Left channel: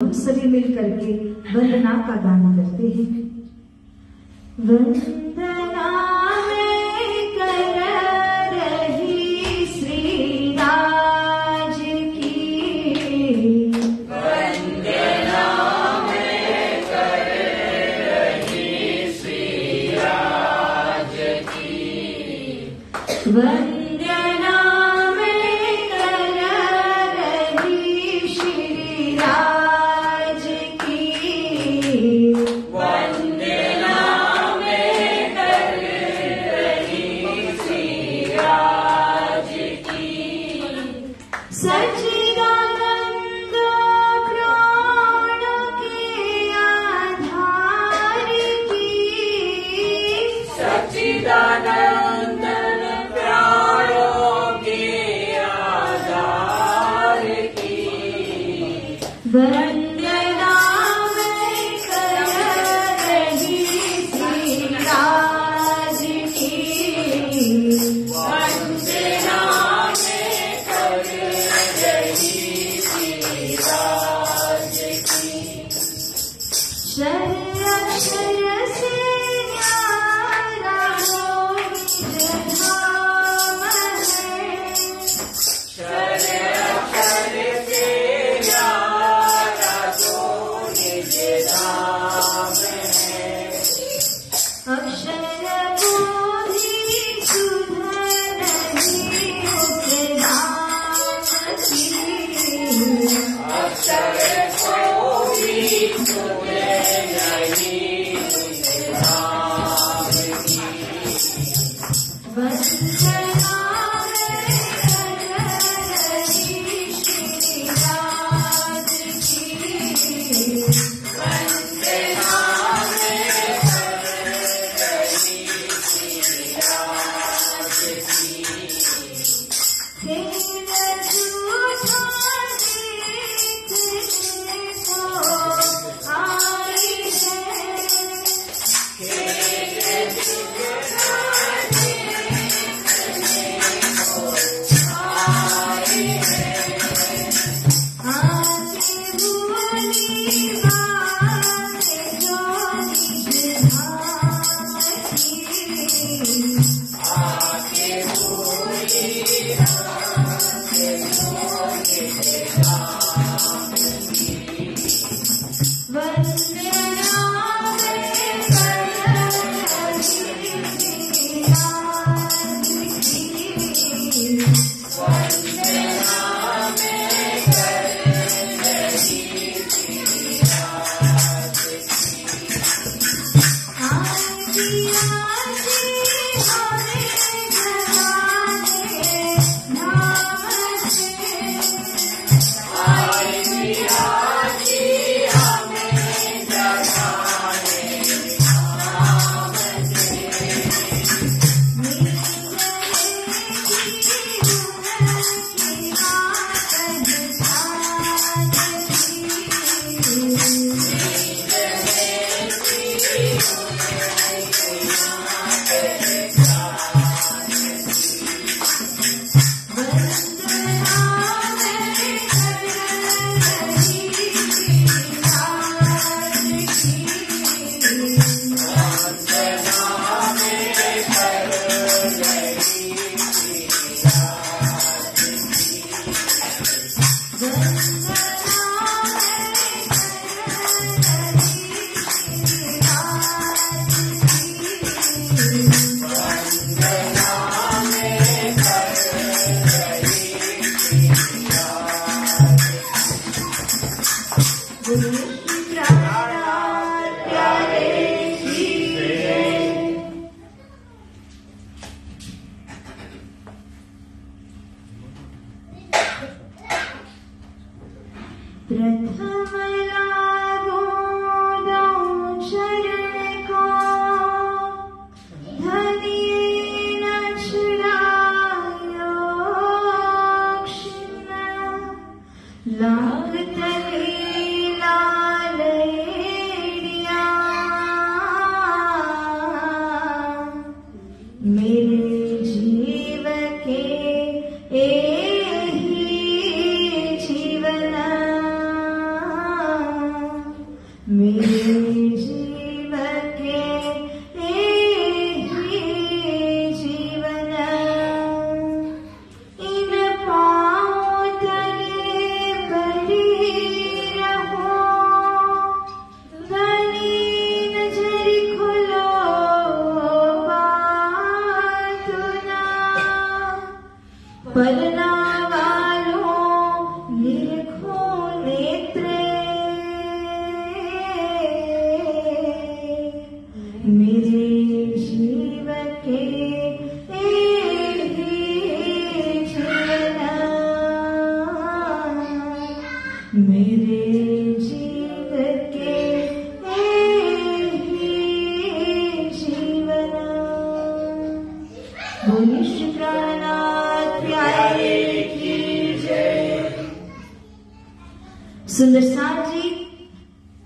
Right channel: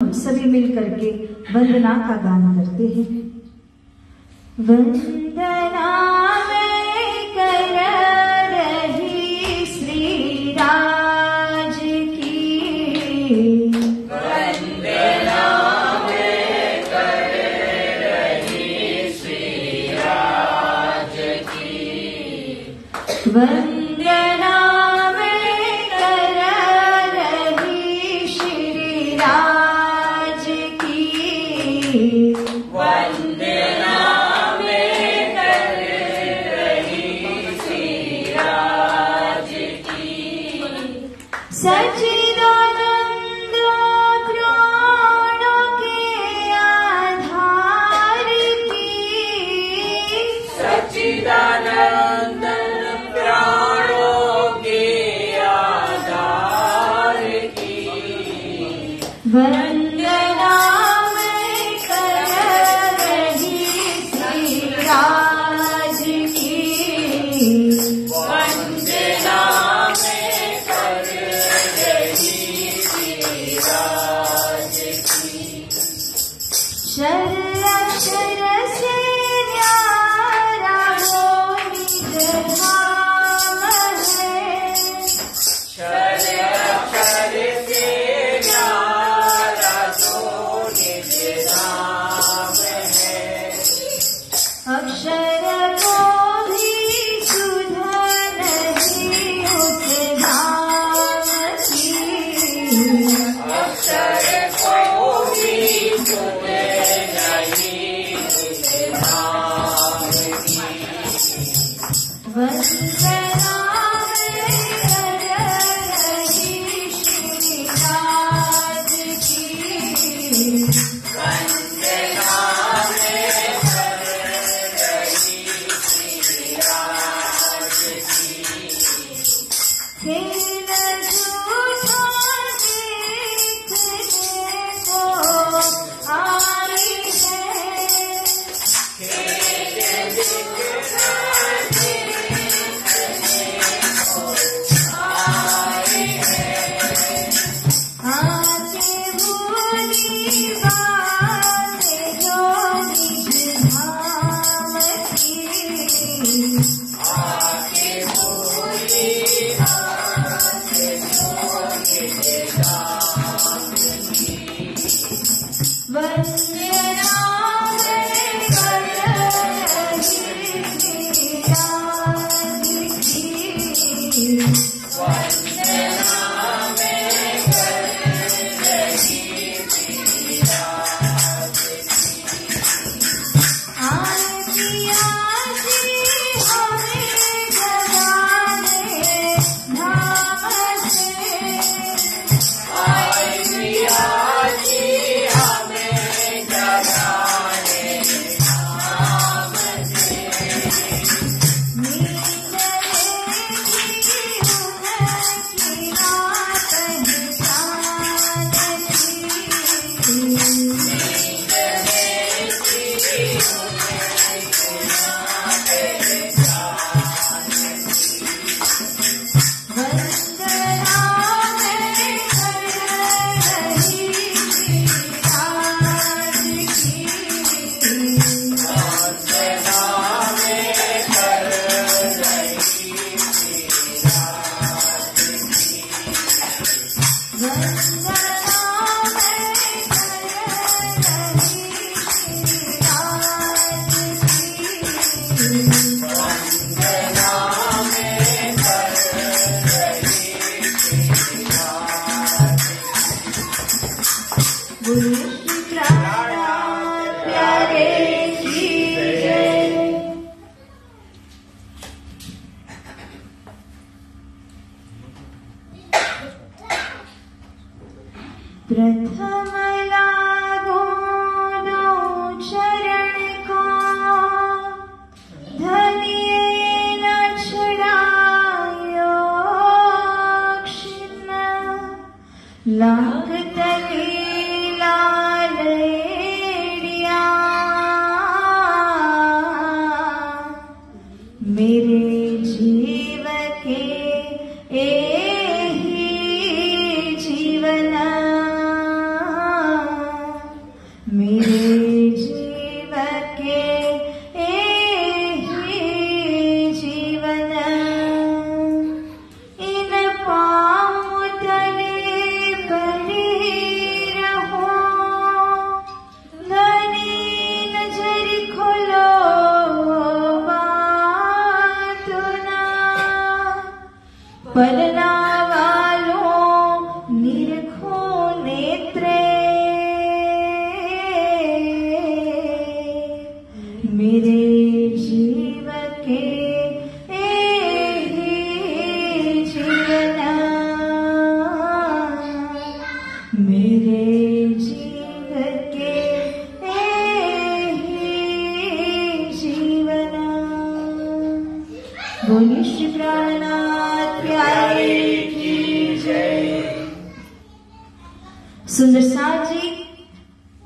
सभी मिल करके वंदना का गान करते हैं। वंदना में कर रही श्री राज की, वंदना में कर रही श्री राज की, वंदना में कर रही श्री राज की, वंदना में कर रही श्री राज की, सच्चिदानंद प्राणों के आधार की, सच्चिदानंद प्राणों के आधार की, वंदना में कर रही श्री राज की, वंदना में कर रही श्री राज की, शर शर से न्यारा हो निज धाम है, शर शर से न्यारा तो निज धाम है, अक्षर बोधि सुध नहीं उपधाम की, अक्षर को भी सुन नहीं तुझ धाम की, वंदना में कर रही श्री राज की, वंदना में कर रही श्री राज की, हे रघुनाथ देखने को आई है, आके भूली बात जो निज धाम की, आके भूली बात जो निज धाम की, वंदना में कर रही श्री राज की, वंदना में कर रही श्री राज की, आरती आरती हमें जगाने धाम से, आरती आरती हमें जगाने धाम से, गुरु की प्रार्थना प्यारे की जय। प्रथम लागो दो चरण को, धनिये न छड़ायो क्षिण, लाग तले लाल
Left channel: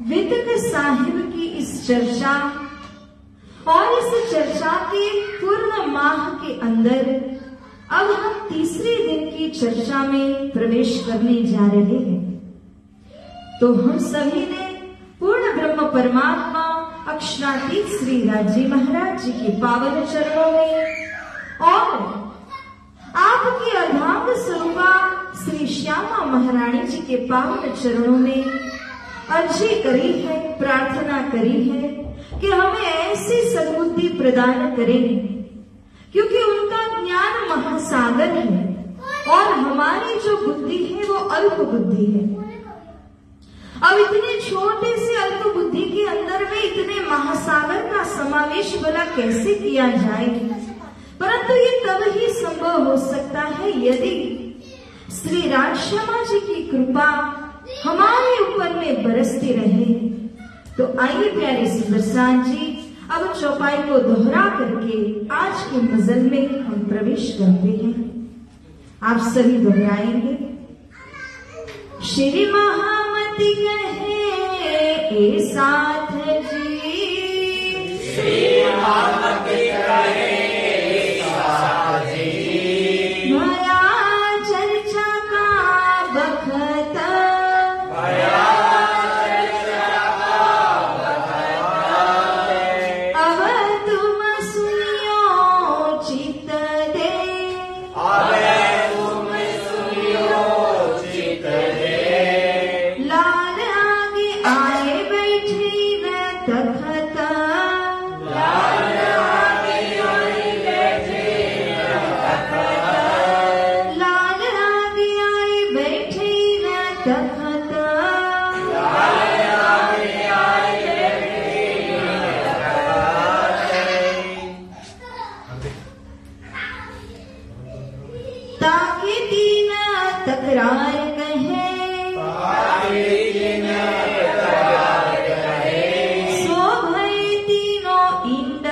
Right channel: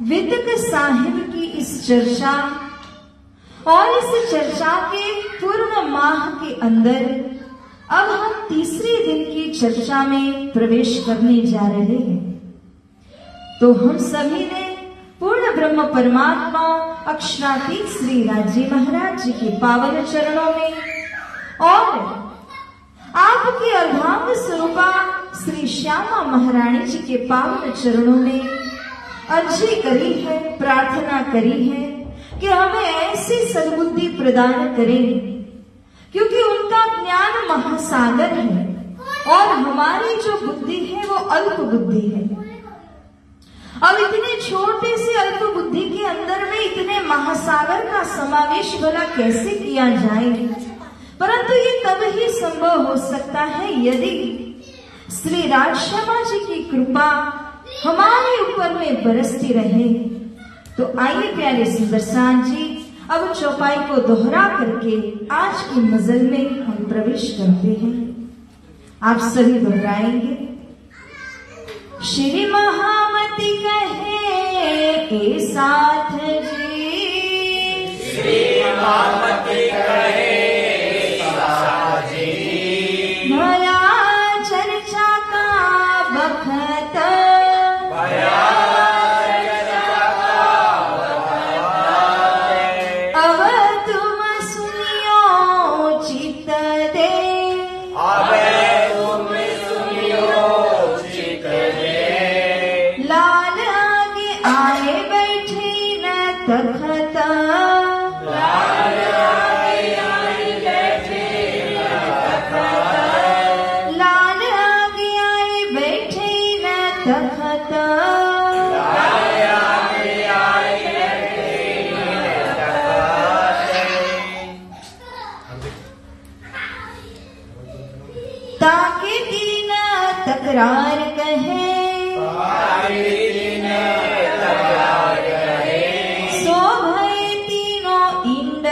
वितक साहिब की इस चर्चा और इस चर्चा के पूर्ण माह के अंदर अब हम तीसरे दिन की चर्चा में प्रवेश करने जा रहे हैं। तो हम सभी ने पूर्ण ब्रह्म परमात्मा अक्षरातीत श्री राजी महाराज जी के पावन चरणों में और आपकी अर्धांग स्वरूपा श्री श्यामा महारानी जी के पावन चरणों में अर्जी करी है, प्रार्थना करी है कि हमें ऐसी सद्बुद्धि प्रदान करें, क्योंकि उनका ज्ञान महासागर है और हमारी जो बुद्धि है वो अल्प बुद्धि है। अब इतने छोटे से अल्प बुद्धि के अंदर में इतने महासागर का समावेश भला कैसे किया जाए, परंतु ये तब ही संभव हो सकता है यदि श्री राजश्यामा जी की कृपा हमारे ऊपर में बरसती रहे। तो आइए प्यारे सुंदर साथ जी, अब चौपाई को दोहरा करके आज की मजल में हम प्रवेश करते हैं। आप सभी दोहराएंगे। श्री महामती कहे ए साथ जी, श्री महामती कहे ए साथ जी, नया चर्चा का बखत, भया तकरार कहे, सो भय तीनों इंड,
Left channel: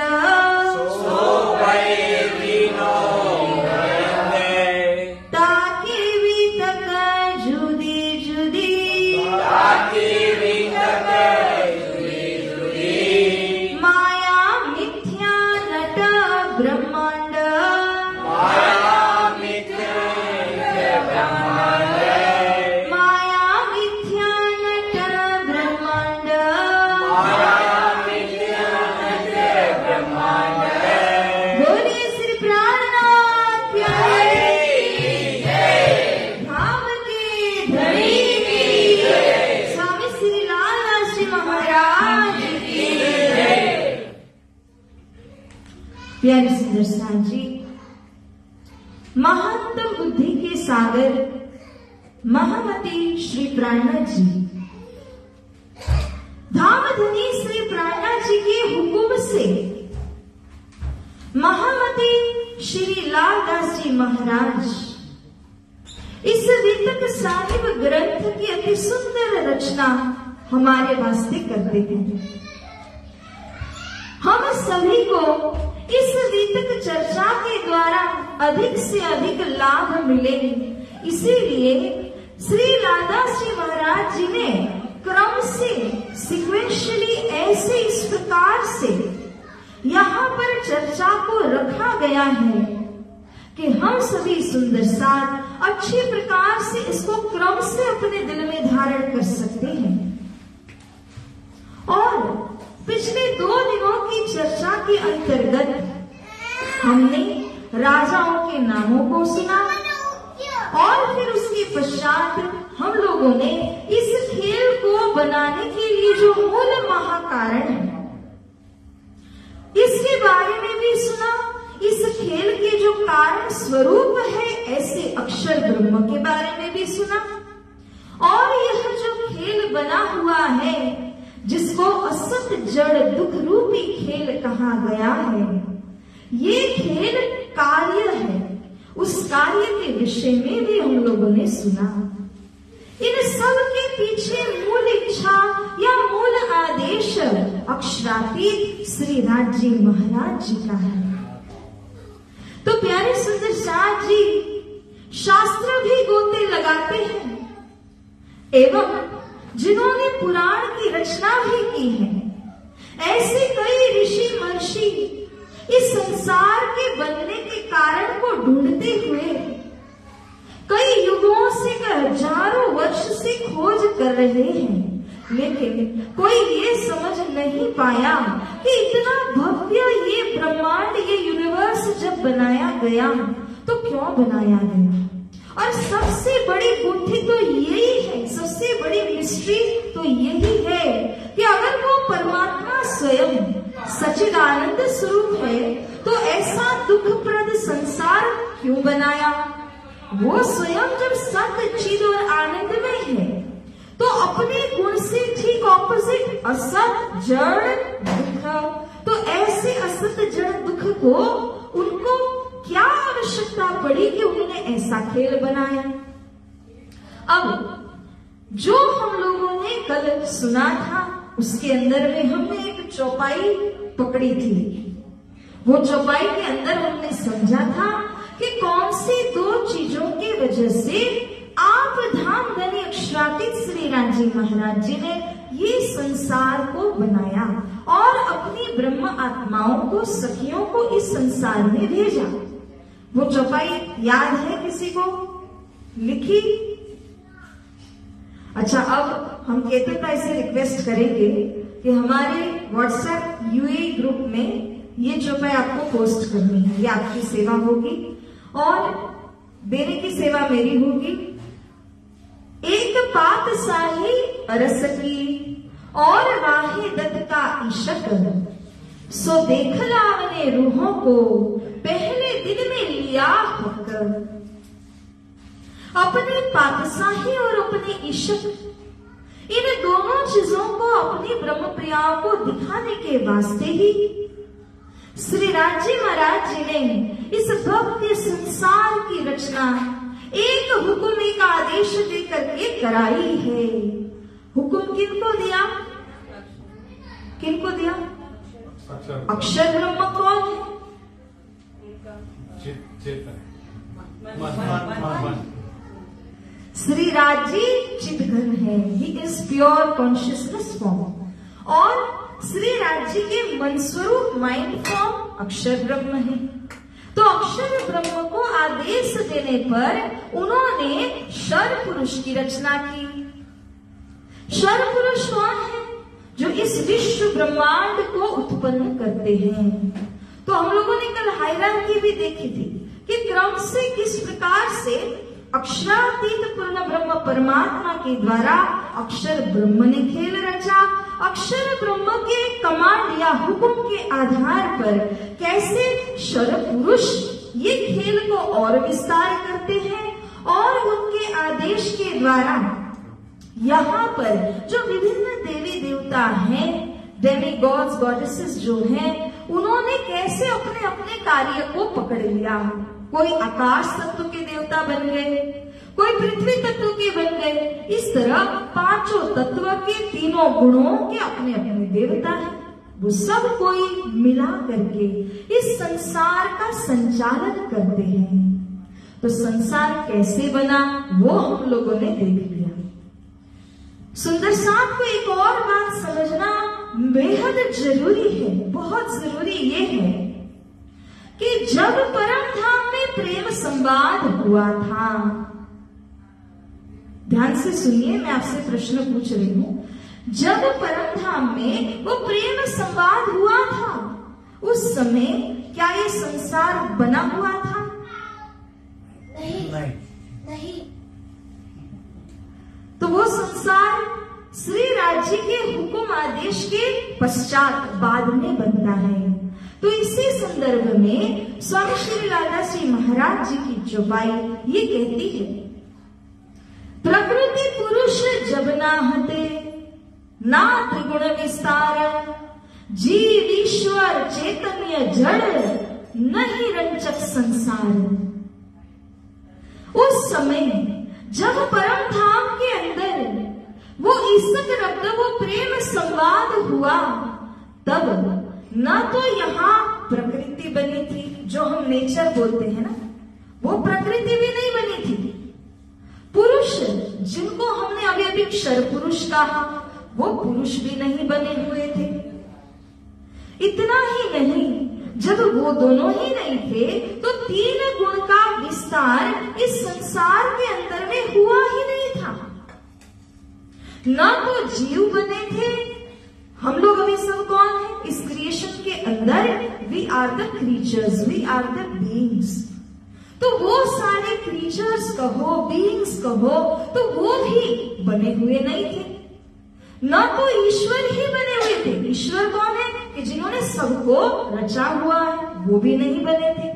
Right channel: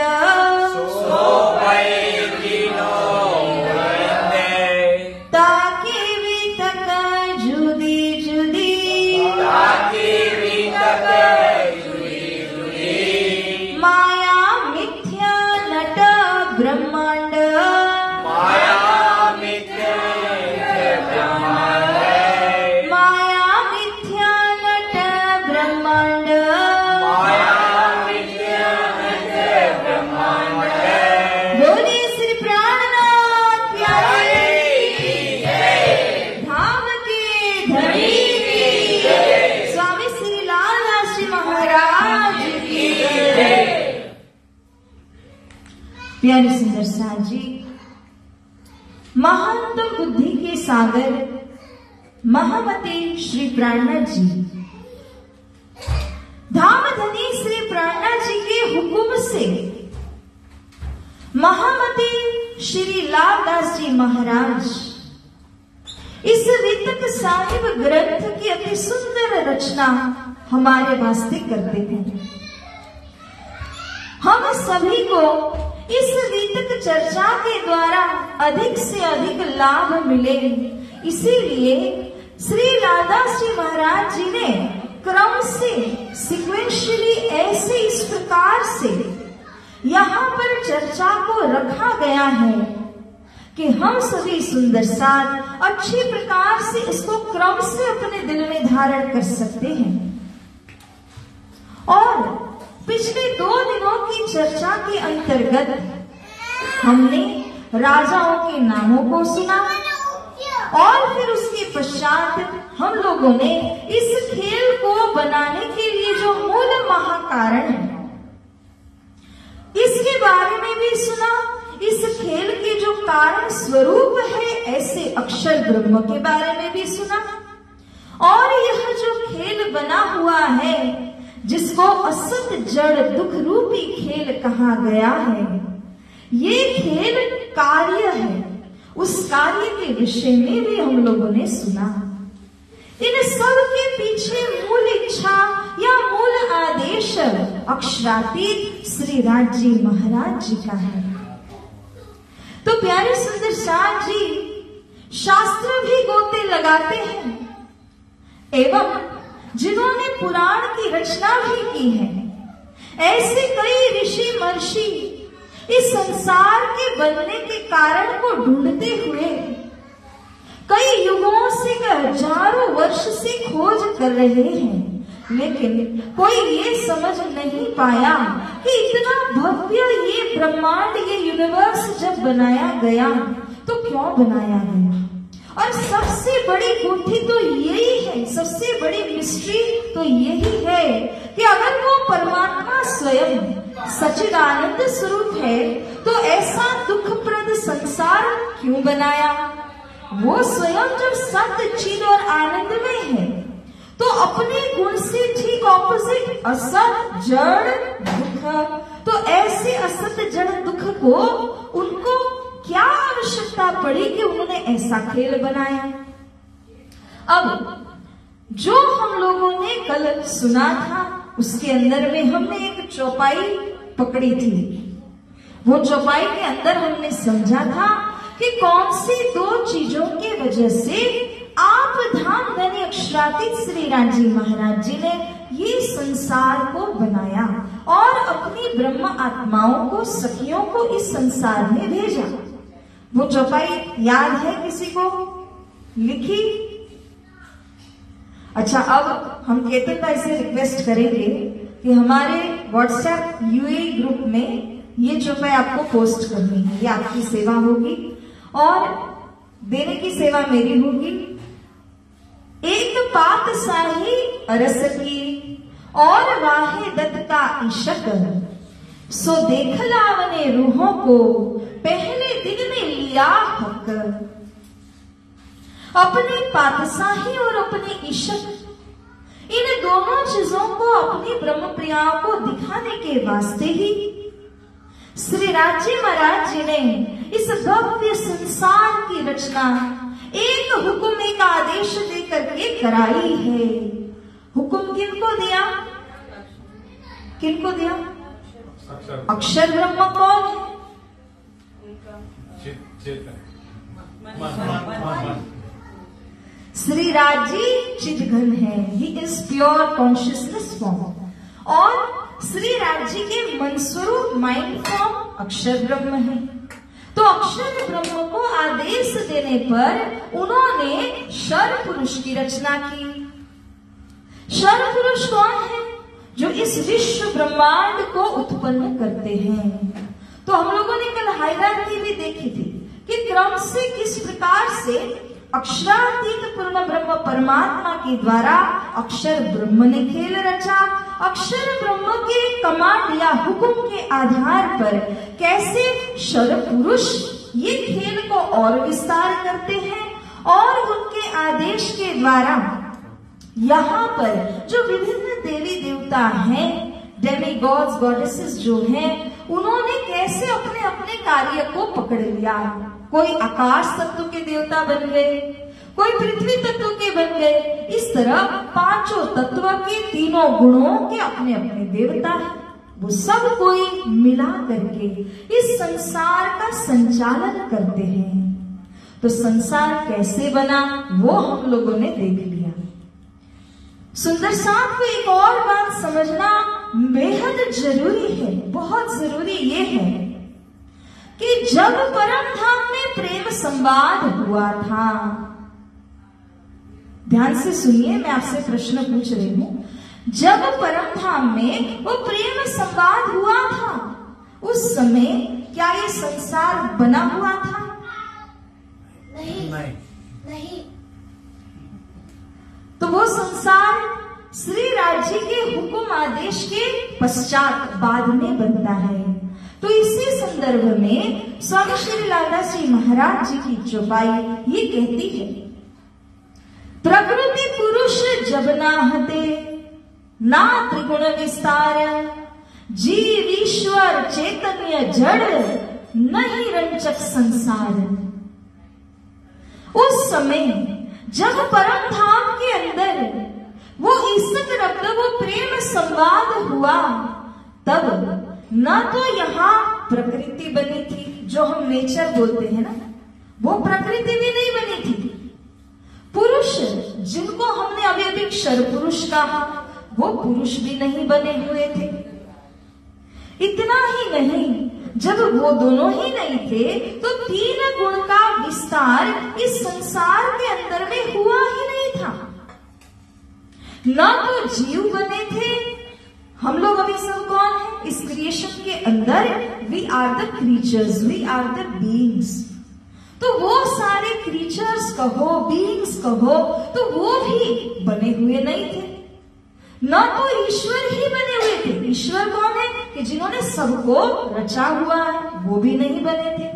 ताकि भी तक जुदी जुदी, माया मिथ्या नट ब्रह्मांड, प्यारे सुंदर साथ जी, महानतम बुद्धि के सागर महामती श्री प्राणनाथ जी, धाम धनी श्री प्राणनाथ जी के हुक्म से महामती श्री लालदास जी महाराज इस वितक साहिब ग्रंथ की अति सुंदर रचना हमारे वास्ते करते हैं। हम सभी को इस वितक चर्चा के द्वारा अधिक से अधिक लाभ मिले, इसीलिए श्री लालदास जी महाराज जी ने क्रम से सिक्वेंशली ऐसे इस प्रकार से यहाँ पर चर्चा को रखा गया है कि हम सभी सुंदर साथ अच्छी प्रकार से इसको क्रम से अपने दिल में धारण कर सकते हैं। और पिछले 2 दिनों की चर्चा के अंतर्गत हमने राजाओं के नामों को सुना और फिर उसके पश्चात हम लोगों ने इस खेल को बनाने के लिए जो मूल महाकारण है इसके बारे में भी सुना। इस खेल के जो कारण स्वरूप है ऐसे अक्षर ब्रह्म के बारे में भी सुना। और यह जो खेल बना हुआ है जिसको असत जड़ दुख रूपी खेल कहा गया है, ये खेल कार्य है, उस कार्य के विषय में भी हम लोगों ने सुना। इन सब के पीछे मूल इच्छा या मूल आदेश अक्षरातीत श्री राजी महाराज जी का है। तो प्यारे सुंदर साथ जी, शास्त्र भी गोते लगाते हैं एवं जिन्होंने पुराण की रचना रचना भी की है। ऐसे कई ऋषि महर्षि इस संसार के बनने के कारण को ढूंढते हुए कई युगों से, हजारों वर्ष से खोज कर रहे हैं, लेकिन कोई ये समझ नहीं पाया कि इतना भव्य ये ब्रह्मांड, ये यूनिवर्स जब बनाया गया तो क्यों बनाया गया। और सबसे बड़ी गुत्थी तो यही है, सबसे बड़ी मिस्ट्री तो यही है कि अगर वो परमात्मा स्वयं सच्चिदानंद स्वरूप है तो ऐसा दुखप्रद संसार क्यों बनाया। वो स्वयं जब सत्य, चिद और आनंद में है तो अपने गुण से ठीक ऑपोजिट असत, जड़, दुख, तो ऐसे असत, जड़, दुख को उनको क्या आवश्यकता पड़ी कि उन्होंने ऐसा खेल बनाया। अब जो हम लोगों ने कल सुना था उसके अंदर में हमने एक चौपाई पकड़ी थी। वो चौपाई के अंदर हमने समझा था कि कौन सी दो चीजों की वजह से आप धाम धनी अक्षरातीत श्री रामजी महाराज जी ने ये संसार को बनाया और अपनी ब्रह्म आत्माओं को, सखियों को इस संसार में भेजा। वो चौपाई याद है किसी को? लिखी? अच्छा, अब हम केतन भाई से रिक्वेस्ट करेंगे कि हमारे व्हाट्सएप यूए ग्रुप में ये चौपाई आपको पोस्ट करनी है। ये आपकी सेवा होगी और देने की सेवा मेरी होगी। एक पात साही अरस की और वाहे दत्ता ईशक, सो देख लावने रूहों को पहले दिन में लिया हक। अपने पातशाही और अपने ईशक, इन दोनों चीजों को अपनी ब्रह्म प्रियाओं को दिखाने के वास्ते ही श्री रामजी महाराज जी ने इस भव्य संसार की रचना एक हुक्म, एक आदेश देकर के कराई है। हुक्म किनको दिया? किनको दिया? अक्षर ब्रह्म कौन है? श्री राजी चिदघन है, he is pure consciousness form. और श्री राजी के मन स्वरूप माइंड फॉर्म अक्षर ब्रह्म है। तो अक्षर ब्रह्म को आदेश देने पर उन्होंने शर पुरुष की रचना की। शर पुरुष कौन है? जो इस विश्व ब्रह्मांड को उत्पन्न करते हैं। तो हम लोगों ने कल हायरार्की भी देखी थी कि क्रम से किस प्रकार से अक्षरातीत पूर्ण ब्रह्म परमात्मा के द्वारा अक्षर ब्रह्म ने खेल रचा। अक्षर ब्रह्म के कमांड या हुक्म के आधार पर कैसे शर पुरुष ये खेल को और विस्तार करते हैं और उनके आदेश के द्वारा यहाँ पर जो विभिन्न देवी देवता हैं, डेमी गॉड्स, गॉडेसेस जो हैं, उन्होंने कैसे अपने अपने कार्य को पकड़ लिया। कोई आकाश तत्व के देवता बन गए, कोई पृथ्वी तत्व के बन गए। इस तरह पांचों तत्व के तीनों गुणों के अपने अपने देवता हैं। वो सब कोई मिला करके इस संसार का संचालन करते हैं। तो संसार कैसे बना वो हम लोगों ने देख लिया। सुंदर साथ को एक और बात समझना बेहद जरूरी है, बहुत जरूरी ये है कि जब परम धाम में प्रेम संवाद हुआ था, ध्यान से सुनिए, मैं आपसे प्रश्न पूछ रही हूं। जब परम धाम में वो प्रेम संवाद हुआ था, उस समय क्या ये संसार बना हुआ था? नहीं। तो वो संसार श्री राजी के हुक्म आदेश के पश्चात बाद में बनता है। तो इसी संदर्भ में स्वामी श्री लालदास जी महाराज जी की चौपाई ये कहती है, प्रकृति पुरुष जब नाहते ना त्रिगुण विस्तार, जीव ईश्वर चैतन्य जड़ नहीं रंचक संसार। उस समय जब परम धाम के अंदर वो ईसक रक्त, वो प्रेम संवाद हुआ, तब न तो यहाँ प्रकृति बनी थी, जो हम नेचर बोलते हैं ना, वो प्रकृति भी नहीं बनी थी। पुरुष जिनको हमने अभी अभी क्षर पुरुष कहा, वो पुरुष भी नहीं बने हुए थे। इतना ही नहीं, जब वो दोनों ही नहीं थे तो 3 गुण का विस्तार इस संसार के अंदर में हुआ ही नहीं था। ना तो जीव बने थे। हम लोग अभी सब कौन है इस क्रिएशन के अंदर? We are the creatures, we are the beings. तो वो सारे क्रीचर्स कहो, बीइंग्स कहो, तो वो भी बने हुए नहीं थे। ना तो ईश्वर ही बने हुए थे। ईश्वर कौन है कि जिन्होंने सबको रचा हुआ है, वो भी नहीं बने थे।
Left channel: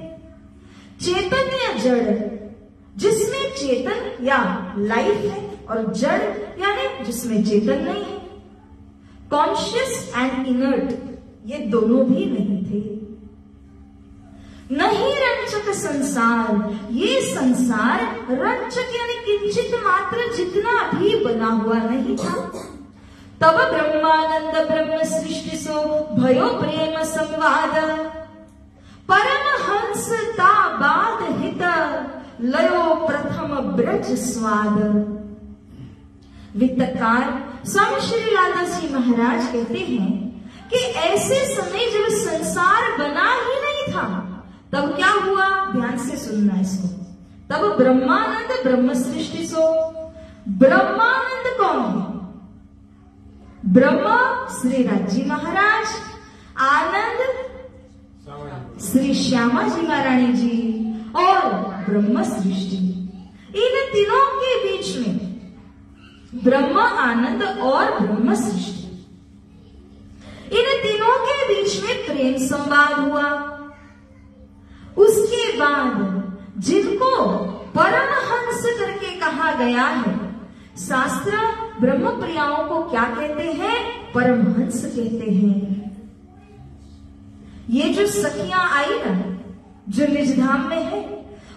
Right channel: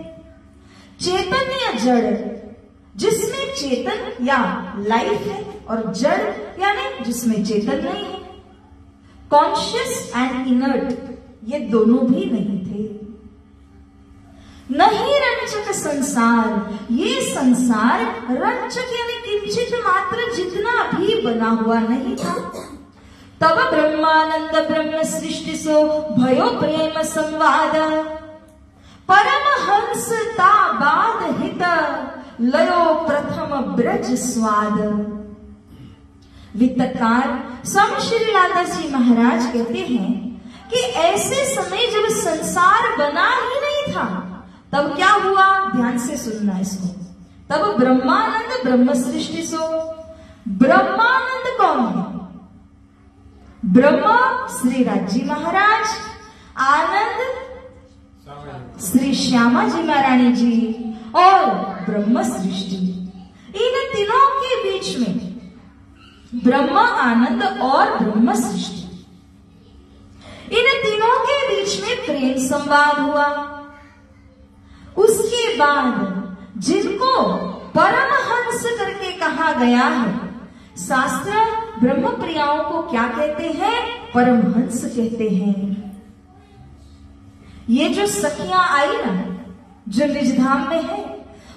चैतन्य जड़, जिसमें चेतन या लाइफ है, और जड़ यानी जिसमें चेतन नहीं है। कॉन्शियस एंड इनर्ट, ये दोनों भी नहीं थे। नहीं रंचक संसार, ये संसार रंचक यानी किंचित मात्र जितना भी बना हुआ नहीं था। तब ब्रह्मानंद ब्रह्म सृष्टि सो भयो प्रेम संवाद, परमहंस ताबाद हित लयो प्रथम ब्रज स्वाद। वित्तकार स्वामी श्री लालदास जी महाराज कहते हैं कि ऐसे समय जब संसार बना ही नहीं था, तब क्या हुआ? ध्यान से सुनना इसको। तब ब्रह्मानंद ब्रह्म सृष्टि सो, ब्रह्मानंद कौन है? ब्रह्मा श्री राजी महाराज, आनंद श्री श्यामा जी महारानी जी, और ब्रह्म सृष्टि। इन तीनों के बीच में ब्रह्मा, आनंद और ब्रह्म सृष्टि, इन तीनों के बीच में प्रेम संवाद हुआ। उसके बाद जिनको परमहंस करके कहा गया है, शास्त्र ब्रह्म प्रियाओं को क्या कहते हैं? परमहंस कहते हैं। ये जो सखियां आई ना, जो निजधाम में है,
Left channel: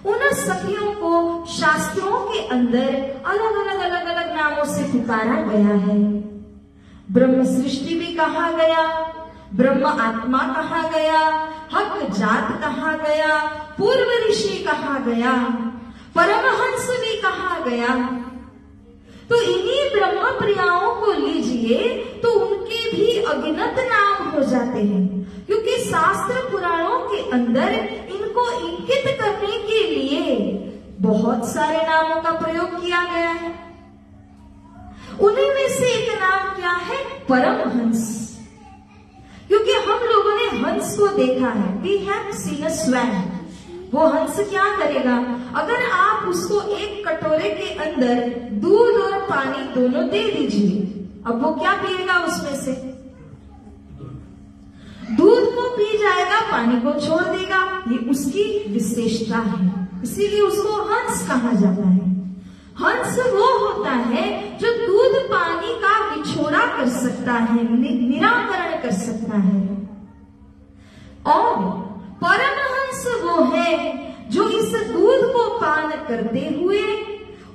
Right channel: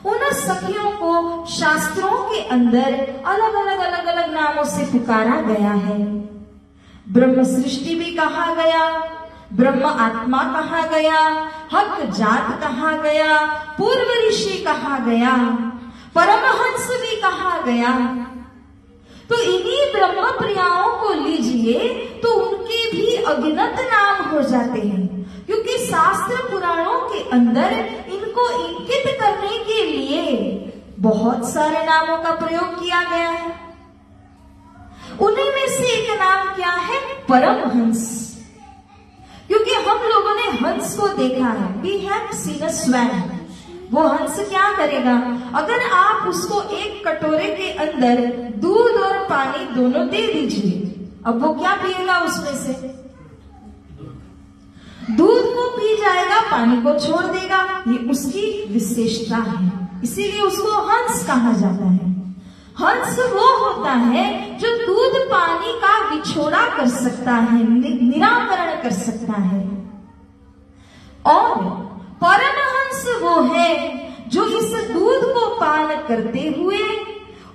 उन सखियों को शास्त्रों के अंदर अलग अलग नामों से पुकारा गया है। ब्रह्म सृष्टि भी कहा गया, ब्रह्म आत्मा कहा गया, हक जात कहा गया, पूर्व ऋषि कहा गया, परमहंस भी कहा गया। तो इन्हीं ब्रह्म प्रियाओं को लीजिए तो उनके भी अगिनत नाम हो जाते हैं, क्योंकि शास्त्र पुराणों के अंदर इनको इंकित करने के लिए बहुत सारे नामों का प्रयोग किया गया है। उन्हीं में से एक नाम क्या है? परमहंस। क्योंकि हम लोगों ने हंस को देखा है, we have seen a swan. वो हंस क्या करेगा? अगर आप उसको एक कटोरे के अंदर दूध और पानी दोनों दे दीजिए, अब वो क्या पिएगा? उसमें से दूध को पी जाएगा, पानी को छोड़ देगा। ये उसकी विशेषता है, इसीलिए उसको हंस कहा जाता है। हंस वो होता है जो दूध पानी का विछोड़ा कर सकता है, निराकरण कर सकता है। और परमहंस वो है जो इस दूध को पान करते हुए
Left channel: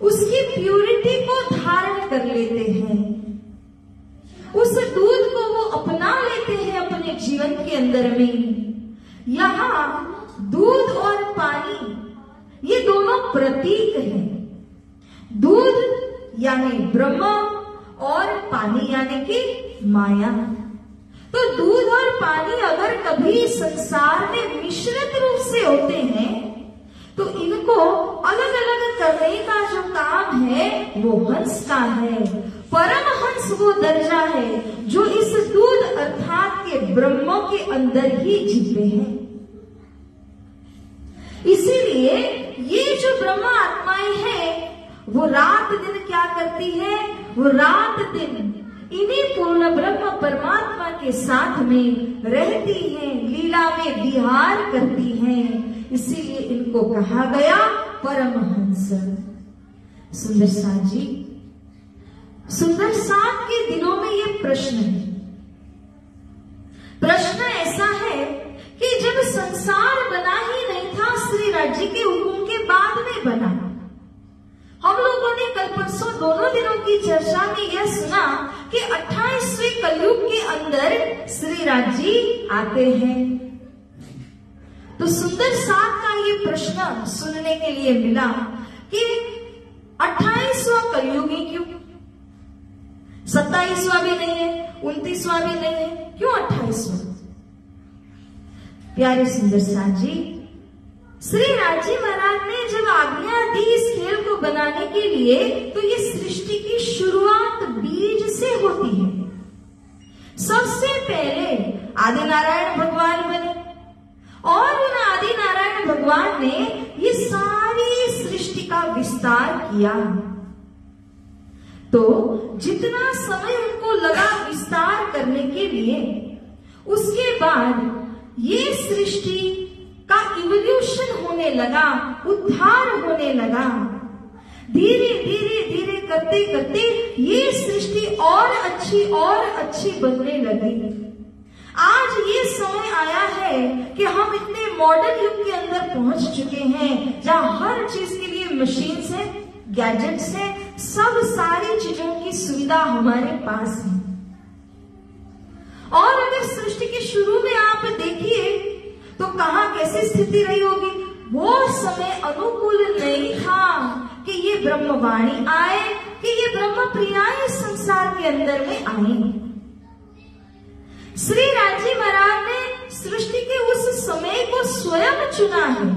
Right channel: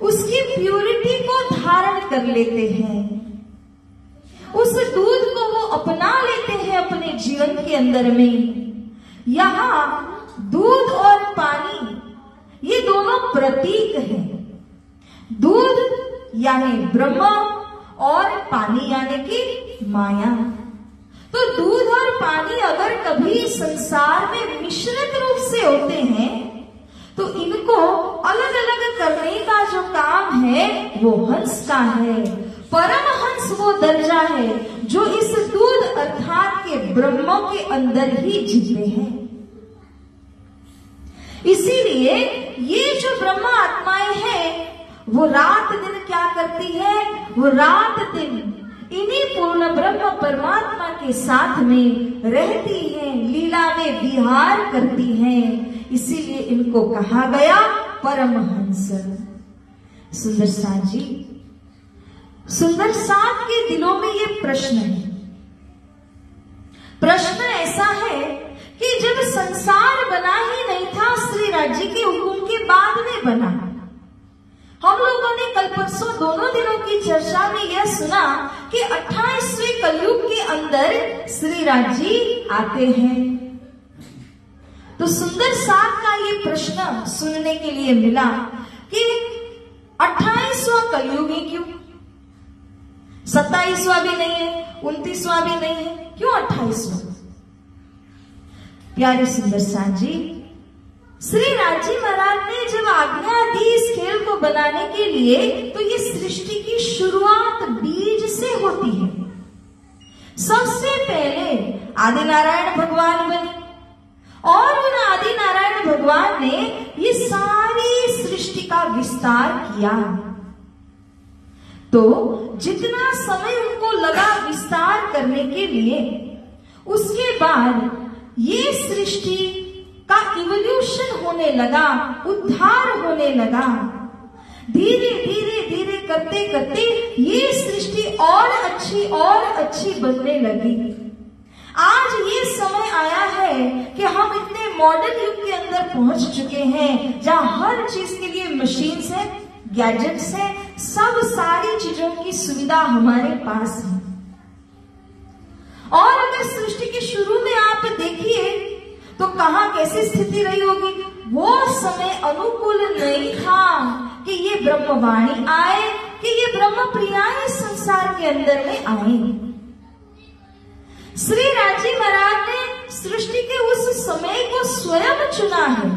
उसकी प्यूरिटी को धारण कर लेते हैं, उस दूध को वो अपना लेते हैं अपने जीवन के अंदर में। यहाँ दूध और पानी ये दोनों प्रतीक हैं। दूध यानी ब्रह्म और पानी यानी कि माया। तो दूध और पानी अगर कभी संसार में मिश्रित रूप से होते हैं तो इनको अलग अलग करने का जो काम है वो हंस का है। परमहंस वो दर्जा है जो इस दूध अर्थात के ब्रह्म के अंदर ही जीते हैं। इसीलिए ये जो ब्रह्म आत्माएं हैं वो रात दिन क्या करती है? वो रात दिन इन्हीं पूर्ण ब्रह्म परमात्मा के साथ में रहती हैं, लीला में विहार करती हैं। इसीलिए इनको कहा गया परमहंस। सुंदर साथ जी, सुंदर साथ के दिलों में ये प्रश्न है। प्रश्न ऐसा है कि जब संसार बना ही नहीं था, श्री राज्य के हुक्म के बाद में बना। हम लोगों ने कल परसों दोनों दिनों की चर्चा में यह सुना कि 28वें कलयुग के अंदर श्री राज्य आते हैं। तो सुंदर साथ का ये प्रश्न सुनने के लिए मिला कि 28वां कलयुग ही क्यों? 27वां भी नहीं है, 29वां भी नहीं है, क्यों 28वां? प्यारे सुंदर साथ जी, श्री राजी महाराज ने जब आज्ञा दी इस खेल को बनाने के लिए, तो ये सृष्टि की शुरुआत बीज से होती है। सबसे पहले आदि नारायण भगवान बने और उन आदि नारायण भगवान ने ये सारी सृष्टि का विस्तार किया। तो जितना समय उनको लगा विस्तार करने के लिए, उसके बाद ये सृष्टि का इवोल्यूशन होने लगा, उद्धार होने लगा। धीरे धीरे धीरे करते करते ये सृष्टि और अच्छी बनने लगी। आज ये समय आया है कि हम इतने मॉडर्न युग के अंदर पहुंच चुके हैं, जहां हर चीज के लिए मशीन्स है, गैजेट्स है, सब सारी चीजों की सुविधा हमारे पास है। और अगर सृष्टि के शुरू में आप देखिए तो कहां कैसी स्थिति रही होगी। वो समय अनुकूल नहीं था कि ये ब्रह्मवाणी आए, कि ये ब्रह्म प्रिया इस संसार के अंदर में आए। श्री राजी महाराज ने सृष्टि के उस समय को स्वयं चुना है,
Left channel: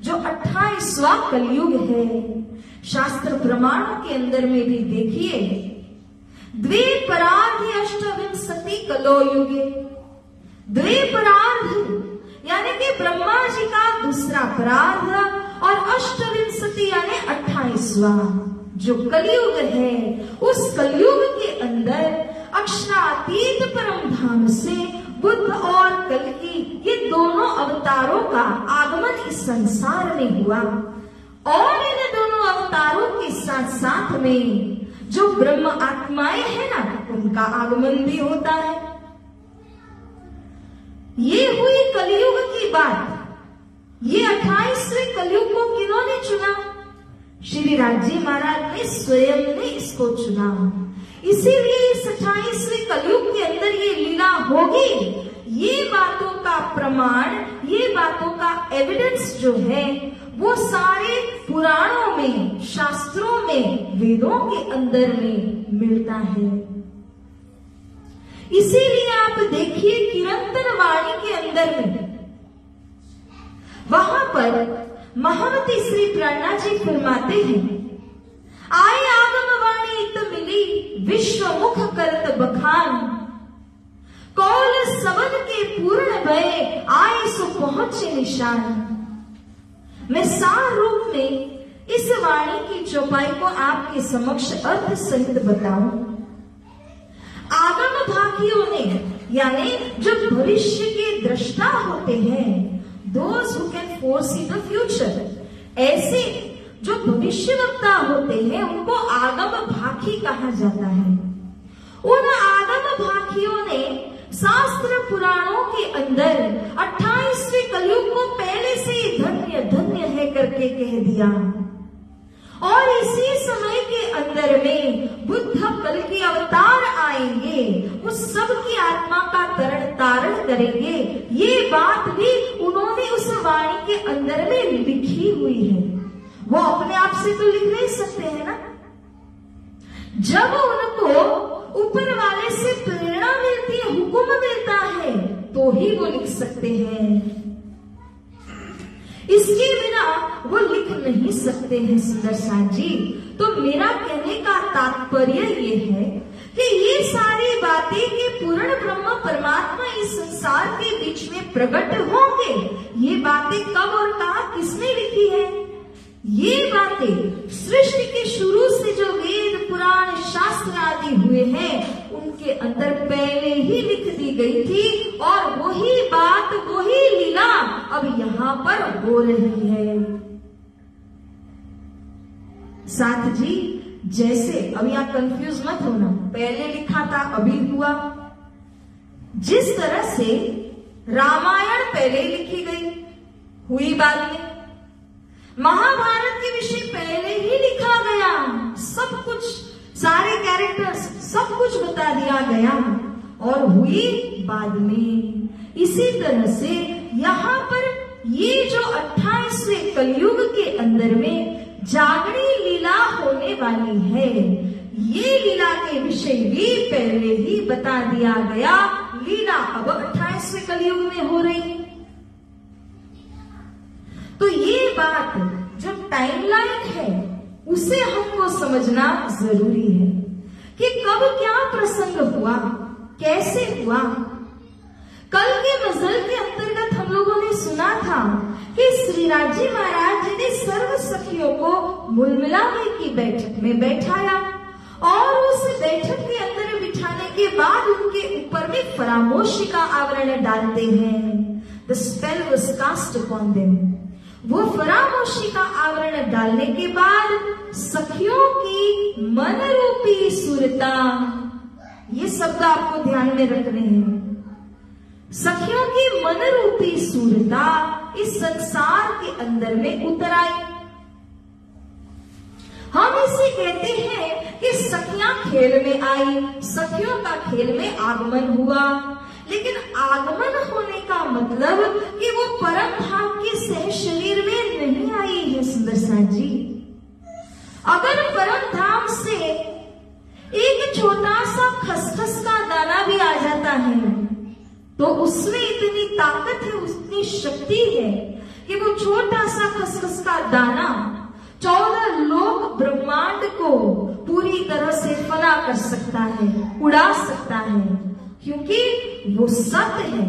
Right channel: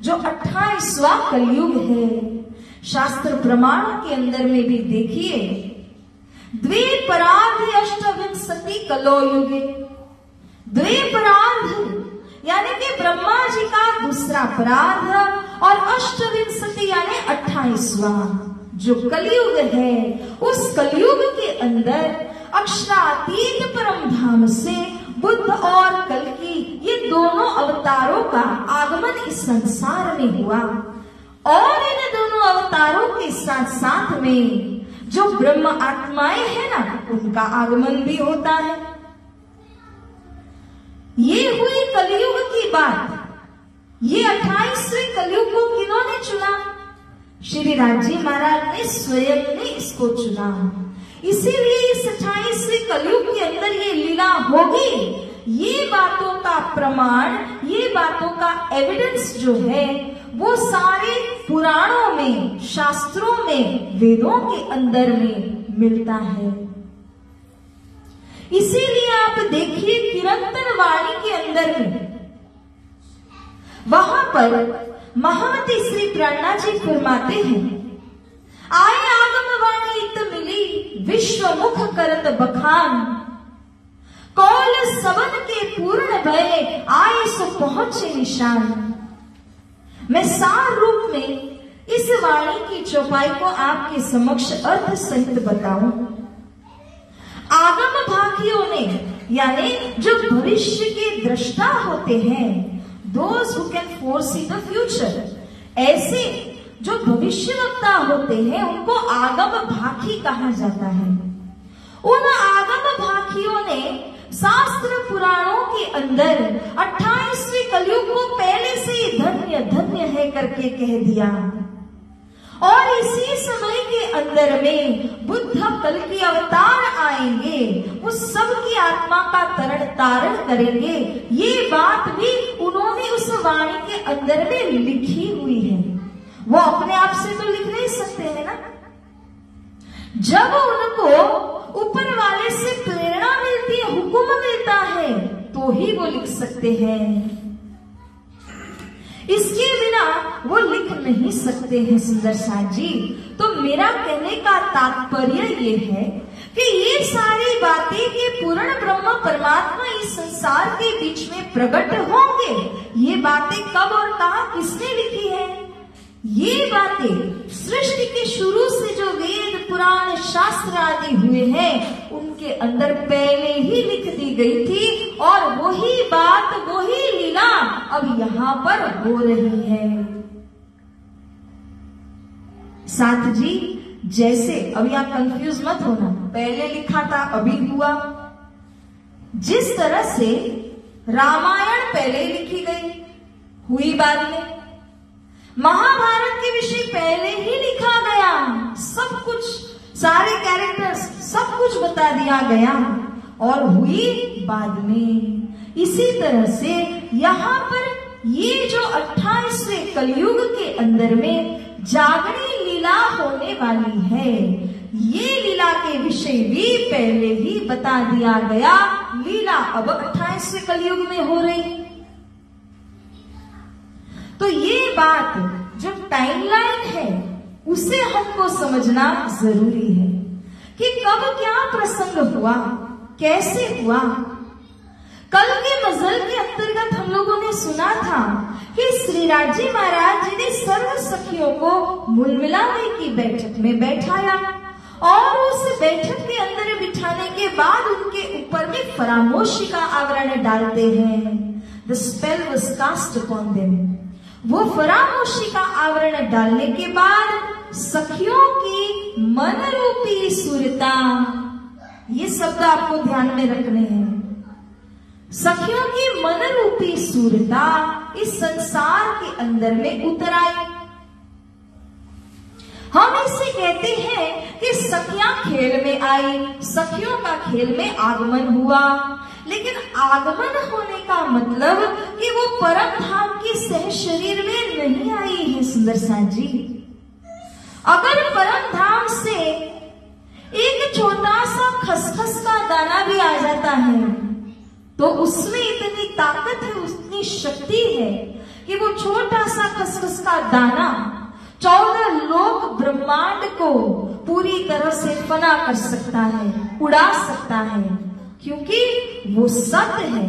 जो 28वां कलयुग है। शास्त्र प्रमाणों के अंदर में भी देखिए, द्विपरार्ध अष्टविंशति कलो युगे। द्विपरार्ध यानी कि ब्रह्मा जी का दूसरा परार्ध और अष्टविंशति यानी 28वां जो कलयुग है, उस कलयुग के अंदर अक्षरातीत परम धाम से बुद्ध और कल्कि ये दोनों अवतारों का आगमन इस संसार में हुआ। और इन दोनों अवतारों के साथ साथ में जो ब्रह्म आत्माएं हैं ना, उनका आगमन भी होता है। ये हुई कलयुग की बात। ये 28वें कलयुग को किन्होंने चुना? श्री राजी महाराज ने स्वयं ने इसको चुना। इसीलिए इस 28वें कलयुग के अंदर ये लीला होगी। ये बातों का प्रमाण, ये बातों का एविडेंस जो है, वो सारे पुराणों में, शास्त्रों में, वेदों के अंदर में मिलता है। इसीलिए आप देखिए किरंतन वाणी के अंदर में, वहां पर महामती श्री प्रणा जी फरमाते हैं, आए आगम वाणी इत मिली, विश्व मुख करत बखान, कौल सबन के पूर्ण भय, आए सो पहुंचे निशान। मैं सार रूप में इस वाणी की चौपाई को आपके समक्ष अर्थ सहित बताऊं। आगम भाखियों ने, यानी जो भविष्य के दृष्टा होते हैं, those who can foresee the future, ऐसे जो भविष्यवक्ता होते हैं, उनको आगम भाखी कहा जाता है। उन आगम भाखियों ने शास्त्र पुराणों के अंदर 28वें कलयुग को पहले से ही धन्य धन्य है करके कह दिया। और इसी समय के अंदर में बुद्ध कल के अवतार आएंगे, उस सब की आत्मा का तरण तारण करेंगे। ये बात भी उन्होंने उस वाणी के अंदर में लिखी हुई है। वो अपने आप से तो लिख नहीं सकते हैं ना। जब उनको ऊपर वाले से प्रेरणा मिलती है, हुक्म मिलता है, तो ही वो लिख सकते हैं। इसके बिना वो लिख नहीं सकते हैं सुंदर साथ जी। तो मेरा कहने का तात्पर्य ये है कि ये सारी बातें कि पूर्ण ब्रह्म परमात्मा इस संसार के बीच में प्रकट होंगे, ये बातें कब और कहां किसने लिखी है? ये बातें सृष्टि के शुरू से जो वेद पुराण शास्त्र आदि हुए हैं, उनके अंदर पहले ही लिख दी गई थी। और वही बात, वही लीला अब यहाँ पर हो रही है। साथ जी, जैसे अब यहाँ कंफ्यूज मत होना, पहले लिखा था अभी हुआ। जिस तरह से रामायण पहले लिखी गई, हुई बाद में। महाभारत के विषय पहले ही लिखा गया, सब कुछ, सारे कैरेक्टर्स, सब कुछ बता दिया गया और हुई बाद में। इसी तरह से यहाँ पर ये जो 28वें कलयुग के अंदर में जागरण लीला होने वाली है, ये लीला के विषय भी पहले ही बता दिया गया। लीला अब 28वें कलयुग में हो रही। तो ये बात जो टाइमलाइन है उसे हमको समझना जरूरी है कि कब क्या प्रसंग हुआ, कैसे हुआ। कल के मजल के अंतर्गत हम लोगों ने सुना था कि श्रीराज जी महाराज जी ने सर्व सखियों को मुलमिलाने की बैठक में बैठाया और उस बैठक के अंदर बिठाने के बाद उनके ऊपर में फरामोशी का आवरण डालते हैं। The spell was cast upon them. वो फरामोशी का आवरण डालने के बाद सखियों की मन रूपी सुरता, ये शब्द आपको ध्यान में रखने हैं। सखियों की मन रूपी सुरता इस संसार के अंदर में उतर आई। हम इसे कहते हैं कि सखियां खेल में आई, सखियों का खेल में आगमन हुआ। लेकिन आगमन होने का मतलब कि वो परम धाम के सह शरीर में नहीं आई है सुंदर साथ जी। अगर परम धाम से एक छोटा सा खसखस का दाना भी आ जाता है तो उसमें इतनी ताकत है, उतनी शक्ति है कि वो छोटा सा खसखस का दाना 14 लोक ब्रह्मांड को पूरी तरह से फना कर सकता है, उड़ा सकता है, क्योंकि वो सत्य है।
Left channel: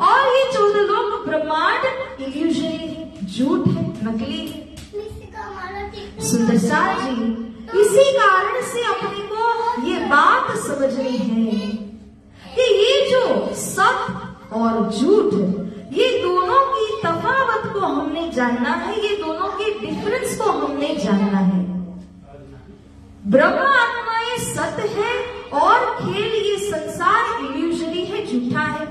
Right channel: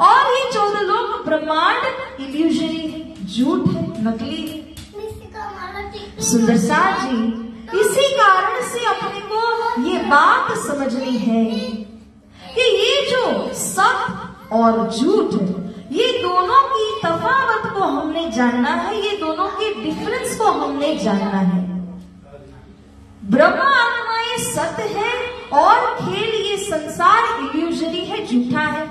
और ये 14 लोक ब्रह्मांड इल्यूजरी है, झूठ है, नकली है। सुंदर साथ जी, इसी कारण से अपने को ये बात समझनी है कि ये जो सत्य और झूठ, ये दोनों की तफावत को हमने जानना है, ये दोनों के डिफरेंस को हमने जानना है। ब्रह्म आत्मा ये सत्य है और खेल ये संसार इल्यूजरी है, झूठा है।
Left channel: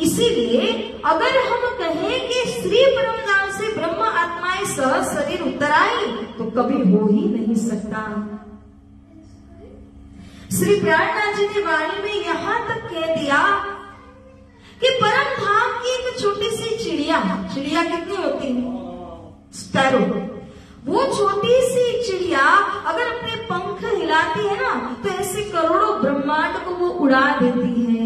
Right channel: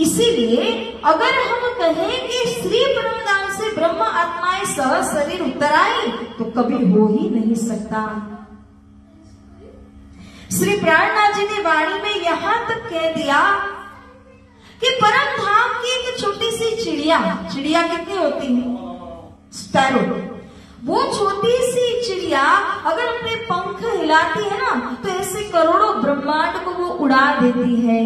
इसीलिए अगर हम कहें कि श्री ब्रह्मधाम से ब्रह्म आत्माएं सह शरीर उतर आई तो कभी हो ही नहीं सकता। श्री प्राणनाथ जी ने वाणी में यहां तक कह दिया कि परम धाम की एक छोटी सी चिड़िया कितनी होती है? स्पैरो। वो छोटी सी चिड़िया अगर अपने पंख हिलाती है ना तो ऐसे करोड़ों ब्रह्मांड को वो उड़ा देती है,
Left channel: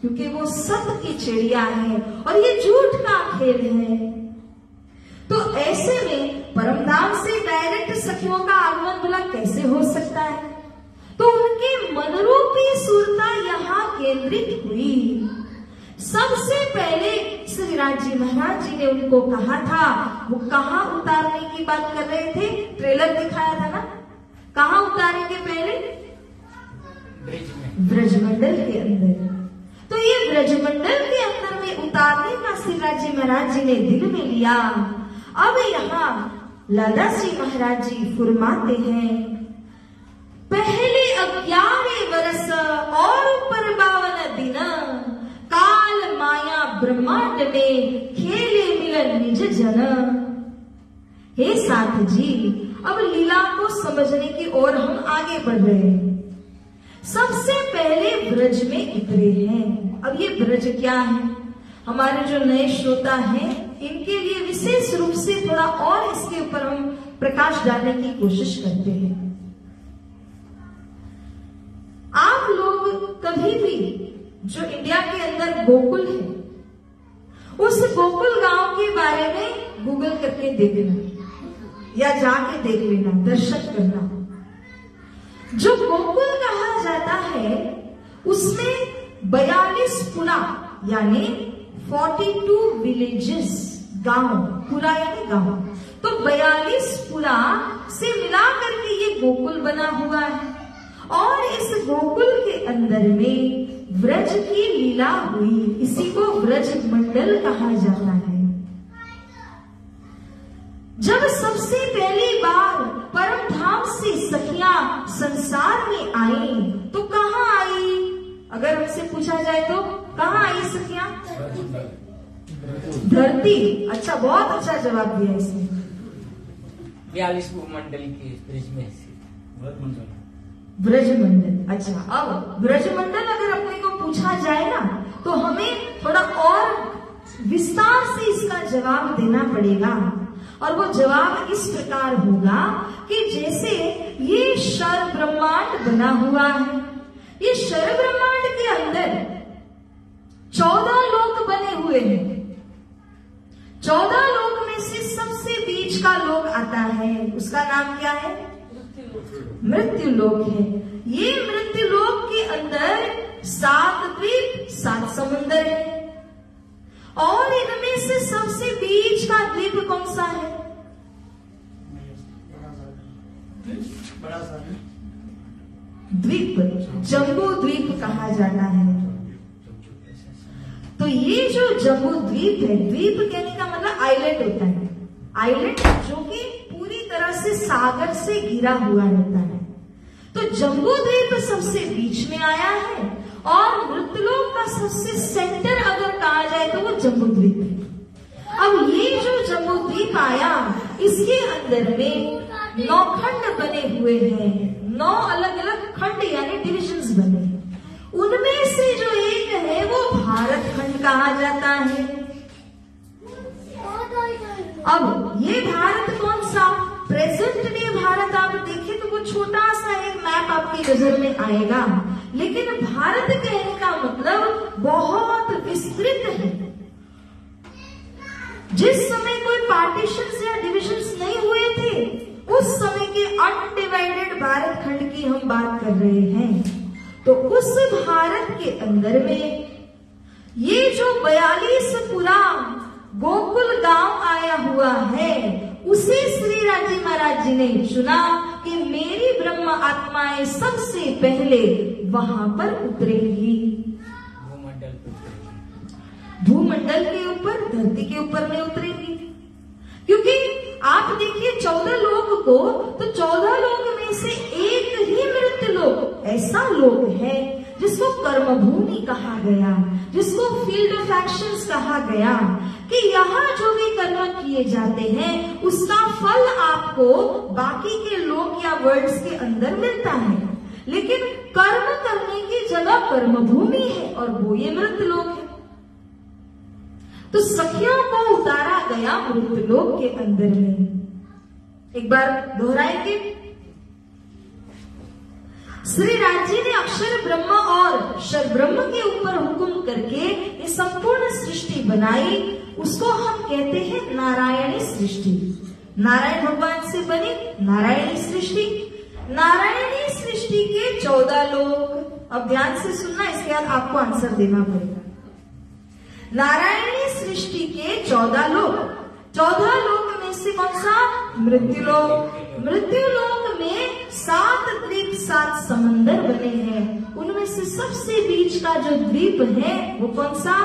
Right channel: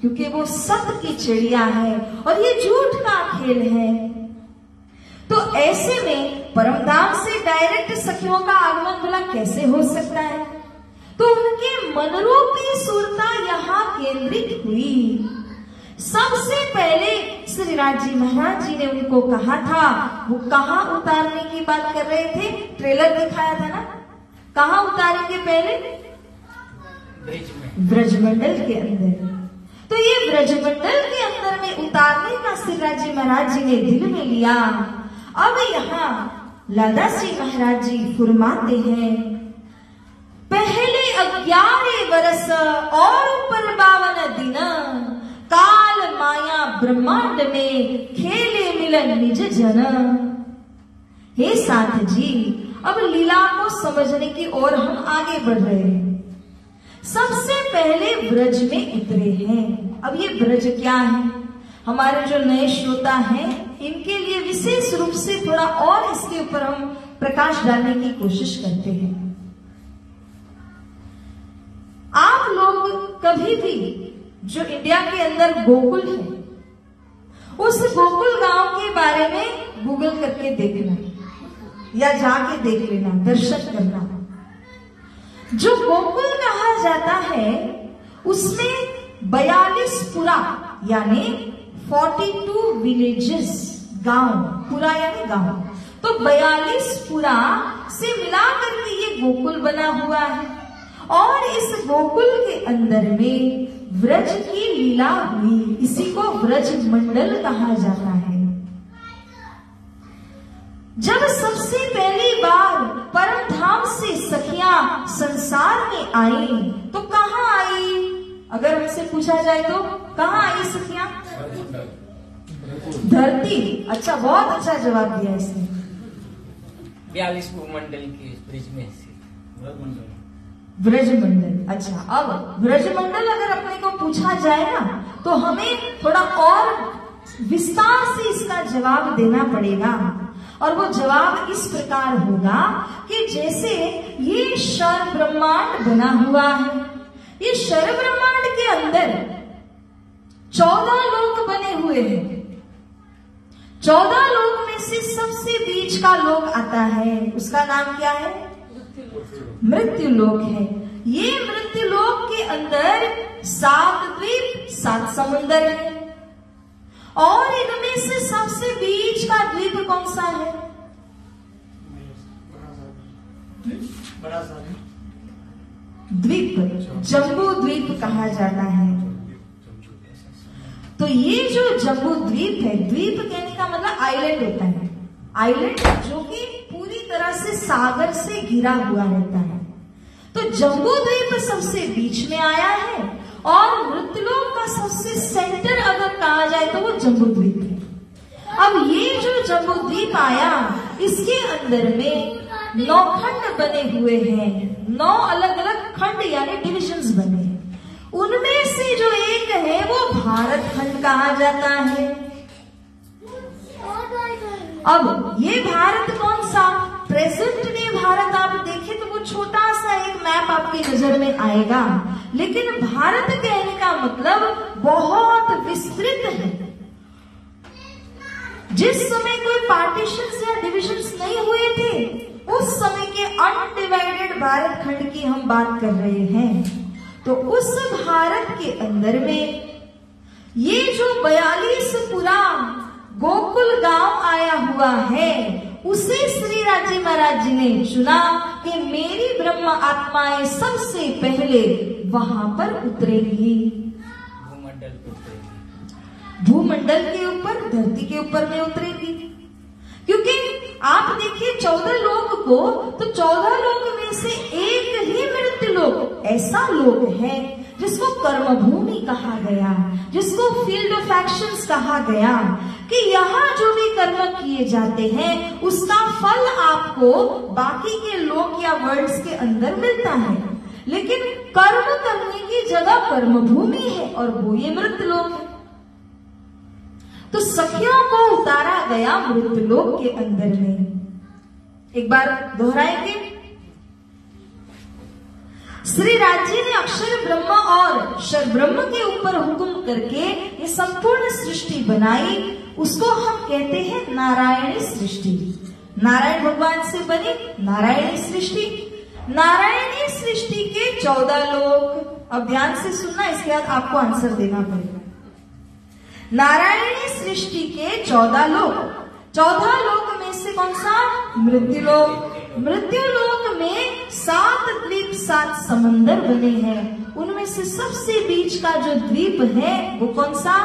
क्योंकि वो सत्य की चिड़िया है और ये झूठ का खेल है। तो ऐसे में परमधाम से डायरेक्ट सखियों का आगमन भला कैसे हो सकता है? तो उनके मनरूपी सुरता यहाँ केंद्रित हुई। सबसे पहले श्री राज जी महाराज जी ने उनको कहा था, वो कहाँ उतारने की बात कर रहे थे? ट्रेलर दिखाया था ना, कहाँ उतारेंगे पहले? ब्रजमंडल के अंदर। तो ये ब्रजमंडल के अंदर में उतारने का श्री राज जी महाराज जी ने दिल में लिया। अब यहाँ लादा श्री महाराज जी फुरमाते हैं, पहले 11 वर्ष और पर 52 दिन काल माया ब्रह्मांड में खेले मिलन निज जन। हे साथ जी, अब लीला को समझने की ओर हम आगे बढ़ रहे हैं। सबसे पहले ब्रज में उतरे हैं। अब ये ब्रज क्या है? हमारे जो नए श्रोता हैं इनके लिए विशेष रूप से थोड़ा और इसके ऊपर हम प्रकाश डालने की कोशिश करते हैं। आप लोग कभी भी जो इंडिया के अंदर गोकुल है, उस गोकुल गांव के बारे में गूगल करके देखना या जाके देख लेना, दर्शन करना। जो गोकुल कहा जाता है उसमें 42 पुरा यानी 42 विलेजेस, गांव, पुरा यानी गांव, तो 42 पुरा से मिलाकर के ये गोकुल बना हुआ है। और इस गोकुल के अंदर में ब्रज की लीला हुई, इसी को ब्रज मंडल कहा जाता है। जब सबसे पहली बार परम धाम से सखियां संसार में आई तो कहाँ आई? अगर हमसे पूछा जाए तो कहाँ आई सखियां? धरती। अच्छा, बहुत अच्छा जवाब दिया इसने। 42 मंडल के ब्रज में ब्रजमंडल। अच्छा, अब ब्रजमंडल अगर अपने को पूछा जाए ना तो हमें थोड़ा और विस्तार से इसका जवाब देना पड़ेगा। और वो जवाब इस प्रकार होगा कि जैसे ये शर ब्रह्मांड बना हुआ है, ये शर ब्रह्मांड के अंदर 14 लोक बने हुए हैं। 14 लोक में से सबसे बीच का लोक आता है, उसका नाम क्या है? मृत्यु लोक है। ये मृत्यु लोक के अंदर 7 द्वीप 7 समुंदर है, और इनमें से सबसे बीच का द्वीप कौन सा है? द्वीप, जम्बू द्वीप कहा जाता है। तो ये जो जम्बू द्वीप है, द्वीप कहने का मतलब आइलैंड होता है, आइलैंड जो कि पूरी तरह से सागर से घिरा हुआ रहता है। तो जम्बू द्वीप सबसे बीच में आया है, और मृत्युलोक का सबसे सेंटर अगर कहा जाए तो वो जम्बू द्वीप है। अब ये जो जम्बू द्वीप आया, इसके अंदर में 9 खंड बने हुए हैं, 9 अलग अलग खंड यानी डिविजन्स बने हैं। उनमें से जो एक है वो भारत खंड कहा जाता है। अब ये भारत कौन सा? प्रेजेंट डे भारत आप देखें तो वो छोटा सा एक मैप आपकी नजर में आएगा, लेकिन भारत कहने का मतलब बहुत विस्तृत है। जिस समय कोई पार्टीशंस या डिविजन्स नहीं हुए थे, उस समय के अनडिवाइडेड भारत खंड की हम बात कर रहे हैं। तो उस भारत के अंदर में ये जो 42 पुरा गोकुल गांव आया हुआ है, उसे श्री राजी महाराज जी ने चुना कि मेरी ब्रह्म आत्माएं सबसे पहले वहां पर उतरेगी, भूमंडल के ऊपर, धरती के ऊपर में उतरेगी। क्योंकि आप देखिए 14 लोक को, तो 14 लोक में से एक ही मृत्यु लोक ऐसा लोक है जिसको कर्मभूमि कहा गया, जिसको फील्ड ऑफ एक्शंस कहा गया, कि यहाँ जो भी कर्म किए जाते हैं उसका फल आपको बाकी के लोक या वर्ल्ड्स के अंदर मिलता है, लेकिन कर्म करने की जगह कर्मभूमि है, और वो ये मृत्यु लोक है। तो सखियों को उतारा गया मृत्यु लोक के अंदर में। एक बार दोहराएंगे। श्री राजी ने अक्षर ब्रह्म और शर ब्रह्म के ऊपर हुक्म करके ये संपूर्ण सृष्टि बनाई, उसको हम कहते हैं नारायणी सृष्टि। नारायण भगवान से बनी नारायणी सृष्टि। नारायणी सृष्टि के 14 लोक, अब ध्यान से सुनना, इसके बाद आपको आंसर देना पड़ेगा। नारायणी सृष्टि के 14 लोक, 14 लोक में से कौन सा? मृत्यु लोक। मृत्यु लोक में 7 द्वीप 7 समंदर बने हैं, उनमें से सबसे बीच का जो द्वीप है वो कौन सा?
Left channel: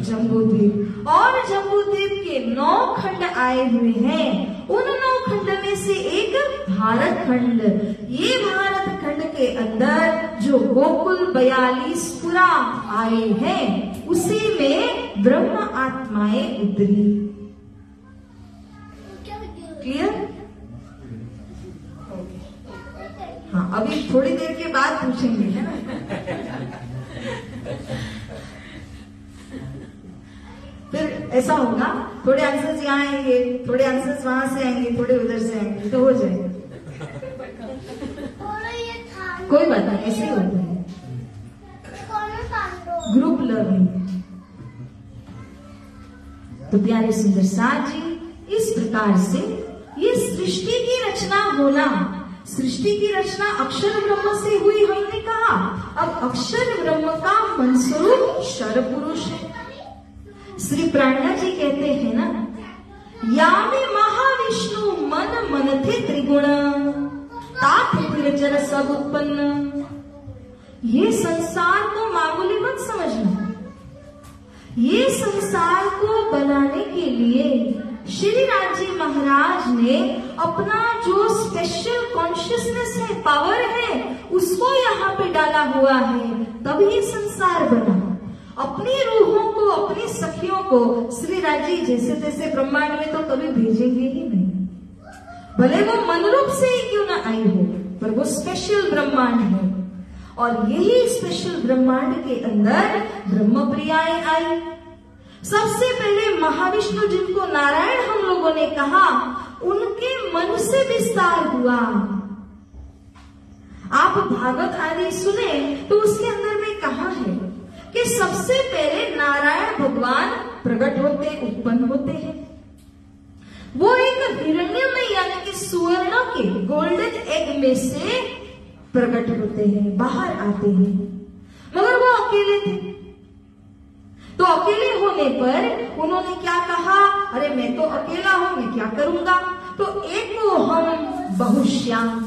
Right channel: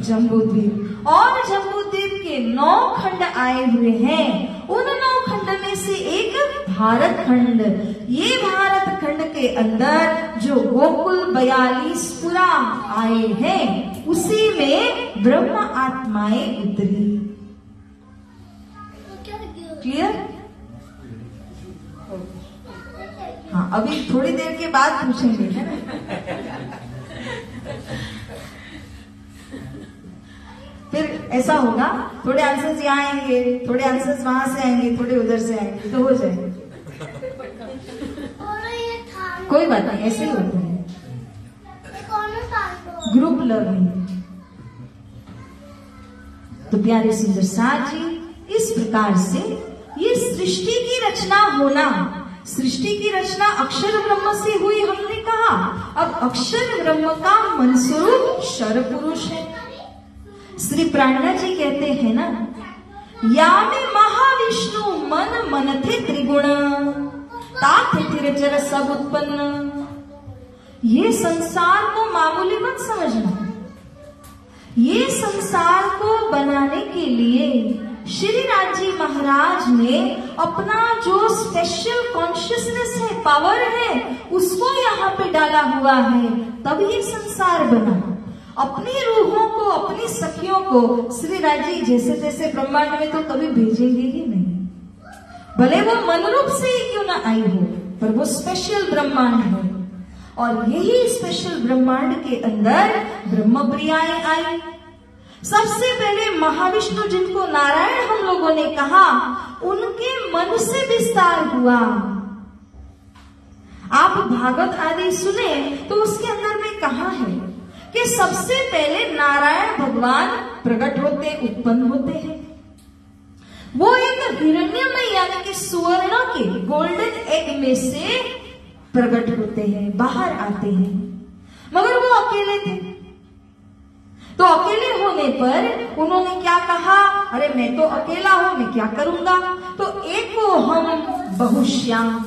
जम्बू द्वीप। और जम्बू द्वीप के 9 खंड आए हुए हैं, उन 9 खंड में से एक भारत खंड। ये भारत खंड के अंदर जो गोकुल 42 पुरा आए हैं, उसी में ब्रह्म आत्माएं उतरी। क्लियर? हाँ, अभी थोड़ी देर के बाद पूछेंगे, है ना? फिर ऐसा होगा, थोड़े आंसर्स यहाँ आएंगे, थोड़े आंसर्स वहां से आएंगे, थोड़े उधर से आएंगे, तो हो जाएगा। कोई बात नहीं, ऐसे ही होता है, ग्रुप लर्निंग। तो प्यारे सुंदर साथ जी, इस प्रकार से ये सृष्टि की रचना होना, सृष्टि की रचना अक्षर ब्रह्म से हुई हमने कहा। अब अक्षर ब्रह्म का मनस्वरूप शर पुरुष है। श्री प्राणा जी कहते हैं ना, या में महाविष्णु मन मन थे त्रिगुण, तात तिरचर सब उत्पन्न। ये संसार को मामूली मत समझना, ये संसार को बनाने के लिए श्री राजी महाराज ने अपना जो स्पेशल कॉन्शियसनेस है, पावर है, उसको यहाँ पे डाला हुआ है, तब ये संसार बना। अपनी रूहों को, अपनी सखियों को श्री राजी जैसे तैसे ब्रह्मांड में तो कभी भेजेंगे ही नहीं, भले वो मनरूप से ही क्यों ना आई हो, पर वो स्पेशल ब्रह्मांड है। और यही स्पेशल ब्रह्मांड के अंदर ब्रह्म प्रियाएं आई। सबसे पहले महाविष्णु, जिनको नारायण हम लोगों ने कहा, उनके मन से विस्तार हुआ। आप भागवत आदि सुने तो उसके अंदर में कहा है कि सबसे पहले नारायण भगवान प्रकट होते, उत्पन्न होते हैं। वो एक हिरण्यमय यानी कि सुवर्ण के गोल्डन एग में से प्रकट होते हैं, बाहर आते हैं, मगर वो अकेले थे। तो अकेले होने पर उन्होंने क्या कहा, अरे मैं तो अकेला हूं, मैं क्या करूंगा। तो एक हम बहुश्याम,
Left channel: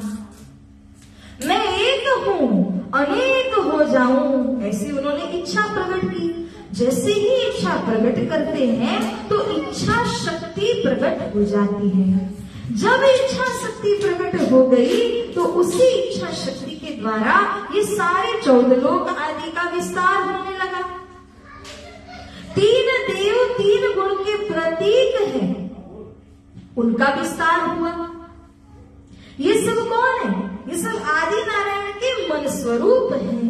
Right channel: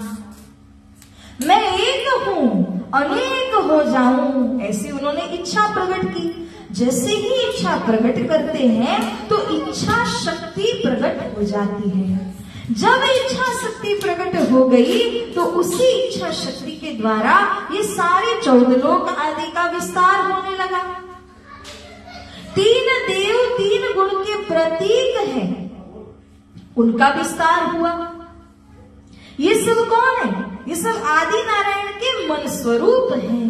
मैं एक हूं अनेक हो जाऊं, ऐसी उन्होंने इच्छा प्रकट की। जैसे ही इच्छा प्रकट करते हैं तो इच्छा शक्ति प्रकट हो जाती है। जब इच्छा शक्ति प्रकट हो गई तो उसी इच्छा शक्ति के द्वारा ये सारे 14 लोक आदि का विस्तार होने लगा। 3 देव 3 गुण के प्रतीक हैं, उनका विस्तार हुआ। ये सब कौन है? ये सब आदि नारायण के मन स्वरूप हैं।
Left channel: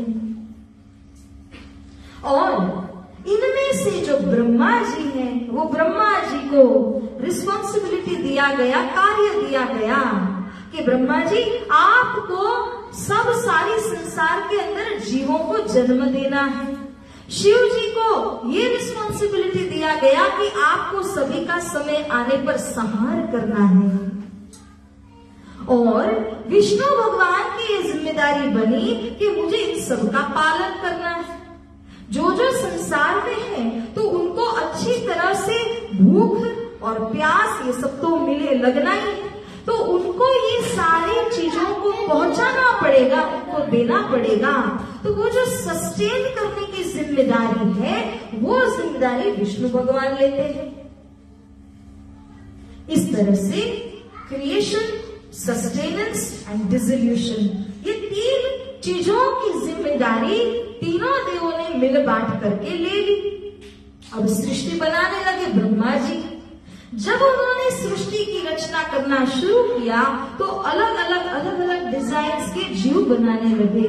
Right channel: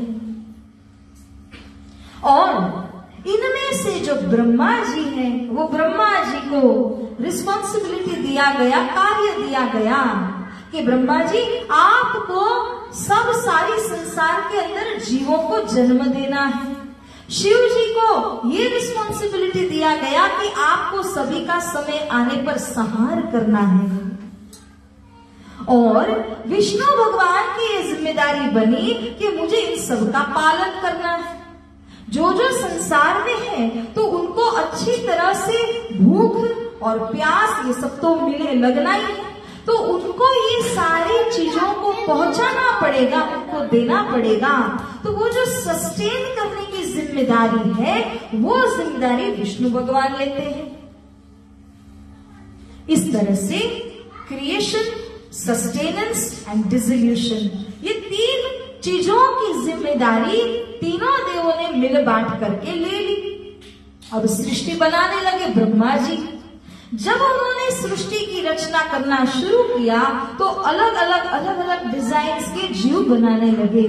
और इनमें से जो ब्रह्मा जी हैं, वो ब्रह्मा जी को रिस्पॉन्सिबिलिटी दिया गया, कार्य दिया गया कि ब्रह्मा जी आपको सब सारी संसार के अंदर जीवों को जन्म देना है। शिव जी को ये रिस्पॉन्सिबिलिटी दिया गया कि आपको सभी का समय आने पर संहार करना है। और विष्णु भगवान की ये जिम्मेदारी बनी कि मुझे इन सब का पालन करना है। जो जो संसार में है तो उनको अच्छी तरह से भूख और प्यास ये सब तो मिले लगना ही है, तो उनको ये सारी चीजों को पहुंचाना पड़ेगा, उनको देना पड़ेगा। तो वो जो सस्टेन करने की जिम्मेदारी है वो जिम्मेदारी विष्णु भगवान लेते हैं। इस तरह से क्रिएशन, सस्टेनेंस एंड डिसोल्यूशन, ये 3 चीजों की जिम्मेदारी तीनों देवों ने मिल बांट करके ले ली। अब सृष्टि बनाने लगे ब्रह्मा जी। जब उन्होंने सृष्टि की रचना करना शुरू किया तो अलग अलग डिजाइन के जीव बनाने लगे।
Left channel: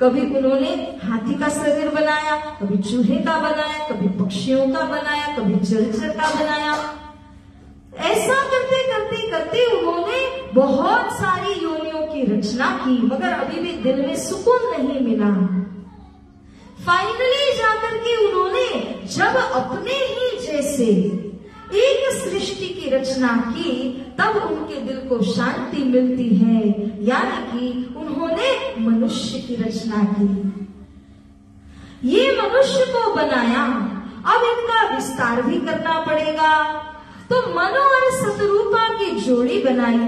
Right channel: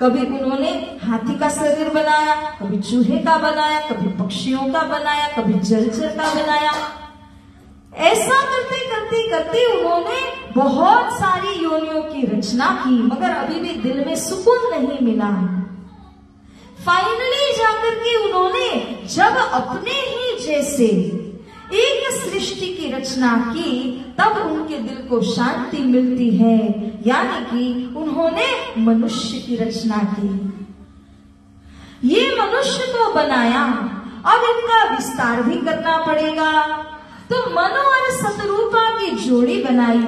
कभी उन्होंने हाथी का शरीर बनाया, कभी चूहे का बनाया, कभी पक्षियों का बनाया, कभी जलचर का बनाया। ऐसा करते करते करते उन्होंने बहुत सारी योनियों की रचना की, मगर अभी भी दिल में सुकून नहीं मिला। फाइनली जाकर के उन्होंने जब अपने ही जैसे एक सृष्टि की रचना की तब उनके दिल को शांति मिलती है, यानी कि उन्होंने मनुष्य की रचना की। ये मनुष्य को बनाया, अब इनका विस्तार भी करना पड़ेगा। तो मनु और शतरूपा की जोड़ी बनाई।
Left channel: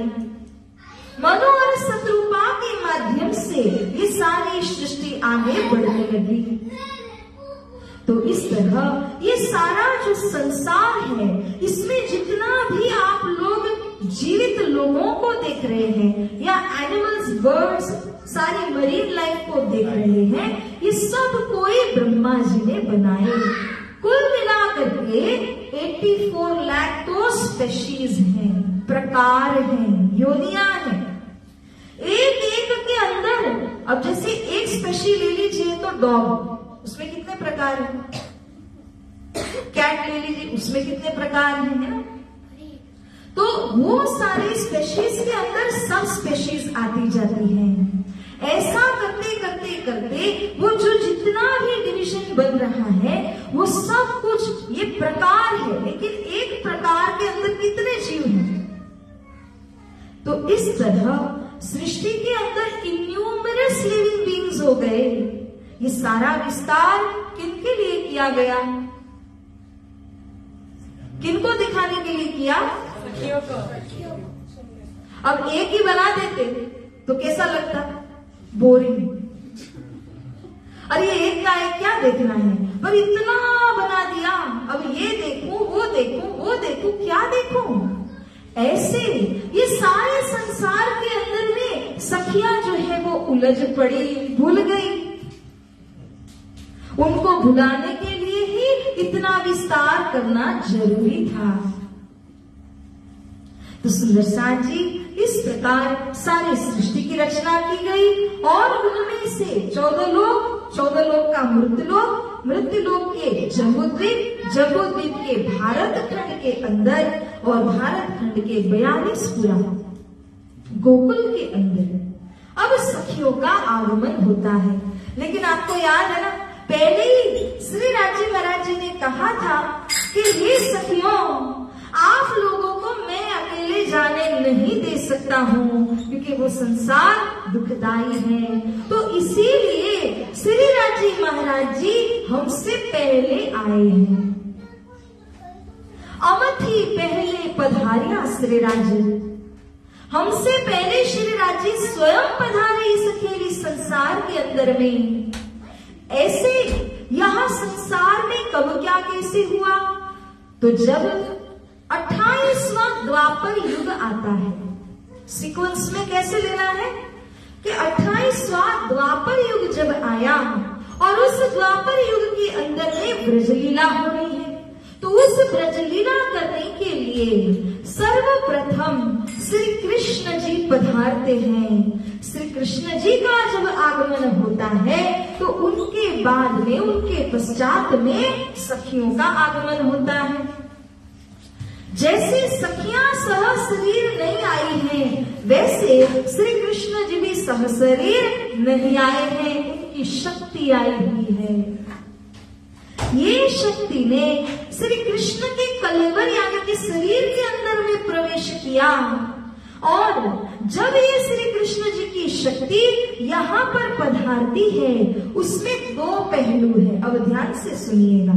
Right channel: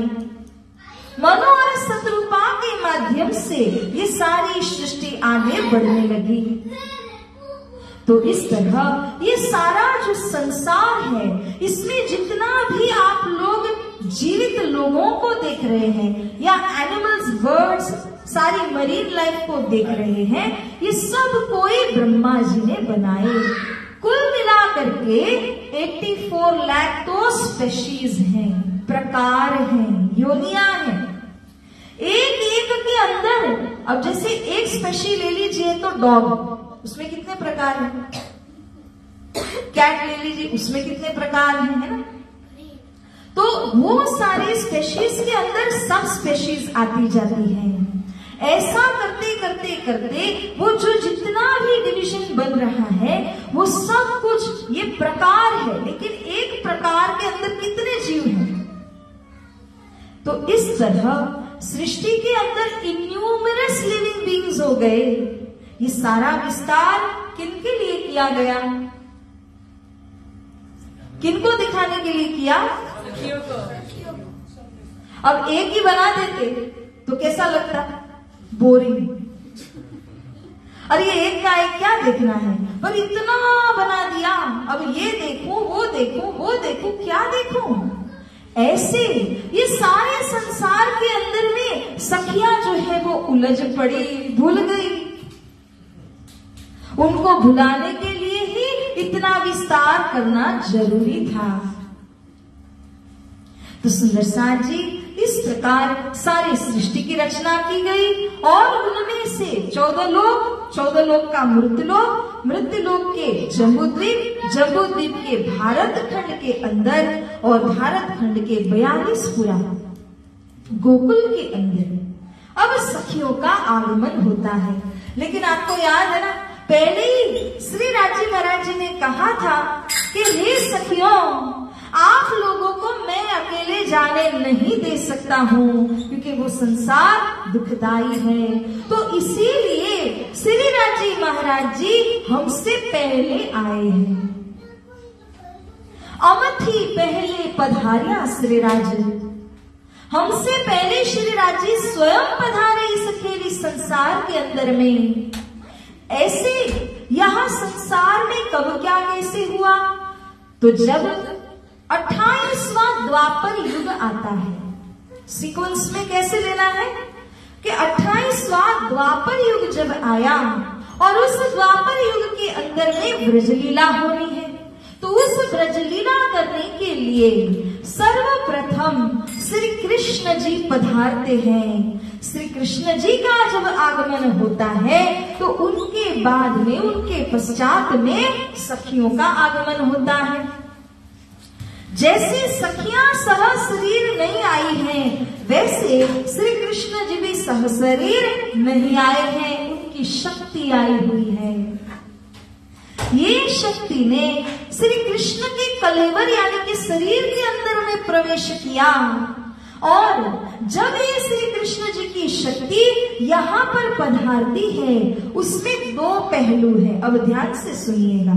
मनु और शतरूपा के माध्यम से ये सारी सृष्टि आगे बढ़ने लगी। तो इस तरह ये सारा जो संसार है, इसमें जितना भी आप लोग जीवित लोगों को देख रहे हैं या एनिमल्स, बर्ड्स, सारी मरीन लाइफ को देख रहे हैं, ये सब कोई ब्रह्मा जी ने बनाए। कुल मिलाकर के 84 लाख तो स्पेशीज हैं, प्रकार हैं, योनियां हैं। एक एक के अंदर, अब जैसे एक स्पेशी ले लीजिए तो डॉग, उसमें कितने प्रकार हैं। कैट ले लीजिए, उसमें कितने प्रकार हैं, है ना। तो वो सारी स्पेशीज के अंदर सब स्पेशीज आती जाती हैं। ऐसा करते करते करते वो जो जितना भी डिवीजन बन रहा है वो सब कुछ ये प्रकार है, लेकिन एक प्रकार के अंदर कितने जीव हैं। तो इस तरह सृष्टि के अंदर इन्यूमरस लिविंग बीइंग्स हो गए। ये सारा विस्तार किनके लिए किया गया? किनको दिखाने के लिए किया? अब एक ही बना देते तो कैसा लगता? बोरिंग। अरे ये एक का एक क्या देखना है, पर इतना बना दिया, अब ये देखूं, वो देखूं, वो देखूं, क्या देखूं। ऐसे ये सारे संसार के अंदर में सखियां जो है वो उलझ पड़ी, भूल गई। उनको भुलाने के लिए ही इतना विस्तार करना जरूरी था। तो सुंदर साथ जी, इस प्रकार सारी सृष्टि की रचना की गई और उनमें से 14 लोग 14 का मृत्युलोक, मृत्युलोक के जम्बूद्वीप, जम्बूद्वीप के भारत खंड के अंदर और भारत खंड के 42 गोकुल के अंदर अब सखियों का आगमन होता है। लेकिन आपको याद है ना, पहले ही श्री राजी महाराज जी ने कहा था कि हे सखियों, आप लोगों को मैं अकेले जाने नहीं दे सकता हूँ, क्योंकि वो संसार दुखदाई है। तो इसीलिए श्री राजी महाराज जी हमसे पहले आए हैं। अमथी पहले पधारिया श्री राजी, हमसे पहले श्री राजी स्वयं पधारे इस अकेली संसार के अंदर में। ऐसे यहाँ संसार में कब क्या कैसे हुआ, तो जब 28वां द्वापर युग आता है। सीक्वेंस में कैसे लेना है कि 28वां द्वापर युग जब आया और उस द्वापर युग के अंदर में ब्रजलीला होनी है, तो उस ब्रजलीला करने के लिए सर्वप्रथम श्री कृष्ण जी पधारते हैं। श्री कृष्ण जी का जब आगमन होता है तो उनके बाद में, उनके पश्चात में सखियों का आगमन होता है। जैसे सखियां सह शरीर नहीं आई हैं, वैसे श्री कृष्ण जी भी सह शरीर नहीं आए हैं, उनकी शक्ति आई हुई है। ये शक्ति ने श्री कृष्ण के कलेवर यानी कि शरीर के अंदर में प्रवेश किया, और जब ये श्री कृष्ण जी की शक्ति यहाँ पर पधारती है, उसमें 2 पहलू है। अब ध्यान से सुनिएगा।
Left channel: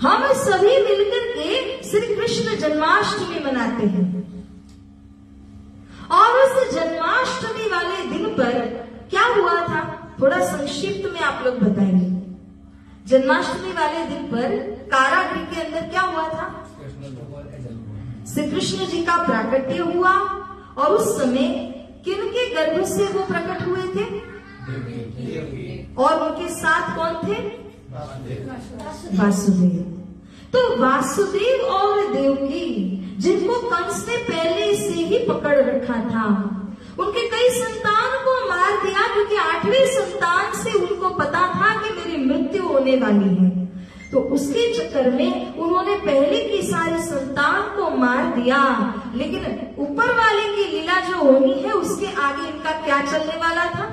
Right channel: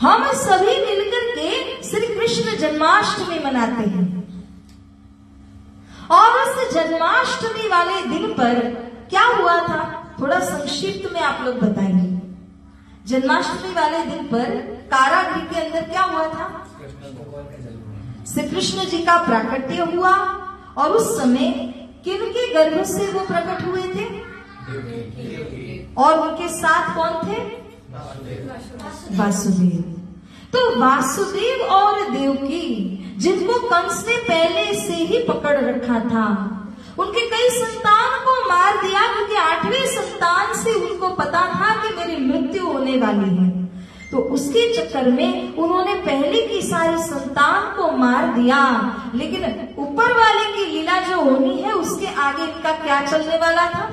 हम सभी मिलकर के श्री कृष्ण जन्माष्टमी मनाते हैं, और उस जन्माष्टमी वाले दिन पर क्या हुआ था, थोड़ा संक्षिप्त में आप लोग बताएंगे। जन्माष्टमी वाले दिन पर कारागृह के अंदर क्या हुआ था, श्री कृष्ण जी का प्राकट्य हुआ, और उस समय किनके गर्भ से वो प्रकट हुए थे, और उनके साथ कौन थे, वासुदेव। तो वासुदेव और देवकी, जिनको कंस ने पहले से ही पकड़ रखा था, उनके कई संतान को मार दिया, क्योंकि 8वें संतान से उनको पता था कि मेरी मृत्यु होने वाली है। तो उसके चक्कर में उन्होंने पहले की सारी संतान को मार दिया। लेकिन ऊपर वाले की लीला जो होनी है, उसके आगे इनका क्या चलने वाला था।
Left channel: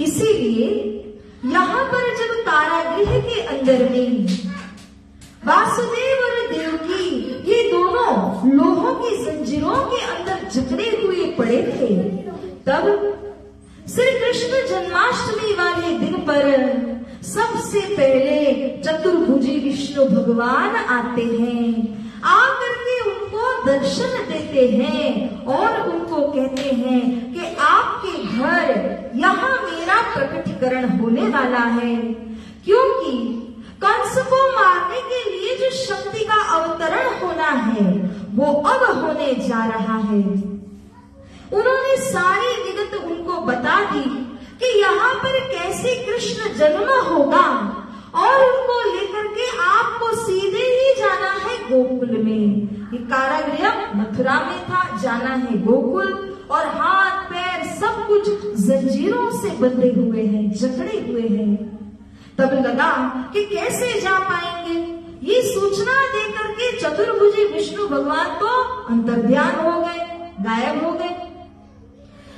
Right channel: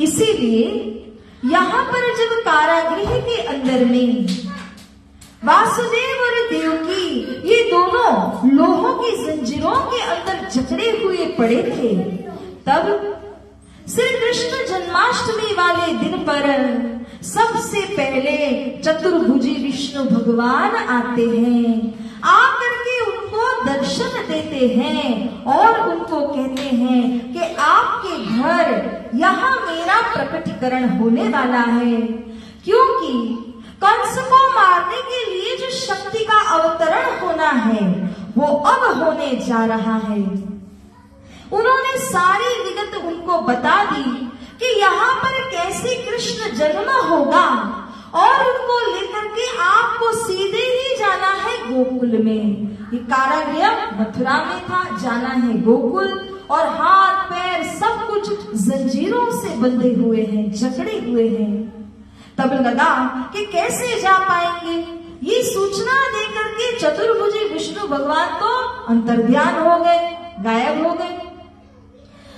इसीलिए यहाँ पर जब कारागृह के अंदर में वासुदेव और देवकी, ये दोनों लोहों की जंजीरों के अंदर जकड़े हुए पड़े थे, तब श्री कृष्ण जन्माष्टमी वाले दिन पर सबसे पहले चतुर्भुजी विष्णु भगवान आते हैं। आकर के उनको दर्शन देते हैं और उनको कहते हैं कि आपके घर यहाँ मेरा प्रकटीकरण होने वाला है, क्योंकि कंस को मारने के लिए जो शक्ति का अवतरण होना है वो अब होने जा रहा है। उन्होंने सारी विगत उनको बता दी कि यहाँ पर कैसे कृष्ण जन्म होगा, और उनको लेकर के आपको सीधे ही जाना है गोकुल में। ये कारागृह मथुरा में था, जाना है गोकुल, और हाथ पैर सब कुछ जंजीरों से बंधे हुए हैं, जकड़े हुए हैं। तब लगा कि कैसे जा पाएंगे। ये सूचना देकर के चतुर्भुजी विष्णु भगवान तो अंतर्ध्यान हो गए, गायब हो गए।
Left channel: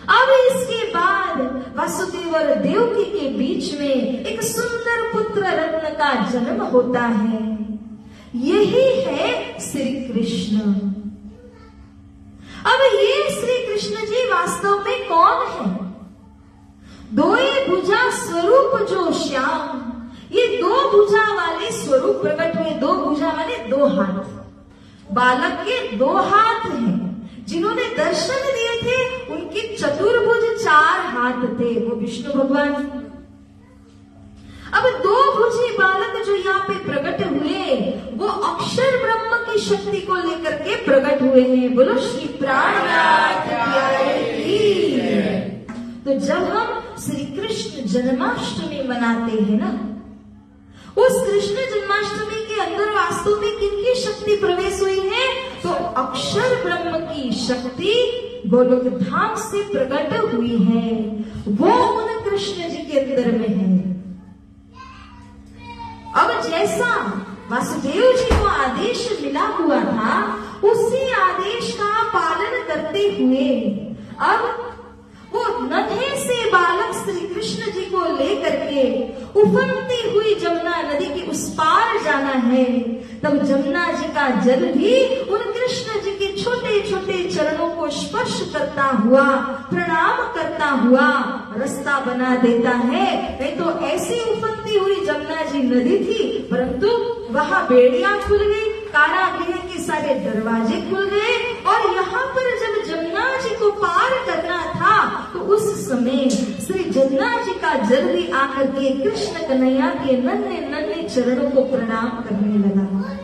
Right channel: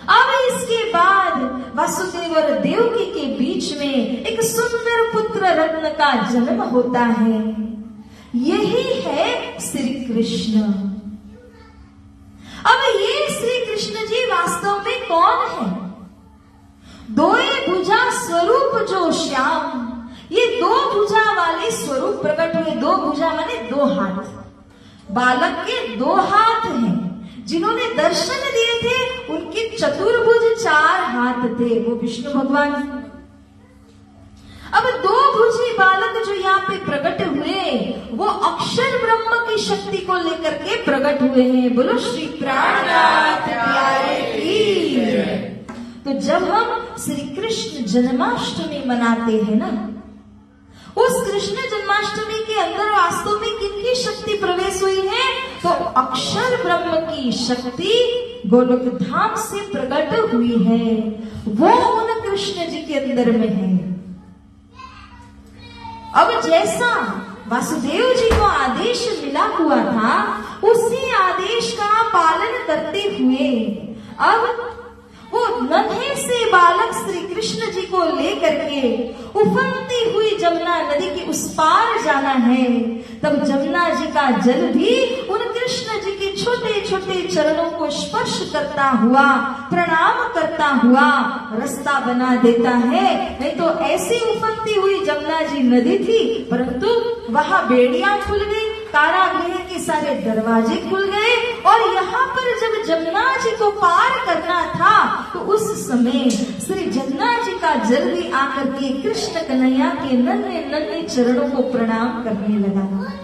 अब इसके बाद वासुदेव और देवकी के बीच में एक सुंदर पुत्र रत्न का जन्म होता है। यही है श्री कृष्ण। अब ये श्री कृष्ण जी वास्तव में कौन है? दोए भुजा स्वरूप जो श्याम, ये 2 भुजा वाले स्वरूप प्रकट हुए। 2 भुजा माने 2 हाथ। बालक के 2 हाथ हैं। जिन्होंने दर्शन दिए थे उनके चतुर्भुज 4 हाथ थे, वो विष्णु भगवान। अब 2 भुजी बालक जो यहाँ पे प्रकट हुए, वो अक्षर ब्रह्म की शक्ति को लेकर के प्रकट हुए हैं। बोलो श्री प्राणनाथ प्यारे की। तो जब हम श्री कृष्ण जन्माष्टमी मनाते हैं ना, उस कृष्ण जन्माष्टमी के अंदर वास्तव में किनकी शक्ति प्रवेश हुई है? तो अक्षर ब्रह्म की शक्ति गोलोक धाम से प्रकट हुई है वो उन कृष्ण जी के अंदर में है। अब जैसा वासुदेव जी को आदेश मिला हुआ था उसी आदेश का पालन करते हुए अब वो नन्हे से बालक श्री कृष्ण जी को लेकर के उफनती हुई जमुना नदी के उस पार जाना है। तब जमुना जी का जल भी उन कृष्ण जी के छोटे छोटे चरणों को स्पर्श करता हुआ प्रणाम करता हुआ रास्ता बना देता है। नहीं तो ऐसी उफनती हुई जमुना जी नदी थी, परंतु वहां बेड़ियां खुल गई, कारागृह के सारे दरवाजे खुल गए और यहाँ पर जब जमुना जी को पार करना था तो उस समय श्री जमुना जी का जल भी आकर के कृष्ण कन्हैया के नन्हे नन्हे चरणों को प्रणाम करने लगा।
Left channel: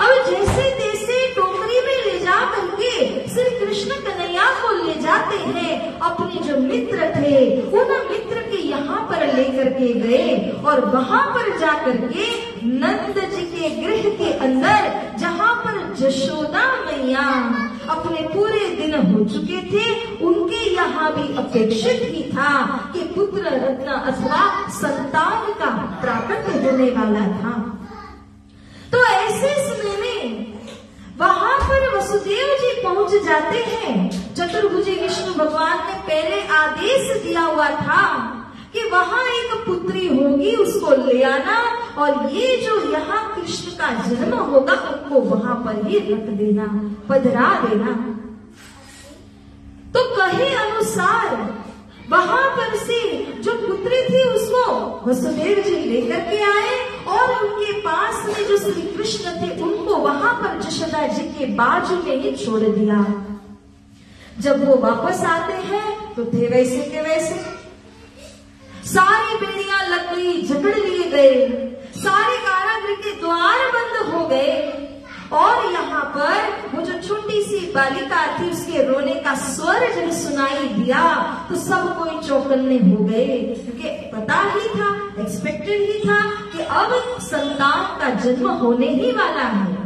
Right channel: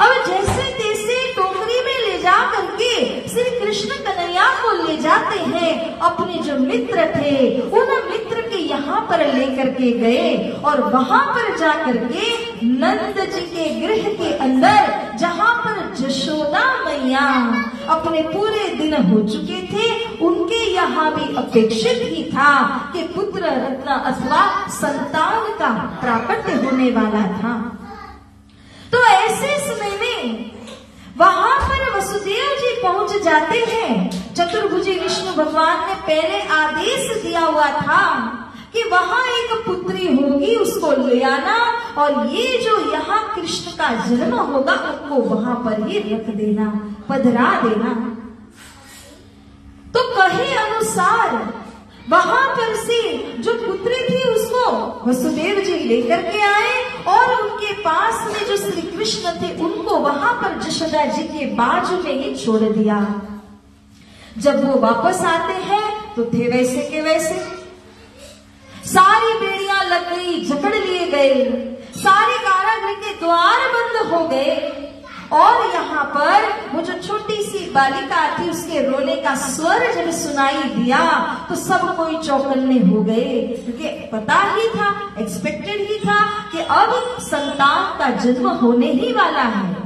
अब जैसे तैसे टोकरी में ले जा करके श्री कृष्ण कन्हैया को ले जाते हैं। अपने जो मित्र थे उन मित्र के यहाँ पर लेकर के गए और वहां पर जा करके नंद जी के गृह के अंदर जहाँ पर यशोदा मैया अपने पूरे दिन हो चुके थे, उनके यहाँ भी अपेक्षित ही था कि पुत्र रत्न अथवा संतान का प्राकट्य होने वाला था। तो ऐसे समय में वहां पर वसुदेव जी पहुंच जाते हैं। चतुर्भुजी विष्णु भगवान ने पहले आदेश दिया हुआ था कि वहां एक पुत्री होगी, उसको ले आना और ये जो यहाँ कृष्ण का जन्म होगा उनको वहां पर ही रख देना, पधरा देना। तो कहे अनुसार वहां पर से जो पुत्री थी उसको वसुदेव जी लेकर के आए और उनके पास में जो श्री कृष्ण थे उनको वहां पर यशोदा जी के बाजू में ही छोड़ दिया। जब वो वापस आते हैं तो थे वैसे के वैसे, सारी बेड़ियां लग गई, जकड़ लिए गए, सारे कारागृह के द्वार बंद हो गए और यहाँ पर वो जो छोटी सी बालिका थी उसके रोने का स्वर जब सुनाई दिया तो सब कोई चौकन्ने हो गए, क्योंकि पता ही था, एक्सपेक्टेड ही था कि अब संतान का जन्म होने ही वाला है।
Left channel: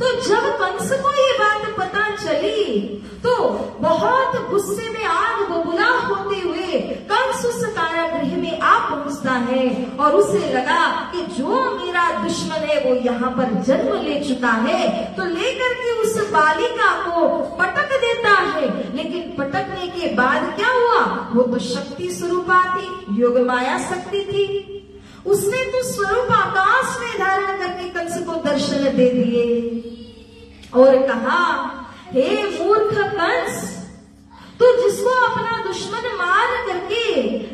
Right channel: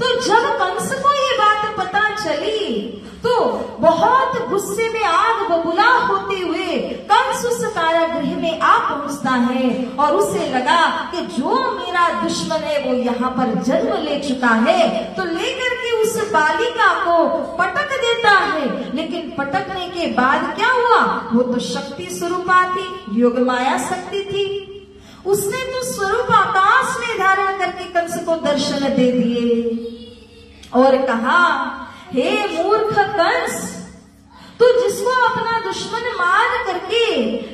तो जब कंस को ये बात पता चली तो बहुत गुस्से में आग बबूला होते हुए कंस उस कारागृह में आ पहुंचता है और उसे लगा कि जो मेरा दुश्मन है वो यहाँ पर जन्म ले चुका है, तो लेकर के उस बालिका को पटक देता है। लेकिन पटकने के बाद क्या हुआ, वो तो शक्ति स्वरूपा थी, योग माया शक्ति थी, उसने तो स्वरूप आकाश में धारण करके कंस को दर्शन दे दिए और कहा, हे मूर्ख कंस, तू जिसको अपना दुश्मन मान करके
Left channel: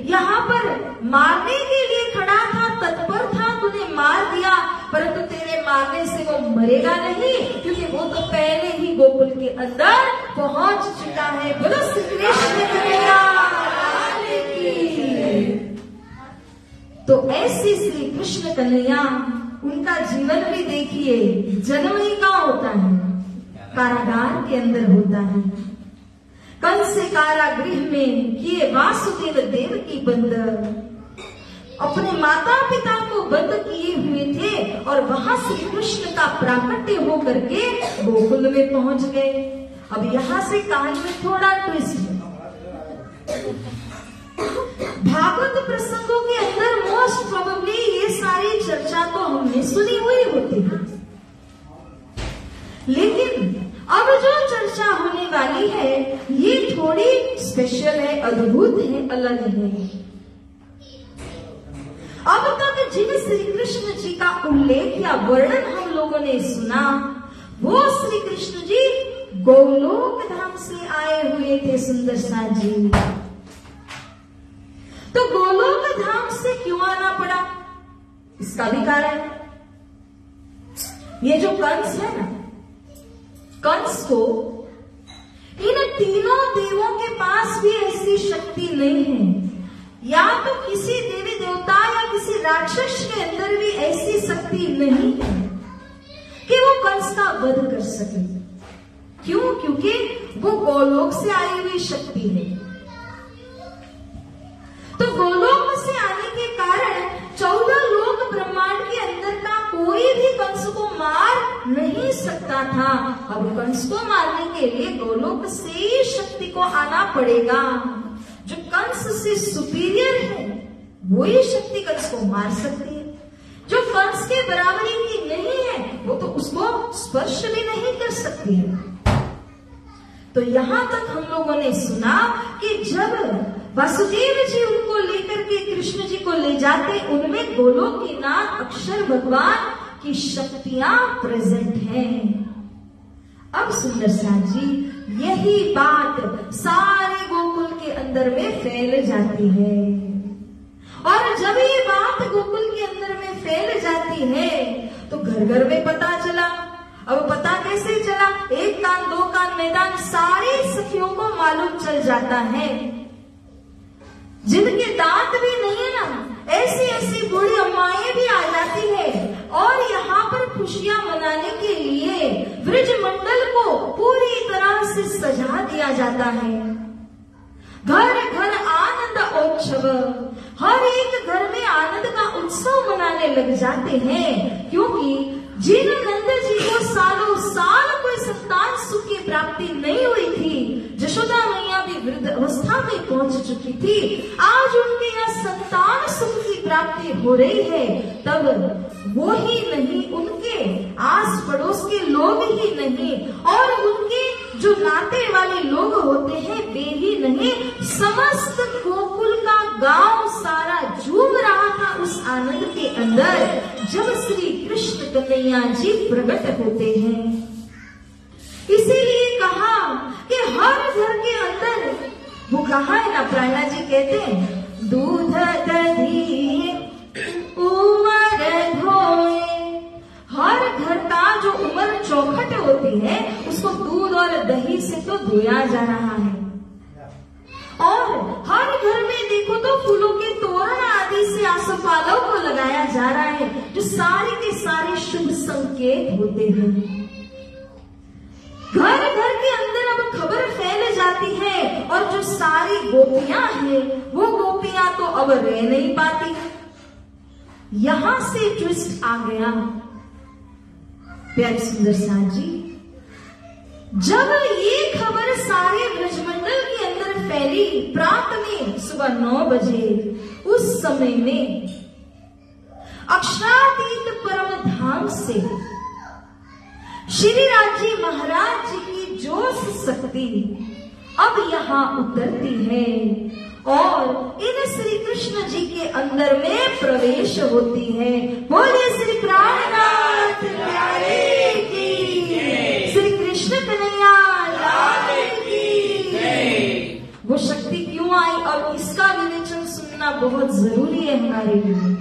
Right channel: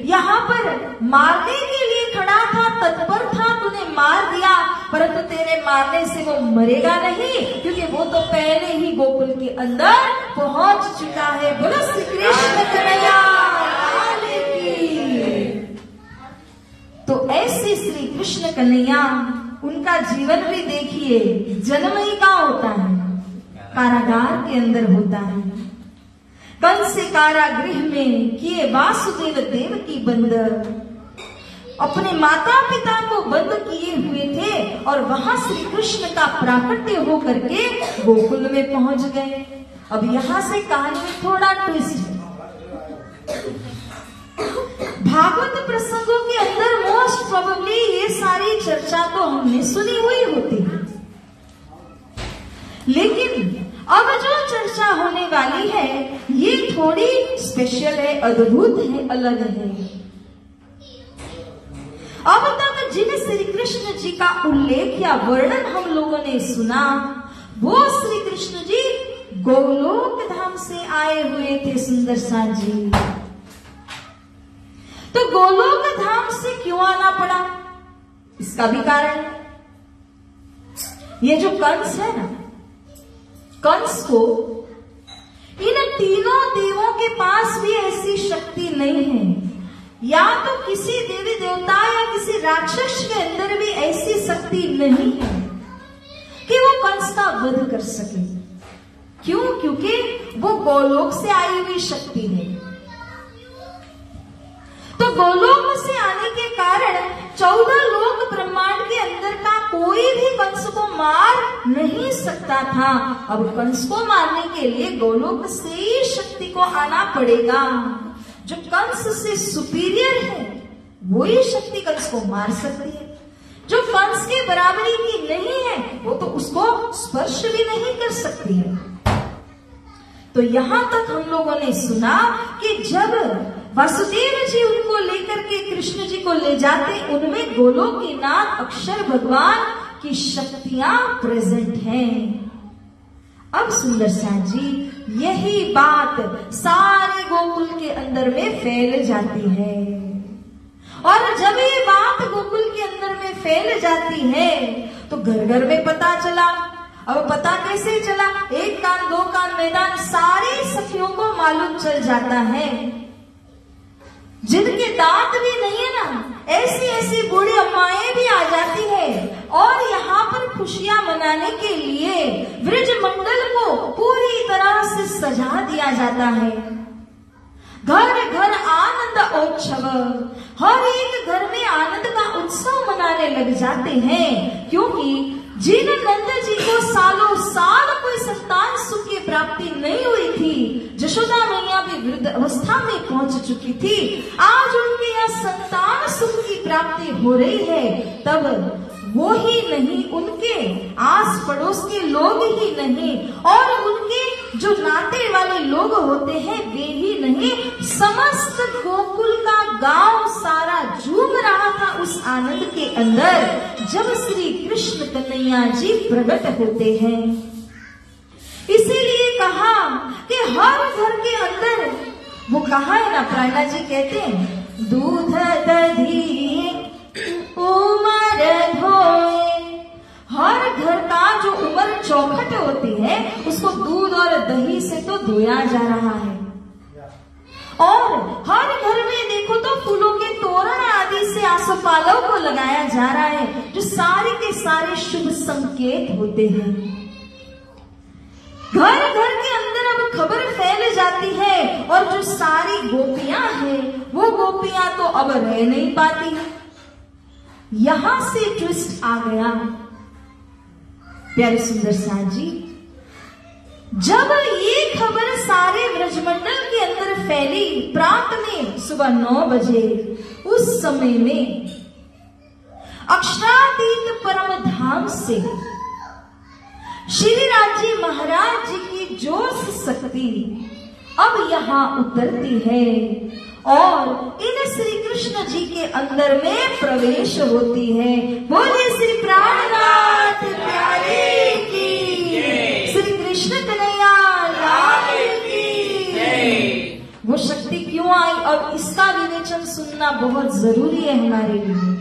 यहाँ पर मारने के लिए खड़ा था, तत्पर था, तूने मार दिया, परंतु तेरे मारने से वो मरेगा नहीं, क्योंकि वो तो पहले ही गोकुल के अंदर पहुंच चुका है। बोलो श्री कृष्ण कन्हैया की। तो ऐसे श्री कृष्ण कन्हैया, उनका जीवन भी देखिए, जन्म ही कहाँ होता है, कारागार के अंदर होता है। कंस से कारागृह में किए वासुदेव देव की बंद, अपने माता पिता को बंद किए हुए थे और वहां श्री कृष्ण का प्राकट्य हो करके गोकुल में पहुंच गए। अब यहाँ से कहानी में थोड़ा ट्विस्ट है। भागवत प्रसंगों के अंदर मोस्ट प्रोबेबली ये सारी चर्चा तो हमने सुनी हुई होती है, लेकिन अब जो चर्चा होने वाली है ये थोड़ी स्पेशल है, अद्भुत है, अलग है। अब तक जिन श्री कृष्ण जी का उल्लेख या वर्णन हम लोगों ने सुना, वो श्री कृष्ण जी गोलोक धाम से आए हुए थे सुंदर सा जी। तो गोलोक धाम से क्यों आना पड़ा, इसका भी कारण, ये जो कंस है ना, कंस को इन तीनों देवों के पास भी ऐसी शक्ति नहीं है, या तो किसी देवी देवता या किसी राक्षस के अंदर भी ऐसी शक्ति नहीं है कि वो कंस का वध कर सके। क्यों? क्योंकि वो गोलोक से आई हुई शक्ति है। तो गोलोक से आने के कारण 14 लोक ब्रह्मांड के अंदर का कोई भी कंस को मार नहीं सकता था। अब कंस को मारने के लिए गोलोक से ही शक्ति को आना पड़ेगा। जो कंस से सुपीरियर है वो ही शक्ति कंस को मार सकती है। जो कंस के बराबरी की नहीं है वो तो उसको स्पर्श भी नहीं कर सकती है। तो यहां तक हम लोगों ने सुना कि जब वासुदेव जी उनको लेकर के कृष्ण जी को ले जाते, उनमें गोलोकीनाथ अक्षर भगवान की शक्तियां प्रेजेंट हैं। अब सुंदर सा जी यही बात सारे गोकुल के अंदर में फैल जाती है। और जब ये बात गोकुल के अंदर में फैल जाती है तो घर घर में पता चला। अब पता कैसे चला? एक कान दो कान मैदान सारी सखियों को मालूम चल जाता है। जिनके दांत भी नहीं है ना, ऐसी ऐसी बूढ़ी अम्माएं भी आ जाती है और यहाँ पर खुशियां मनाने के लिए ब्रज मंडल को पूरी तरह से सजा दिया जाता है। घर घर आनंद उत्सव, हर एक घर में आनंद का उत्सव मनाने लग जाते हैं, क्योंकि जिन नंद जी को सालों साल कोई संतान सुख की प्राप्ति नहीं हुई थी, यशोदा मैया भी वृद्ध अवस्था में पहुंच चुकी थी, आज उनके यहाँ संतान सुख की प्राप्ति हो रही है। तब वो ही नहीं, उनके आस पड़ोस के लोग ही नहीं और उनके जो नाते वाले लोग होते हैं वे ही नहीं, समस्त गोकुल का गांव सारा झूम रहा था उस आनंद के अंदर जब श्री कृष्ण कन्हैया जी प्रकट होते हैं। इसीलिए कहा कि हर घर के अंदर, वो कहा है ना, प्रहलाद जी कहते हैं दूध दही उमर धोए। हर घर का जो उमर चौखट होती है उसको दूध और दही से तो धोया जा रहा है। और हर घर में देखो तो फूलों के तोरण आदि से आसोपालव को लगाया जा रहा है, जो सारे के सारे शुभ संकेत होते हैं। घर घर के अंदर अब खबर फैल जाती है और जो सारी गोपियां हैं वो गोपियां तो अब रह नहीं पाती। यहां से ट्विस्ट आ गया प्यारे सुंदर सा जी। जब ये खबर सारे ब्रजमंडल के अंदर फैली प्रात में सुबह 9 बजे, उस समय में अक्षरातीत परम धाम से श्रीराज जी महाराज जी की जोश शक्ति अब यहाँ उतरती है और इन श्री कृष्ण जी के अंदर में प्रवेश होती है। बोले श्री प्राणनाथ प्यारे की, श्री कृष्ण कन्हैया लाल की। वो शक्ति क्यों आई और इसका विवेचन सुनना बहुत जरूरी है हमारे लिए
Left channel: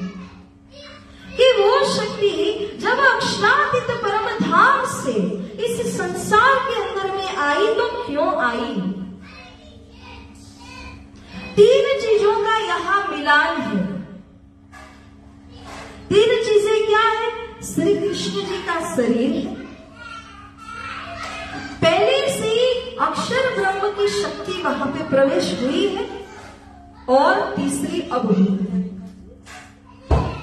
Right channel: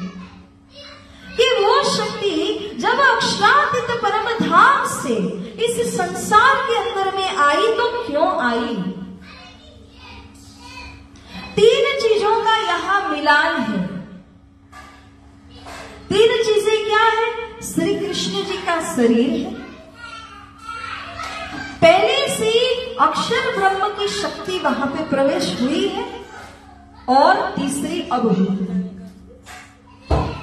कि वो शक्ति जब अक्षरातीत परम धाम से इस संसार के अंदर में आई तो क्यों आई? 3 चीजों का यहाँ मिलान है। 3 चीजें क्या है? श्री कृष्ण जी का शरीर है, पहले से अक्षर ब्रह्म की शक्ति वहां पे प्रवेश हुई है और तीसरी अब हुई है।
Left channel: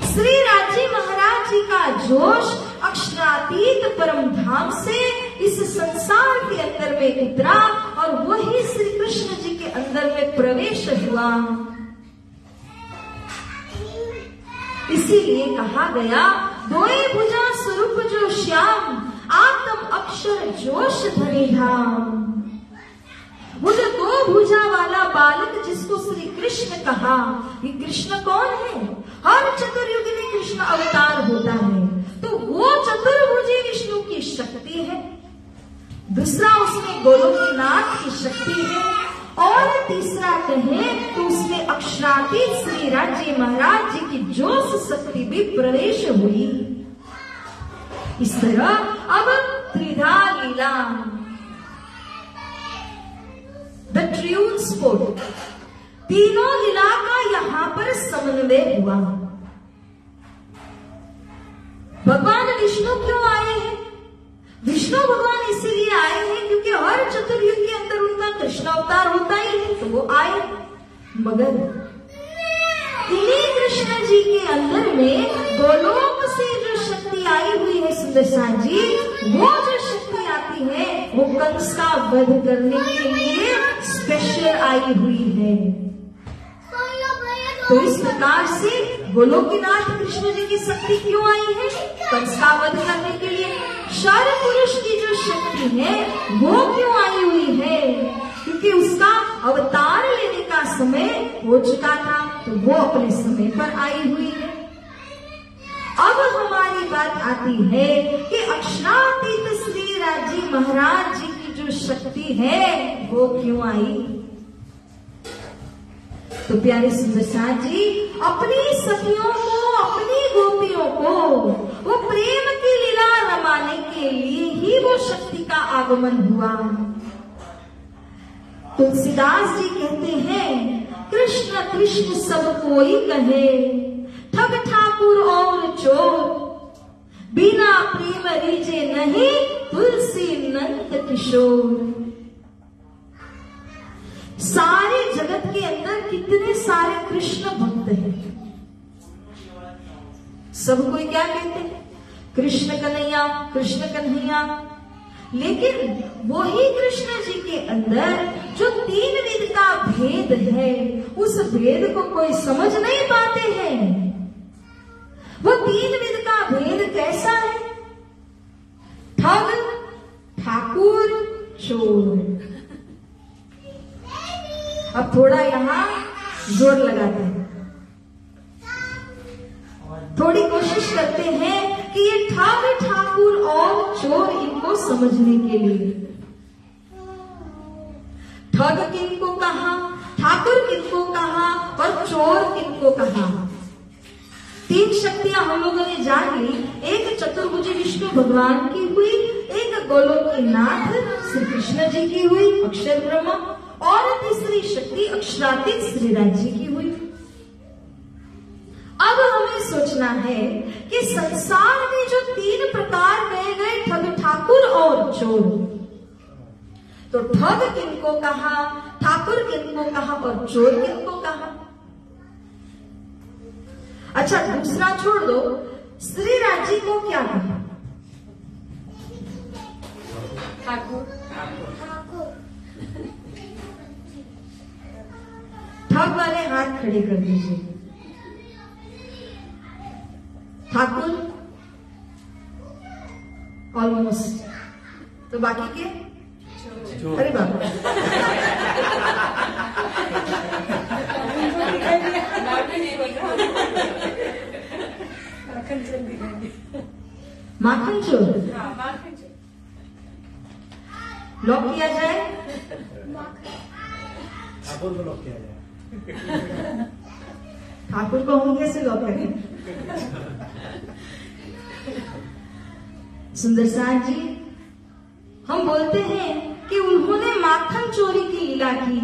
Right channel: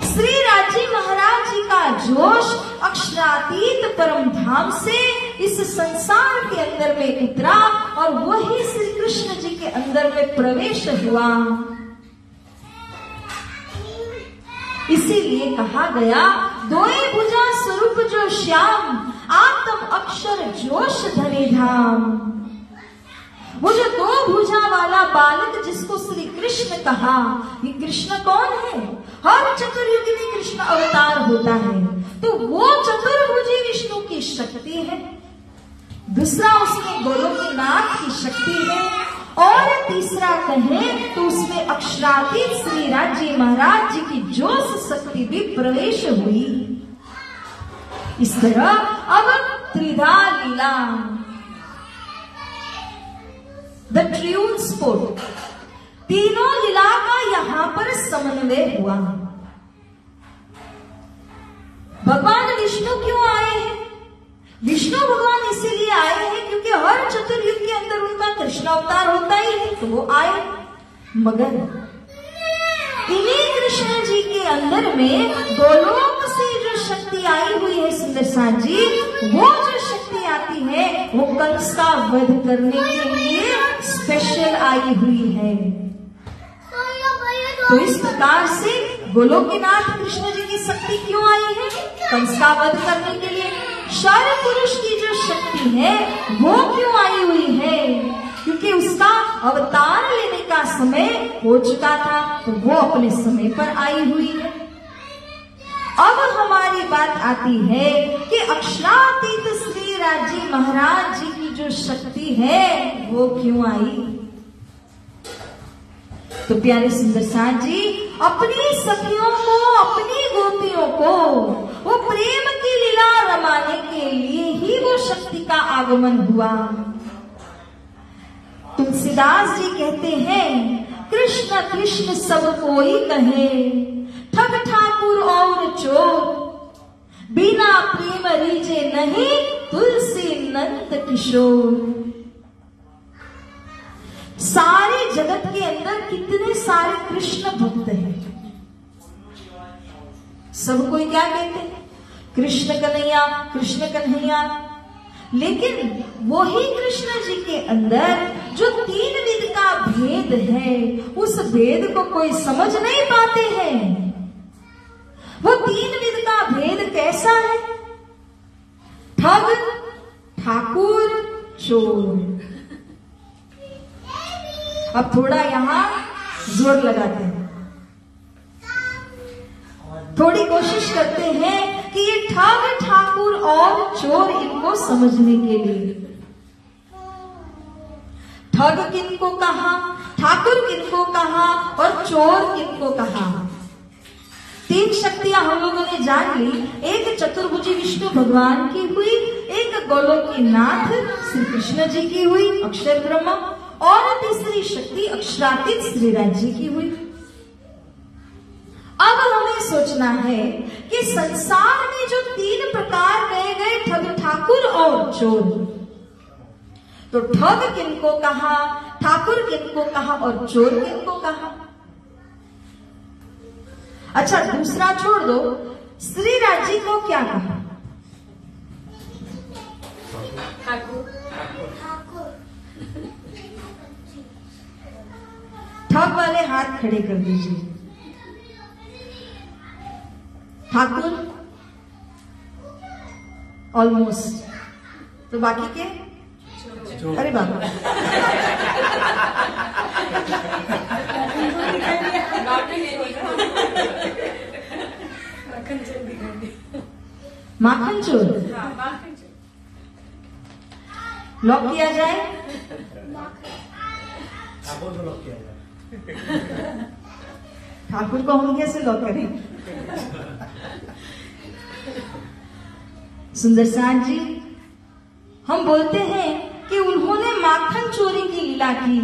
श्री राजी महाराज जी का जोश अक्षरातीत परम धाम से इस संसार के अंदर में उतरा और वही श्री कृष्ण जी के अंदर में प्रवेश हुआ। इसीलिए कहा गया दोए भुजा स्वरूप जो श्याम, आत्म अक्षर जोश धरे धाम। वो जो 2 भुजा वाला बालक जिसको श्री कृष्ण कहा, ये कृष्ण कौन है? हर चतुर्युगी में कृष्ण अवतार होता है, तो वो चतुर्भुजी विष्णु की शक्ति है। दूसरा उसमें गोलोकनाथ की शक्ति है और तीसरा कहें तो उसमें अक्षरातीत श्री राज्य महाराज जी की जोश शक्ति भी प्रवेश हुई। इस तरह अब त्रिधा लीला, द ट्रियून स्पोर्ट, तीनों लीला का यहाँ पर समन्वय हुआ। भगवान विष्णु क्यों आए हैं? विष्णु भगवान इसीलिए आए हैं क्योंकि हर चतुर्युग के अंदर उनका कृष्ण अवतार होता ही है, तो वो आए। मगर इन्हीं कृष्ण जी के अंदर में गोलोक से जो शक्ति शक्ति आई हुई है सुंदर साथ जी, वो जो शक्ति आती है वो कंस का वध करने के लिए स्पेशल आई हुई है। तो इस प्रकार से गोलोकीनाथ कृष्ण जी की शक्ति क्यों आई है? कंस का वध करने के लिए। शौर्य पुरुष की जो शक्ति है वो क्यों आई हुई है? क्योंकि उसका अवतार लेने का समय हो चुका था, तो वो अपने समय पर आई हुई है। अब हमारी बात आती है कि अक्षरातीत श्री राजी महाराज जी की जो शक्ति है वो क्यों आई? तो प्यारे सुंदर साथ जी, अपनी सखियों को, अपनी गोपियों को वो प्रेम की लीला रमाने के लिए ही वो शक्ति का आगमन हुआ। तुलसीदास जी कहते हैं, कृष्ण कृष्ण सब कोई कहे, ठग ठाकुर और चोर, बिना प्रेम रीजे नहीं तुलसी नंद किशोर। सारे जगत के अंदर कितने सारे कृष्ण भक्त हैं, सब कोई क्या कहते हैं? कृष्ण कन्हैया, कृष्ण कन्हैया। लेकिन वही कृष्ण जी के अंदर जो तीन विध का भेद है, उस भेद को कोई समझ नहीं पाते हैं। वो तीन विध का भेद कैसा है? ठग, ठाकुर, चोर। अब थोड़ा यहां जोर लगाते हैं, थोड़ी कोशिश करते हैं कि ये ठग, ठाकुर और चोर इनको समझने के लिए। ठग किनको कहा, ठाकुर किनको कहा और चोर किनको कहा? तीन शक्तियां हम लोगों ने जान ली। एक चतुर्भुजी विष्णु भगवान की हुई, एक गोलोकीनाथ श्री कृष्ण जी की हुई अक्षर ब्रह्म, और तीसरी शक्ति अक्षरातीत श्री राजी की हुई। अब हमें सोचना है कि संसार में जो तीन प्रकार कहे गए, ठग, ठाकुर और चोर, तो ठग किनको कहा, ठाकुर किनको कहा और चोर किनको कहा? अच्छा, दूसरा छोड़ दो, श्री राजी को क्या कहा? ठाकुर। ठग वाले हाथ खड़े कर दीजिए। ठाकुर ऑलमोस्ट, तो बाकी के? अरे बाप रे, माखन चोर। लॉक किया जाए? ठाकुर को हम कैसे लॉक करें? सुंदर साथ जी, हम बोलते हैं कि उन्होंने माखन चोरी की लीला की,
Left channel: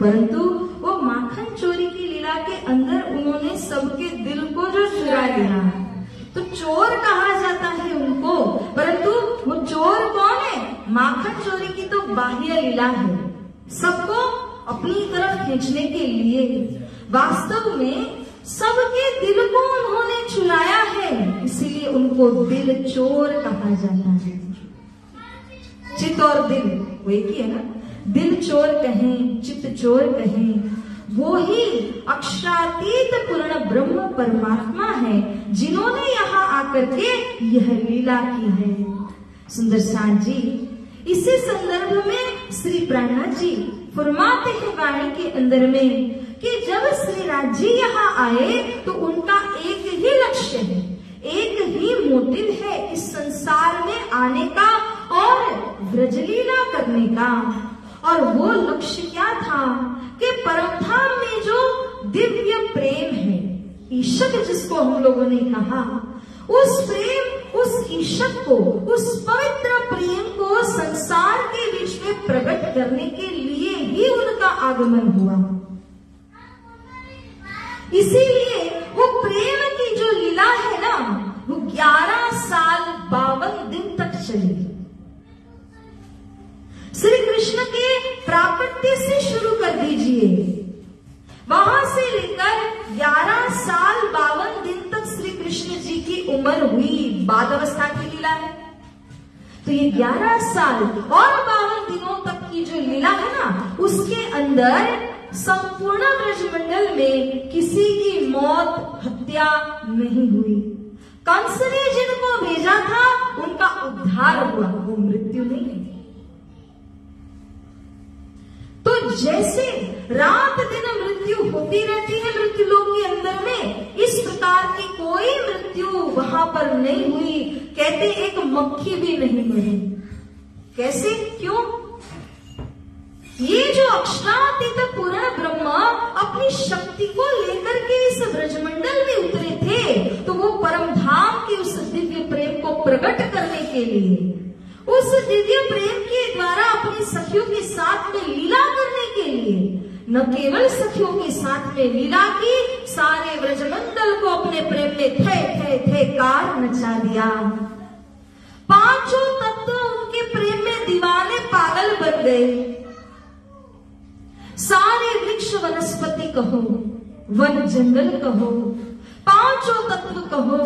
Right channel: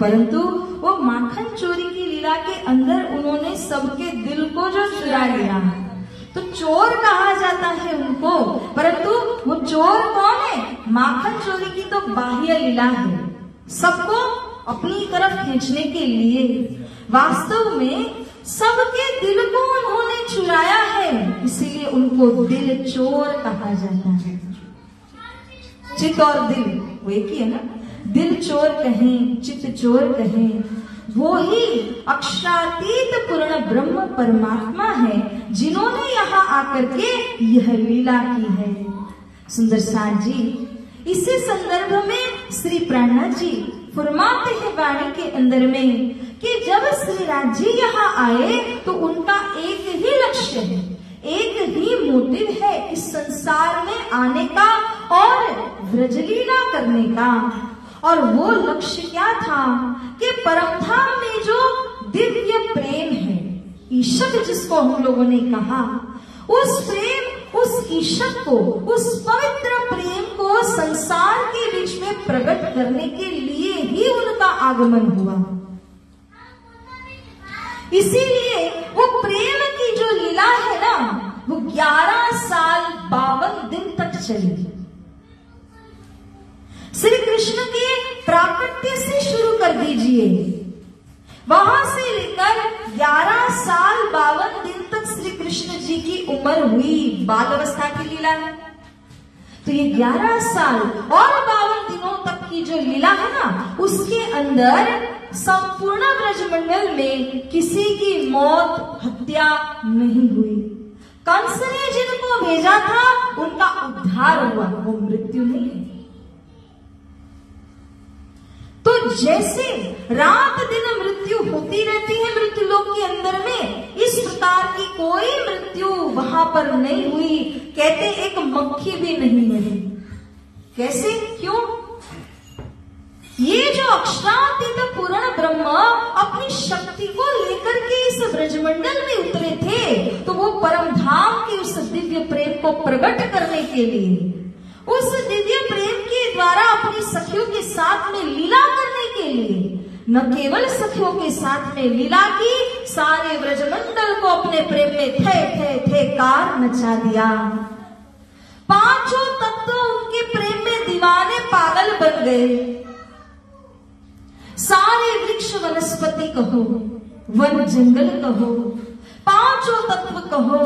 परंतु वो माखन चोरी की लीला के अंदर उन्होंने सबके दिल को जो चुरा लिया, तो चोर कहा जाता है उनको। परंतु वो चोर कौन है? माखन चोरी की तो बाह्य लीला है, सबको अपनी तरफ खींचने के लिए। वास्तव में सबके दिल को उन्होंने चुराया है, इसीलिए उनको दिल चोर कहा जाता है। चित और दिल वो एक ही है ना? दिल चोर कहें, चित चोर कहें, वो ही अक्षरातीत पूर्ण ब्रह्म परमात्मा है, जिन्होंने यहाँ आकर के यह लीला की है। सुंदर साथ जी, इसी संदर्भ में श्री प्राणनाथ जी फरमाते हैं वाणी के अंदर में कि जब श्री राज जी यहाँ आए तो उनका एक ही लक्ष्य है, एक ही मोटिव है इस संसार में आने का और ब्रजलीला करने का। और वो लक्ष्य क्या था कि परमधाम में जो दिव्य प्रेम है, ईशक जिसको हम लोगों ने कहा, उस प्रेम, उस ईशक को, उस पवित्र प्रेम को संसार के बीच में प्रकट करने के लिए ही उनका आगमन हुआ। इसीलिए वो प्रेम की जो लीला है ना, वो 11 साल 52 दिन तक चली। श्री कृष्ण के प्राकट्य से शुरू कर दीजिए, वहां से लेकर 11 साल 52 दिन तक श्री कृष्ण जी की उम्र हुई, बाल अवस्था की लीला है। तो ये 11 साल और 52 दिनों तक की जो लीला है ना, उसके अंदर संपूर्ण ब्रजमंडल में किसी की मौत, हत्या नहीं हुई। कंस ने जिनको भेजा था उनका उद्धार हुआ, वो मृत्यु नहीं है। तो जैसे रात दिन मृत्यु होती रहती है मृत्यु लोक के अंदर में, इस प्रकार की कोई मृत्यु वहां पर नहीं हुई। कहते एक मक्खी भी नहीं मरी। कैसे, क्यों? ये जो अक्षरातीत पूर्ण ब्रह्म अपनी शक्ति को लेकर के इस ब्रजमंडल में उतरे थे, तो वो परम धाम के उस दिव्य प्रेम को प्रकट करने के लिए, उस दिव्य प्रेम के द्वारा अपनी सखियों के साथ में लीला करने के लिए, न केवल सखियों के साथ में लीला की, सारे ब्रजमंडल को अपने प्रेम में थे थे थे कार मचा दिया। पांचों तत्व उनके प्रेम में दीवाने पागल बन गए। सारे वृक्ष वनस्पति कहो, वन जंगल कहो, पांचों तत्व कहो,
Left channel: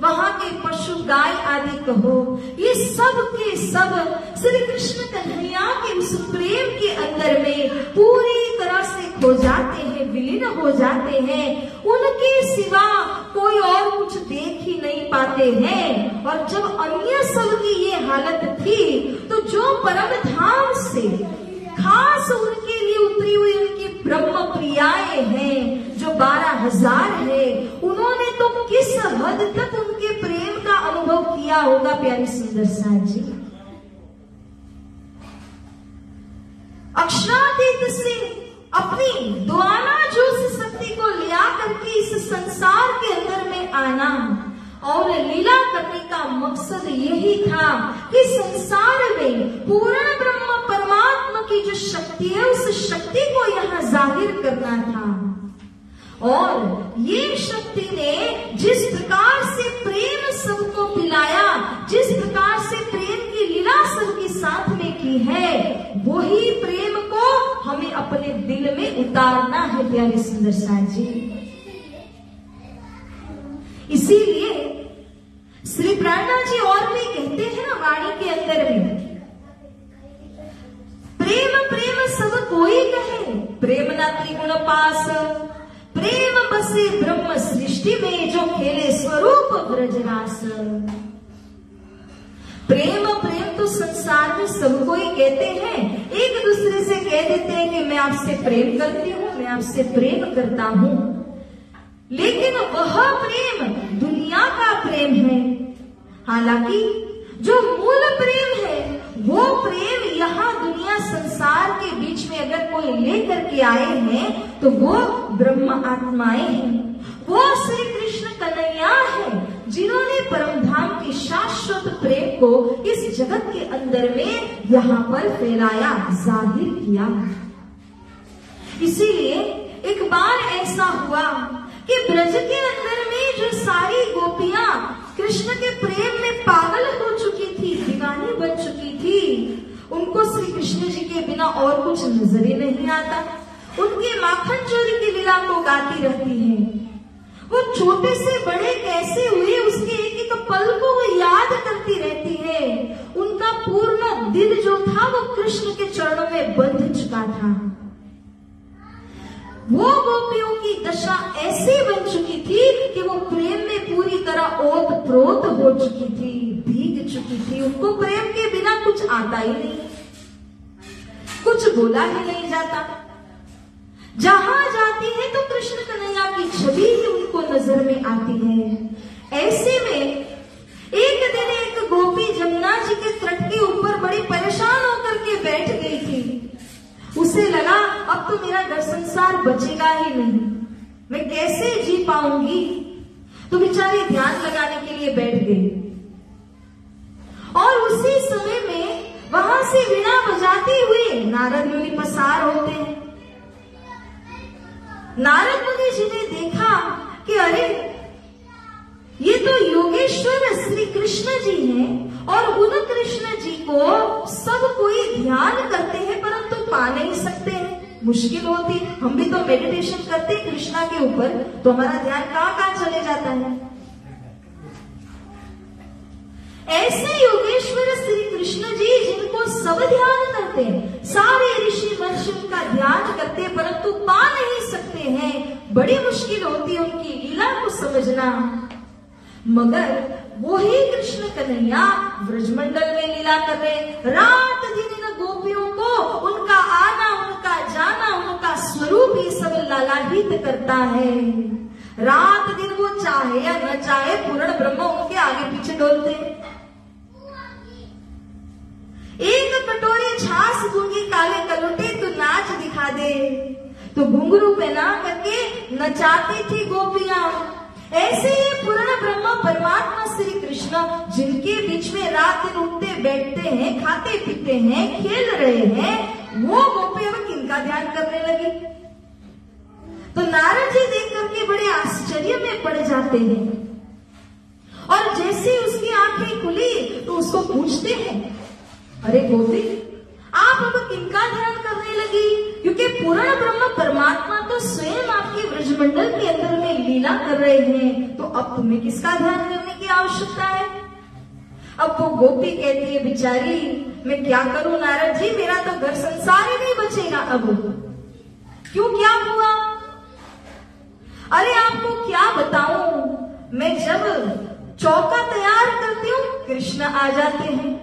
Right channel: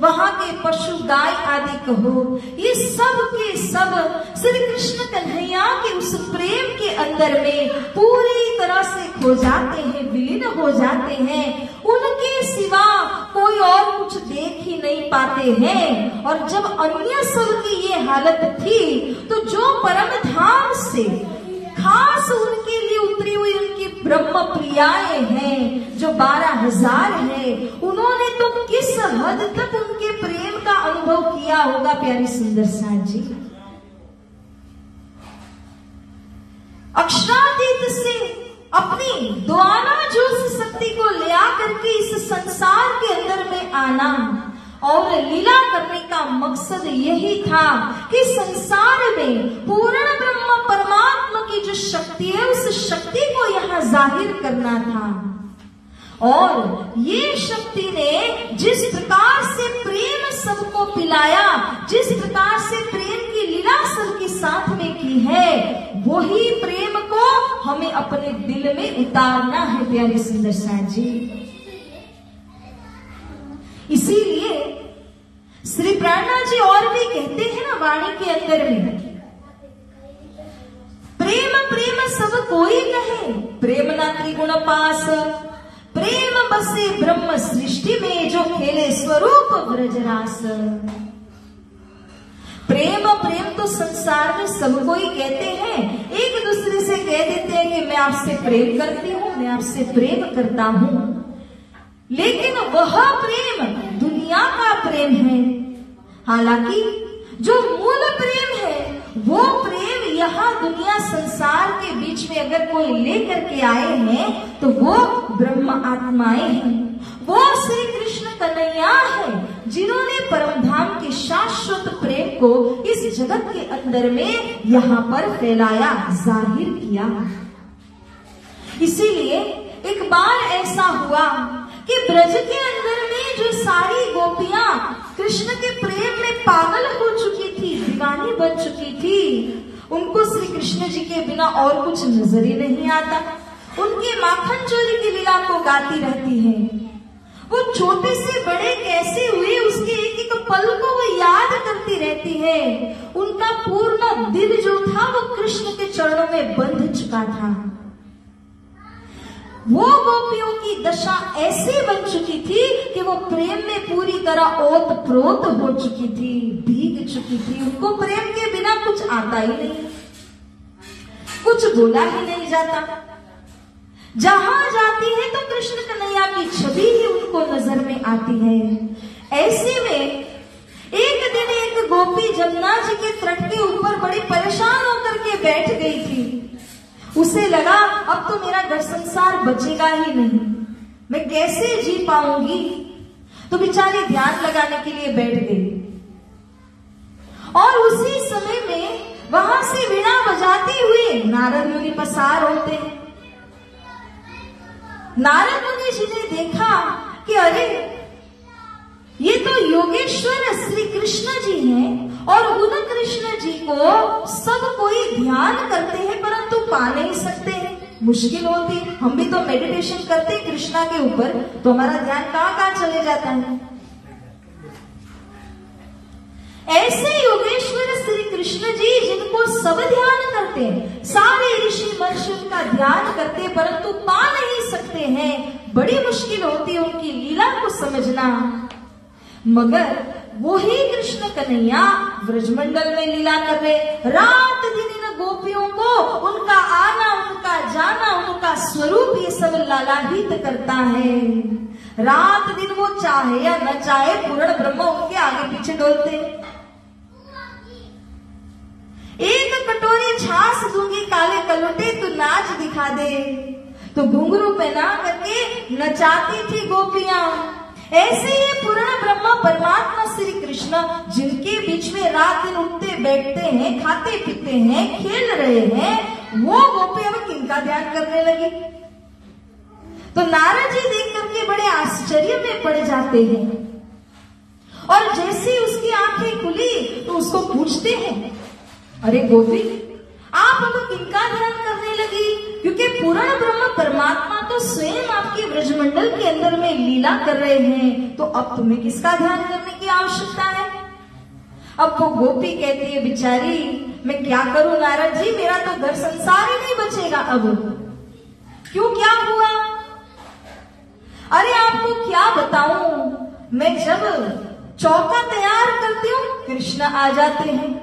वहां के पशु गाय आदि कहो, ये सब के सब श्री कृष्ण कन्हैया के उस प्रेम के अंदर में पूरी तरह से खो जाते हैं, विलीन हो जाते हैं। उनके सिवा कोई और कुछ देख ही नहीं पाते हैं। और जब अन्य सब की ये हालत थी, तो जो परम धाम से खास उनके लिए उतरी हुई उनकी ब्रह्म प्रियाएं हैं, जो 12,000 है, उन्होंने तो किस हद तक उनके प्रेम का अनुभव किया होगा प्यारी सुंदर साथ जी। अक्षरातीत से अपनी द्वाना जोश शक्ति को ले आकर के इस संसार के अंदर में आना और लीला करने का मकसद यही था कि संसार में पूर्ण ब्रह्म परमात्मा की जो शक्ति है, उस शक्ति को यहाँ जाहिर करना था। और ये शक्ति ने जिस प्रकार से प्रेम सबको पिलाया, जिस प्रकार से प्रेम की लीला सबके साथ में की है, वही प्रेम को हमें अपने दिल में उतारना है प्यारे सुंदर साथ जी। इसीलिए श्री प्राणनाथ जी और भी कहते हैं ना वाणी के अंदर में, प्रेम प्रेम सब कोई कहे, प्रेम ना त्रिगुण पास, प्रेम बसे ब्रह्म सृष्टि में, जो खेले स्वरूप ब्रजरास। प्रेम प्रेम तो संसार में सब कोई कहते हैं, एक दूसरे से कह देते हैं कि मैं आपसे प्रेम करती हूँ, मैं आपसे प्रेम करता हूँ, लेकिन वह प्रेम दुनिया का प्रेम है। हालांकि जो मूल प्रेम है, वो प्रेम यहाँ दुनिया संसार के बीच में अगर कोई लेकर के आए हैं, तो वो ब्रह्म आत्माएं हैं, वो श्री कृष्ण कन्हैया है, जिन्होंने परम धाम के शाश्वत प्रेम को इस जगत के अंदर में यहाँ पर फैलाया, जाहिर किया। इसीलिए एक बार ऐसा हुआ कि ब्रज के अंदर में जो सारी गोपियां कृष्ण के प्रेम में पागल हो चुकी थी, दीवानी बन चुकी थी, उनको श्री कृष्ण जी के बिना और कुछ नजर ही नहीं आता। उनके माखन चोरी की लीला को गाती रहती हैं। वो छोटे से बड़े कैसे हुए, उसके एक एक पल को वो याद करती रहती है। उनका पूर्ण दिल जो था वो कृष्ण के चरणों में बंध चुका था। वो गोपियों की दशा ऐसी बन चुकी थी कि वो प्रेम में पूरी तरह ओत प्रोत हो चुकी थी, भीग चुकी थी। उनको प्रेम के बिना कुछ आता ही नहीं, कुछ बोला ही नहीं जाता। जहां जाती है तो कृष्ण कन्हैया की छवि ही उनको नजर में आती है। ऐसे में एक दिन एक गोपी जमुना जी के तट के ऊपर बड़ी परेशान होकर के बैठ गई थी। उसे लगा अब तो मेरा घर संसार बचेगा ही नहीं, मैं कैसे जी पाऊंगी। तो बेचारी ध्यान लगाने के लिए बैठ गई और उसी समय में वहां से वीणा बजाते हुए नारद मुनि पसार होते हैं। नारद मुनि जी ने देखा कि अरे ये तो योगेश्वर श्री कृष्ण जी हैं और उन कृष्ण जी को सब कोई ध्यान करते हैं परंतु पा नहीं सकते हैं, मुश्किल होती। हम भी तो मेडिटेशन करते हैं कृष्णा के ऊपर, तो हमारा ध्यान कहाँ कहाँ चले जाता है। ऐसे योगेश्वर श्री कृष्ण जी जिनको सब ध्यान करते हैं, सारे ऋषि महर्षि उनका ध्यान करते हैं, परंतु पा नहीं सकते हैं। बड़ी मुश्किल होती है उनकी लीला को समझना। मगर वही कृष्ण कन्हैया ब्रजमंडल में लीला कर रहे, रात दिन इन गोपियों को उनका आना, उनका जाना, उनका स्वरूप ये सब लालायित करता है। रात दिन वो चाहे या न चाहे पूर्ण ब्रह्म उनके आगे पीछे डोलते हैं। एक कटोरी छाछ दूंगी काले कलोटे, तू नाच दिखा दे, तो घुंघरू पहना करके नचाती थी गोपियां। ऐसे ही पूर्ण ब्रह्म परमात्मा श्री कृष्ण जिनके बीच में रात दिन उठते बैठते हैं, खाते पीते हैं, खेल रहे हैं, वो गोपी अब किनका ध्यान करने लगी। तो नारद जी देख करके बड़े आश्चर्य में पड़ जाते हैं, और जैसे उसकी आंखें खुली तो उसको पूछते हैं, अरे गोपी आप अब किनका ध्यान करने लगी? क्योंकि पूर्ण ब्रह्म परमात्मा तो स्वयं आपके ब्रजमंडल के अंदर में लीला कर रहे हैं, तो अब तुम्हें किसका ध्यान करने की आवश्यकता है? अब वो गोपी कहती है, बिचारी मैं क्या करूं नारद जी, मेरा तो घर संसार ही नहीं बचेगा अब। क्यों, क्या हुआ? अरे आपको क्या बताऊं, मैं जब चौका तैयार करती हूँ कृष्ण आ जाते हैं,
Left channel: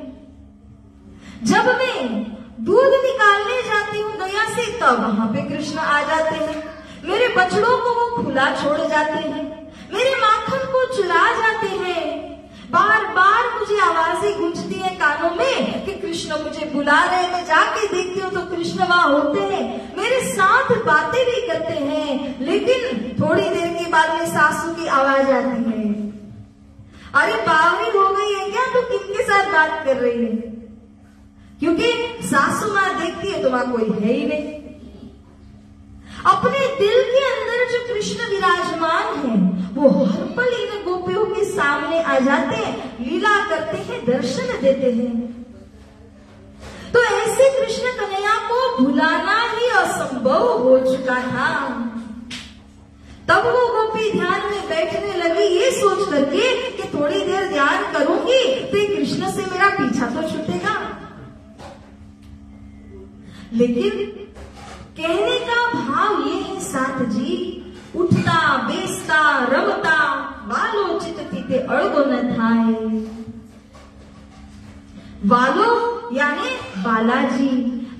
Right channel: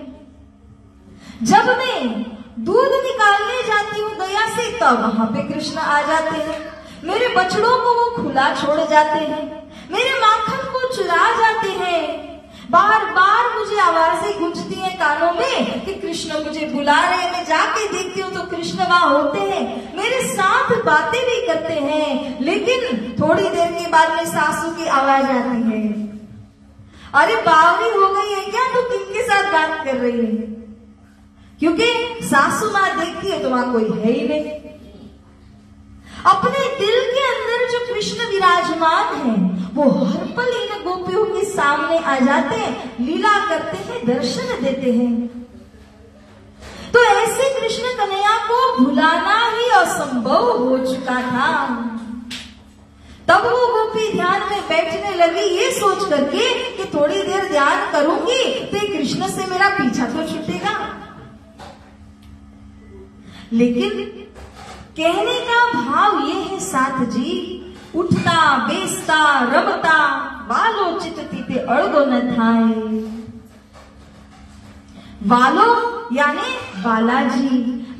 जब मैं दूध निकालने जाती हूँ गया से तब वहां पे कृष्ण आ जाते हैं, मेरे बछड़ों को वो खुला छोड़ जाते हैं, मेरे माखन को चुरा जाते हैं। बार बार मुझे आवाजें गूंजती है कानों में कि कृष्ण मुझे बुला रहे, मैं जाके देखती हूँ तो कृष्ण वहां होते हैं, मेरे साथ बातें भी करते हैं, लेकिन थोड़ी देर के बाद में सासू की आवाज आती है, अरे बावरी हो गई है क्या, तू किनके साथ बात कर रही है? क्योंकि सासू मां देखती है तो वहां कोई है ही नहीं। अपने दिल के अंदर जो कृष्ण विराजमान है वो हर पल इन गोपियों के सामने आ जाते हैं, लीला करते हैं, दर्शन देते हैं। तो ऐसे कृष्ण कन्हैया को भुलाना ही असंभव हो चुका था। तब वो गोपी ध्यान में बैठने लगी ये सोच करके कि थोड़ी देर ध्यान करूंगी तो कृष्ण से मेरा पीछा तो छूटेगा। लेकिन कहने का भाव ये है साथ जी, उठता बेचता रमता वालो चित थीते अड़गो न थाए। वालो यानी बालाजी,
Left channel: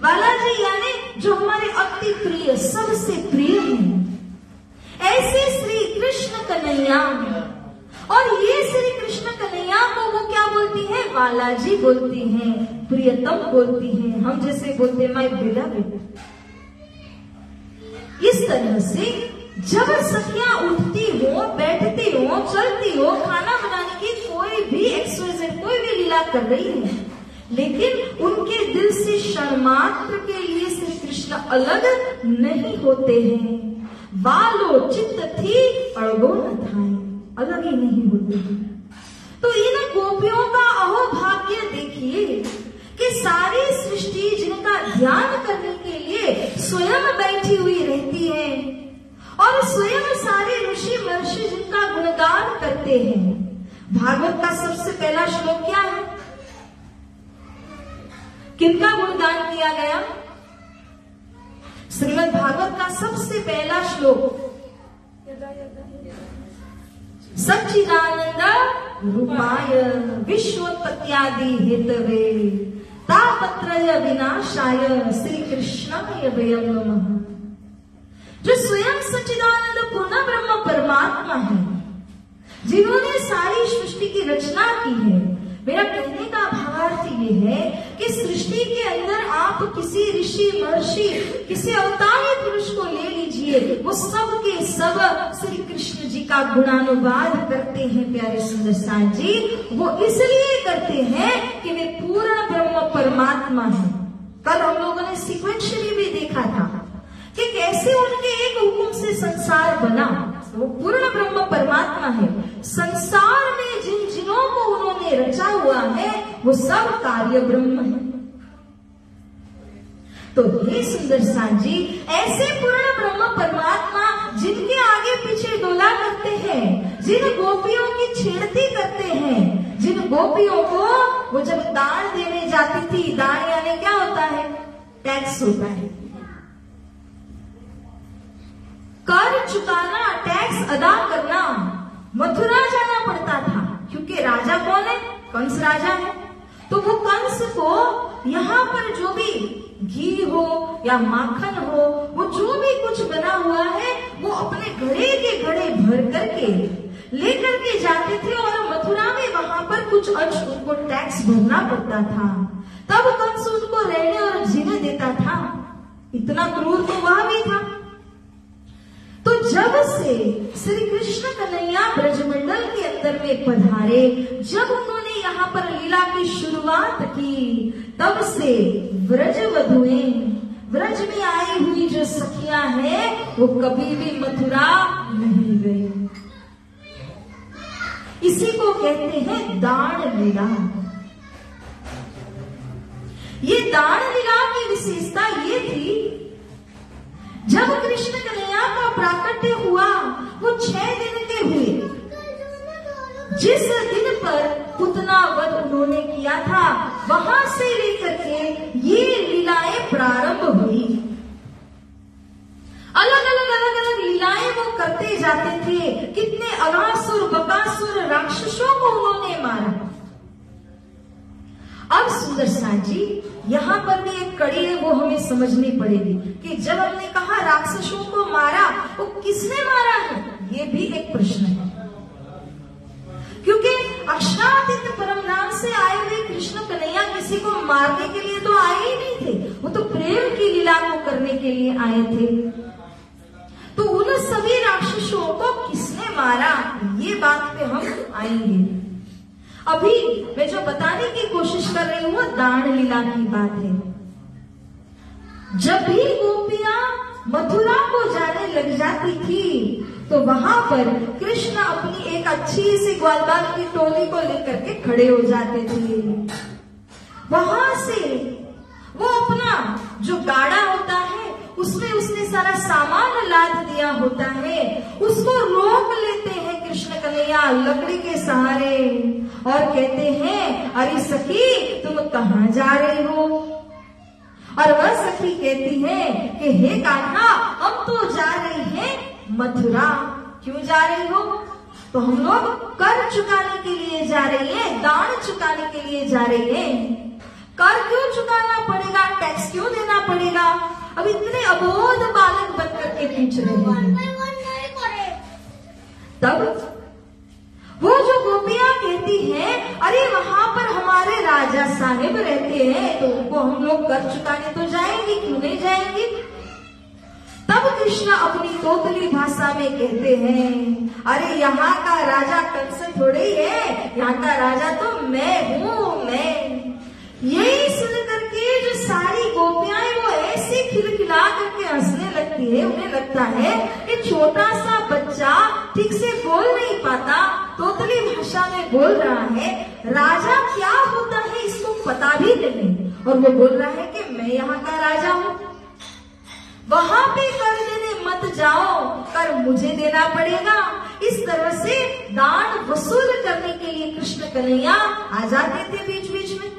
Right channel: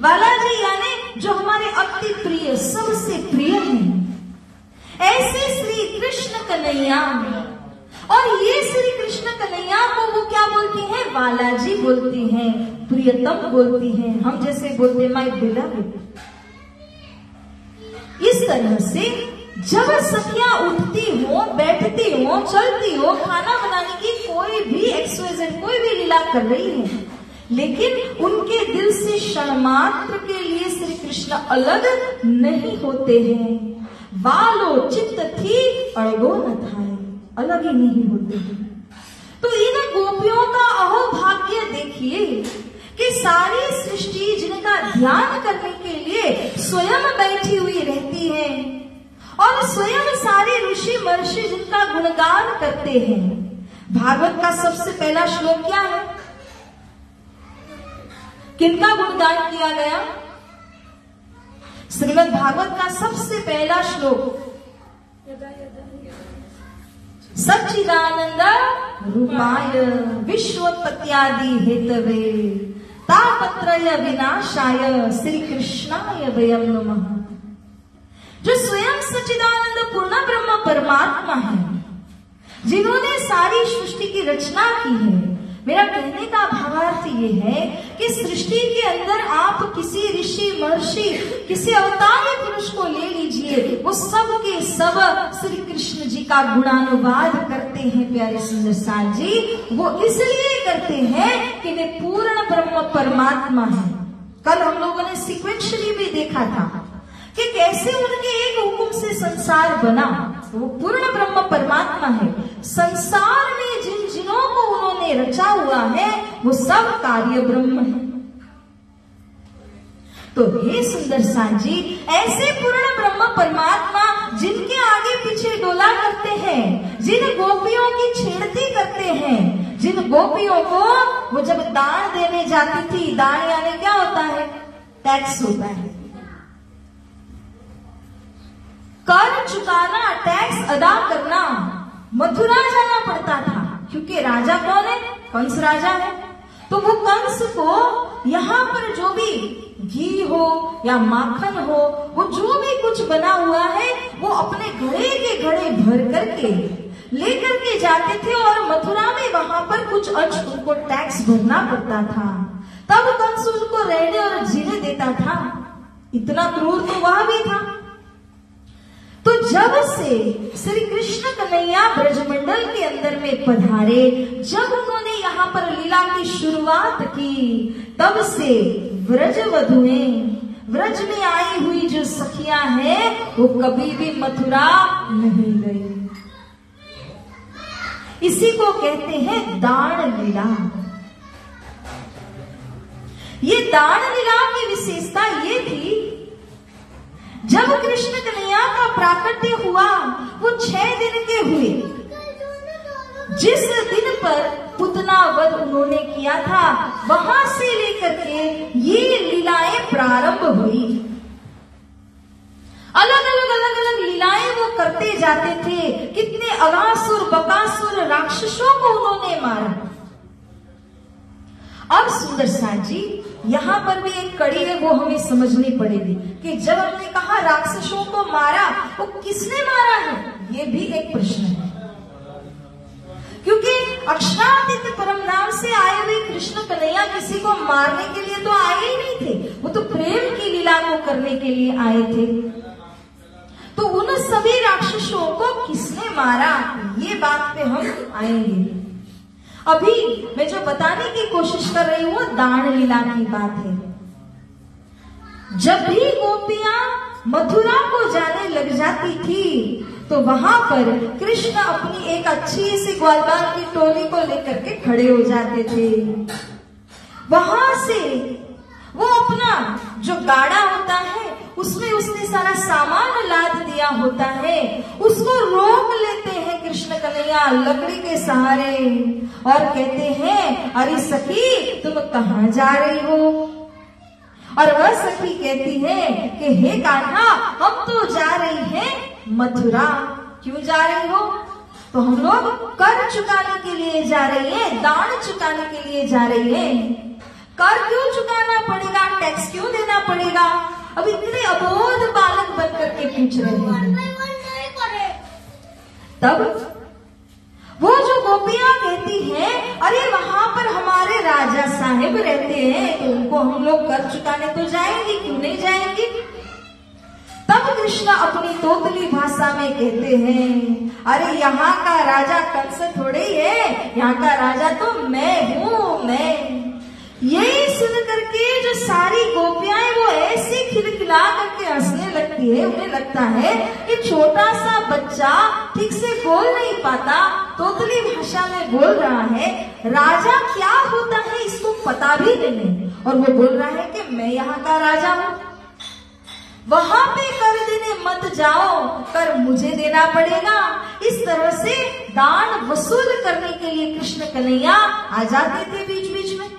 बालाजी यानी जो हमारे अति प्रिय, सबसे प्रिय हैं। ऐसे श्री कृष्ण कन्हैया, और ये श्री कृष्ण कन्हैया को वो क्या बोलती हैं? बालाजी बोलती हैं, प्रियतम बोलती हैं। हम जैसे बोलते हैं माय बिलव्ड। इस तरह से जब सखियां उठती हो, बैठती हो, चलती हो, खाना बनाने की कोई भी एक्सरसाइज, कोई भी लीला कर रही है, लेकिन उनके दिल से क्षण मात्र के लिए श्री कृष्ण अलग नहीं होते हैं। बालो चित्त थी अड़गो न थाए, अलग ही नहीं होते हैं। तो इन गोपियों का अहोभाग्य देखिए कि सारी सृष्टि जिनका ध्यान करने के लिए स्वयं बैठी हुई रहती है, और स्वयं सारे ऋषि महर्षि जिनका गुणगान करते हैं। भागवत का सबसे पहला श्लोक क्या है? किनका गुणगान किया गया? श्रीमद् भागवत का सबसे पहला श्लोक सच्चिदानंद रूपाय विश्वोत्पत्त्यादि हेतवे तापत्रय विनाशाय श्री कृष्णाय वयं नमः। जो स्वयं सच्चिदानंद पूर्ण ब्रह्म परमात्मा है, जिन्होंने सारी सृष्टि की रचना की है। मेरा कहने का भावार्थ ये है कि सृष्टि के अंदर आप किसी ऋषि महर्षि, किसी अवतारी पुरुष को ले लीजिए, वो सब के सब श्री कृष्ण जी का गुणानुवाद करते हैं। प्यारे सुंदर साथ जी, वो इसलिए करते हैं कि वे पूर्ण ब्रह्म परमात्मा है। कल हम लोगों ने सीक्वेंशली भी देखा था कि कैसे उनके एक हुक्म से संसार बना। वो पूर्ण ब्रह्म परमात्मा है। संसार में जिन जिनों को उन्होंने रचा हुआ है वो सब कार्य ब्रह्म है। तो हे सुंदर साथ जी, ऐसे पूर्ण ब्रह्म परमात्मा जिनके आगे पीछे डोला करते हैं, जिन गोपियों की छेड़ती करते हैं, जिन गोपियों को वो जब दान देने जाती थी, दान यानी क्या होता है? टैक्स होता है। कर चुकाना, टैक्स अदा करना, मथुरा जाना पड़ता था, क्योंकि राजा कौन है? कंस राजा है। तो वो कंस को यहाँ पर जो भी घी हो या माखन हो, वो जो भी कुछ बना हुआ है, वो अपने घड़े के घड़े भर करके लेकर के जाते थे, और मथुरा में वहां पर कुछ अंश उनको टैक्स भरना पड़ता था। तब कंस उनको रहने और जीने देता था। इतना क्रूर तो वह भी था। तो जब से श्री कृष्ण कन्हैया ब्रजमंडल के अंदर में पधारे, जब उन्होंने यहाँ पर लीला की शुरुआत की, तब से व्रजवधुएं, व्रज में आई हुई जो सखियां हैं, वो कभी भी मथुरा नहीं गई। इसी को कहते हैं दान लीला। ये दान लीला की विशेषता ये थी, जब कृष्ण कन्हैया का प्राकट्य हुआ, वो 6 दिन के हुए। जिस दिन पर पुतना वध उन्होंने किया था, वहां से लेकर के ये लीलाएं प्रारंभ हुई। अलग अलग लीलाएं वो करते जाते थे। कितने अगासुर बकासुर राक्षसों को उन्होंने मारा। अब सुंदर साथ जी, यहाँ पर भी एक कड़ी है, वो हमें समझनी पड़ेगी कि जब हमने कहा राक्षसों को मारा, वो किसने मारा है? ये भी एक प्रश्न है, क्योंकि अक्षरातीत परम धाम से आए हुए कृष्ण कन्हैया किसी को मारने के लिए तो आए ही नहीं थे, वो तो प्रेम की लीला को करने के लिए आए थे। तो उन सभी राक्षसों को किसने मारा, ये बात पे हम आएंगे। अभी मैं जो बताने की कोशिश कर रही हूँ, दान लीला की बात है। जब भी गोपियां मथुरा को जाने लग जाती थी, तो वहां पर कृष्ण अपनी एक अच्छी सी ग्वालबाल की टोली को लेकर के खड़े हो जाते थे। वहां से वो अपना जो गाड़ा होता है, उसमें उसने सारा सामान लाद दिया होता है, उसको रोक लेते हैं कृष्ण कन्हैया लकड़ी के सहारे, और कहते हैं, अरे सखी तुम कहाँ जा रही हो? और वह सखी कहती है कि हे कान्हा, हम तो जा रही हैं मथुरा। क्यों जा रही हो? तो हम लोग कर चुकाने के लिए जा रही है, दान चुकाने के लिए जा रही है। कर क्यों चुकाना पड़ेगा? टैक्स क्यों देना पड़ेगा? अब इतने अबोध बालक बनकर के पूछ रहे हैं। तब वो जो गोपियां कहती हैं, अरे वहां पर हमारे राजा साहेब रहते हैं, तो उनको हम लोग कर चुकाने तो जाएंगे, क्यों नहीं जाएंगे? तब कृष्ण अपनी तोतली भाषा में कहते हैं, अरे यहाँ का राजा कंस थोड़े ही है, यहाँ का राजा तो मैं हूँ, मैं। यही सुन करके जो सारी गोपियां वो ऐसे खिलखिला करके हंसने लगती है। उन्हें लगता है कि छोटा सा बच्चा ठीक से बोल नहीं पाता, तोतली भाषा में बोल रहा है, राजा क्या होता है इसको पता भी नहीं, और वो बोल रहा है कि मैं यहाँ का राजा हूँ। वहां पे कर देने मत जाओ, कर मुझे देना पड़ेगा। इस तरह से दान वसूल करने के लिए कृष्ण कन्हैया आ जाते थे बीच बीच में।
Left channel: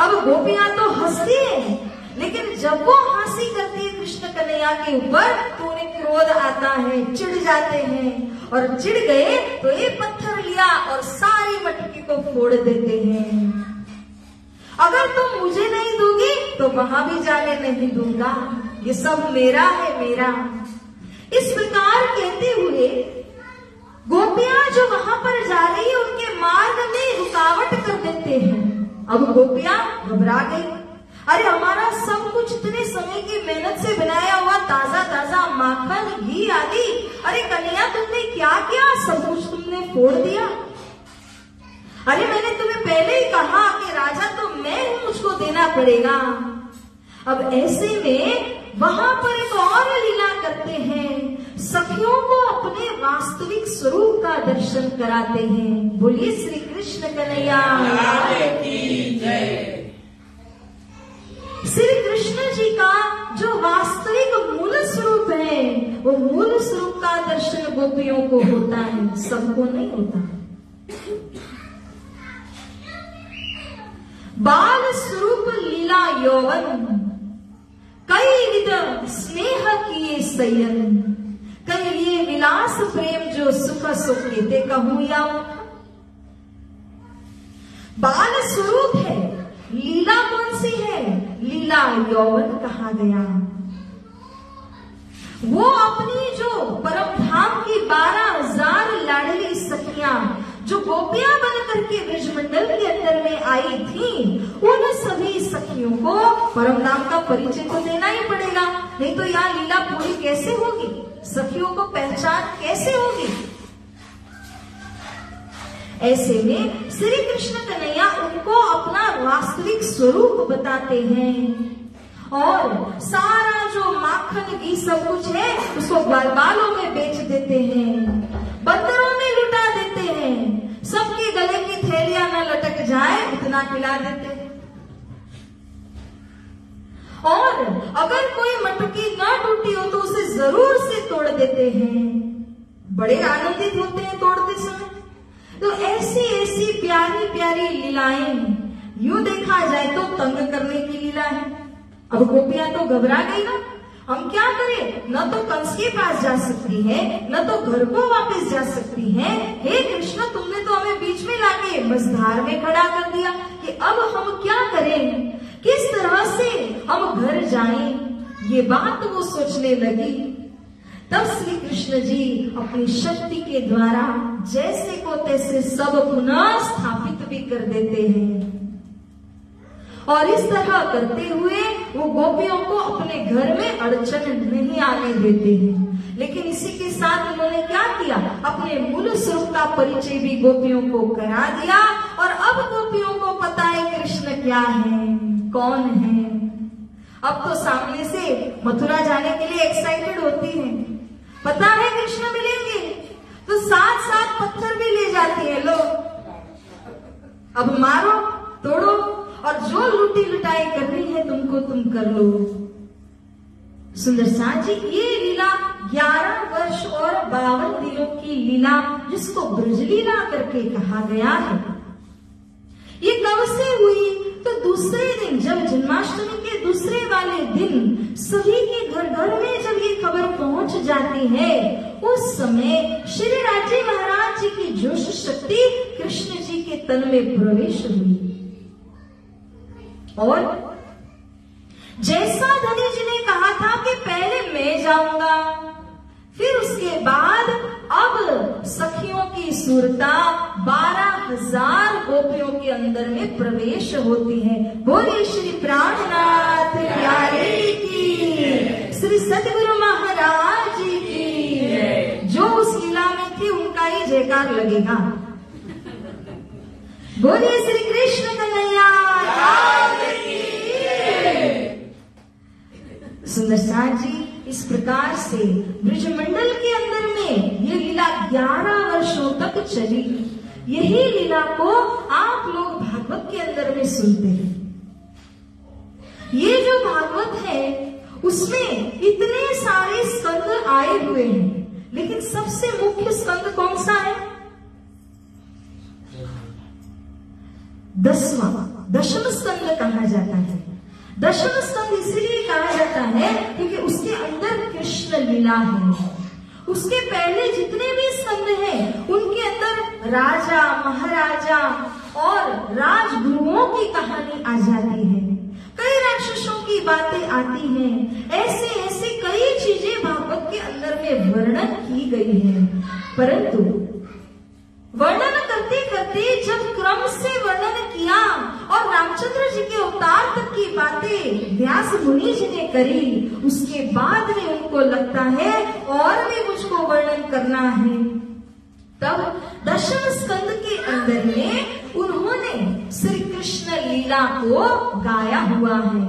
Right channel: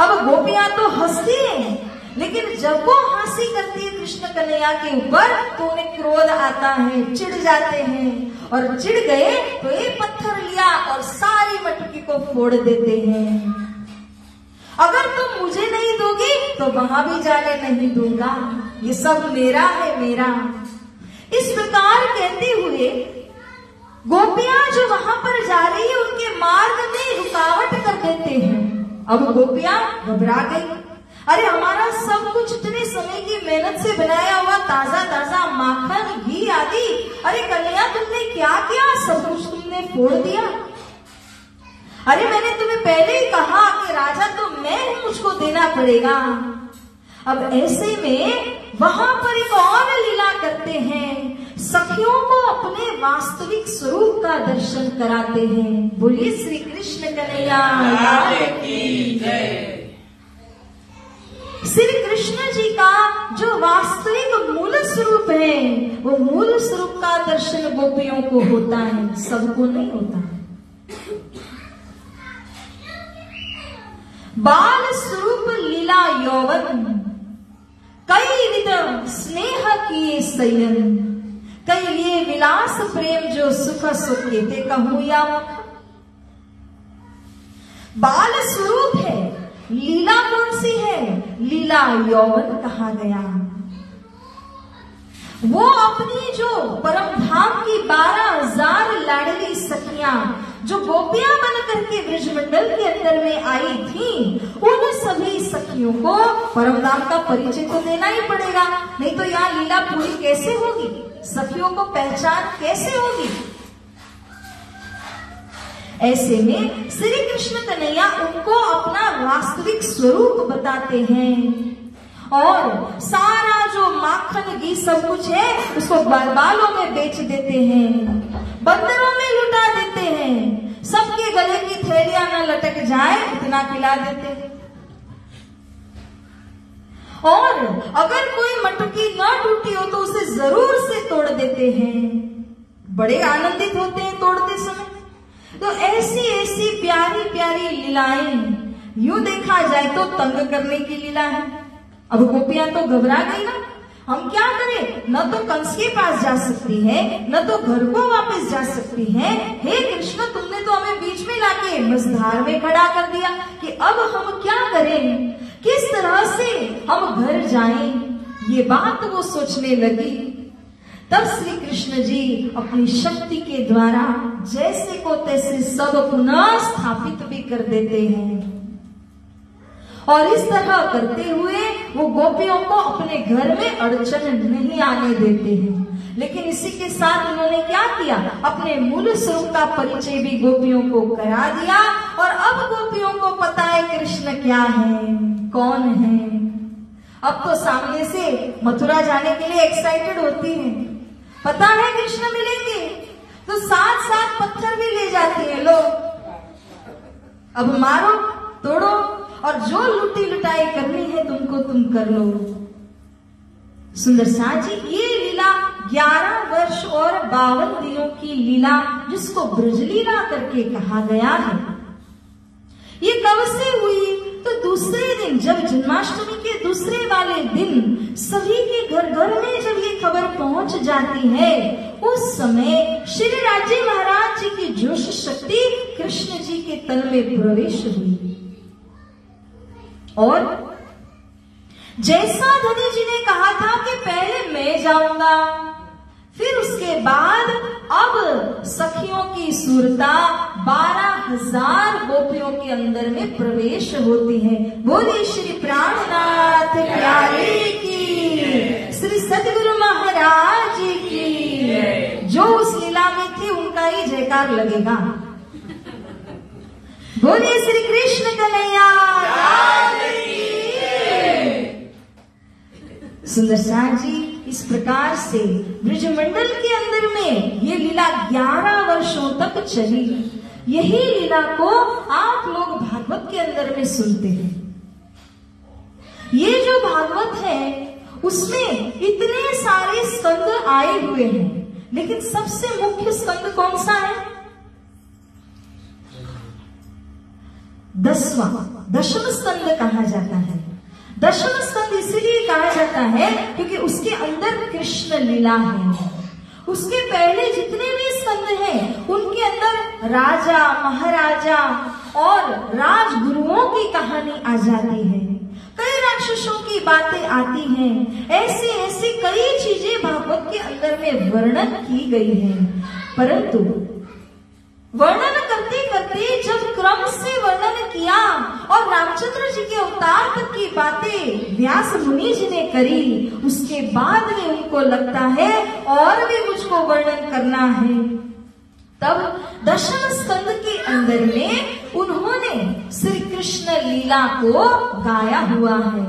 अब गोपियां तो हंसती हैं, लेकिन जब वो हंसी करती है कृष्ण कन्हैया के ऊपर, तो उन्हें क्रोध आता है, चिढ़ जाते हैं, और चिढ़ गए तो एक पत्थर लिया और सारी मटकी को फोड़ देते हैं। अगर तुम मुझे नहीं दोगी तो वहां भी जाने नहीं दूंगा, ये सब मेरा है, मेरा। इस प्रकार कहते हुए गोपियां जो वहां पर जा रही है, उनके मार्ग में रुकावट कर देते हैं। अब गोपियां घबरा गई, अरे हमारा सब कुछ इतने समय की मेहनत से बनाया हुआ ताजा ताजा माखन, घी आदि, अरे कन्हैया तुमने क्या किया? सब कुछ तुमने फोड़ दिया। अरे मैंने तुम्हें पहले ही कहा कि राजा तो मैं हूं, मुझको देना पड़ेगा। अब ऐसे में वहां पर एक और लीला करते हैं, सखियों को अपने वास्तविक स्वरूप का दर्शन कराते हैं। बोलिए श्री कृष्ण कन्हैया की जय। श्री कृष्ण जी का जो वास्तविक मूल स्वरूप है, वो मूल स्वरूप का दर्शन गोपियों को होता है, सबको नहीं होता। बाल स्वरूप लीला यौवन, कई विध स्नेह किए सयन, कई लिए विलास प्रेम जो सुख सुख लेते कहूं या बाल स्वरूप है। लीला कौन सी है? लीला यौवन कहा गया। वो अपनी जो परम धाम की 12,000 लाडली सखियां जो गोपियां बन करके ब्रजमंडल के अंदर में आई थी, उन सभी सखियों को परम धाम का परिचय तो देना ही पड़ेगा, नहीं तो यहाँ लीला पूरी कैसे होगी, सखियों को पहचान कैसे होगी। ऐसे में श्री कृष्ण कन्हैया उनको अपना वास्तविक स्वरूप बताते हैं और सारा जो माखन घी सब कुछ है उसको बालों में बेच देते हैं, बंदरों में लुटा देते हैं, सबके गले की थैलियां न लटक जाए इतना खिला देते हैं। और अगर कोई मटकी न टूटी हो तो उसे जरूर से तोड़ देते हैं, बड़े आनंदित होते हैं तोड़ते समय। तो ऐसी ऐसी प्यारी प्यारी लीलाएं, यूं देखा जाए तो तंग करने की लीला है। अब गोपियां तो घबरा गई ना, हम क्या करें, न तो कंस के पास जा सकती है, न तो घर को वापस जा सकती है। हे कृष्ण, तुमने तो हमें बीच में लाके मझधार में खड़ा कर दिया कि अब हम क्या करें, किस तरह से हम घर जाएं। ये बात वो सोचने लगी। तब श्री कृष्ण जी अपनी शक्ति के द्वारा जैसे को तैसे सब पुनः स्थापित भी कर देते हैं और इस तरह करते हुए वो गोपियों को अपने घर में अड़चन नहीं आने देते हैं। लेकिन इसी के साथ उन्होंने क्या किया, अपने मूल स्वरूप का परिचय भी गोपियों को करा दिया और अब गोपियों को पता है कृष्ण क्या है, कौन है। अब तो सामने से मथुरा जाने के लिए एक्साइटेड होती हैं, पता है कृष्ण मिलेंगे, तो साथ साथ पत्थर भी ले जाते हैं लोग। अब मारो तोड़ो और जो लुटी लुटाई करनी है तुमको तुम कर लो। सुंदर साथ जी, ये लीला 11 वर्ष और 52 दिनों की लीला जिसको ब्रजलीला करके कहा गया है, ये कब से हुई, तो दूसरे दिन जब जन्माष्टमी के दूसरे वाले दिन सभी के घर घर में जब ये खबर पहुंच जाती है, उस समय श्री राजे महाराज जी की जोश शक्ति कृष्ण जी के तन में प्रवेश हुई। और जैसा धनी जी ने कहा था कि पहले मैं जाऊंगा, फिर उसके बाद अब सखियों की सूरता 12,000 गोपियों के अंदर में प्रवेश होती है। बोलिए श्री प्राणनाथ प्यारे की, श्री सतगुरु महाराज की। जो उस लीला में थे उनका ही जयकार लगेगा। बोलिए श्री कृष्ण कन्हैया। सुंदर साथ जी, इस प्रकार से ब्रजमंडल के अंदर में ये लीला 11 वर्षों तक चली। यही लीला को आप लोग भागवत के अंदर में सुनते हैं। ये जो भागवत है उसमें इतने सारे स्कंद आए हुए हैं, लेकिन सबसे मुख्य स्कंद कौन सा है? 10वां स्कंद कहा जाता है। 10वां स्कंद इसलिए कहा जाता है क्योंकि उसके अंदर कृष्ण लीला है। उसके पहले जितने भी स्कंद हैं उनके अंदर राजा महाराजा और राजगुरुओं की कहानी आ जाती है, कई राक्षसों की बातें आती हैं, ऐसे ऐसे कई चीजें भागवत के अंदर में वर्णन की गई है। परंतु वर्णन करते करते जब क्रम से वर्णन किया और रामचंद्र जी के अवतार तक की बातें व्यास मुनि जी ने करी, उसके बाद में उनको लगता है और भी मुझको वर्णन करना है। तब 10वें स्कंद के अंदर में उन्होंने श्री कृष्ण लीला को गाया हुआ है।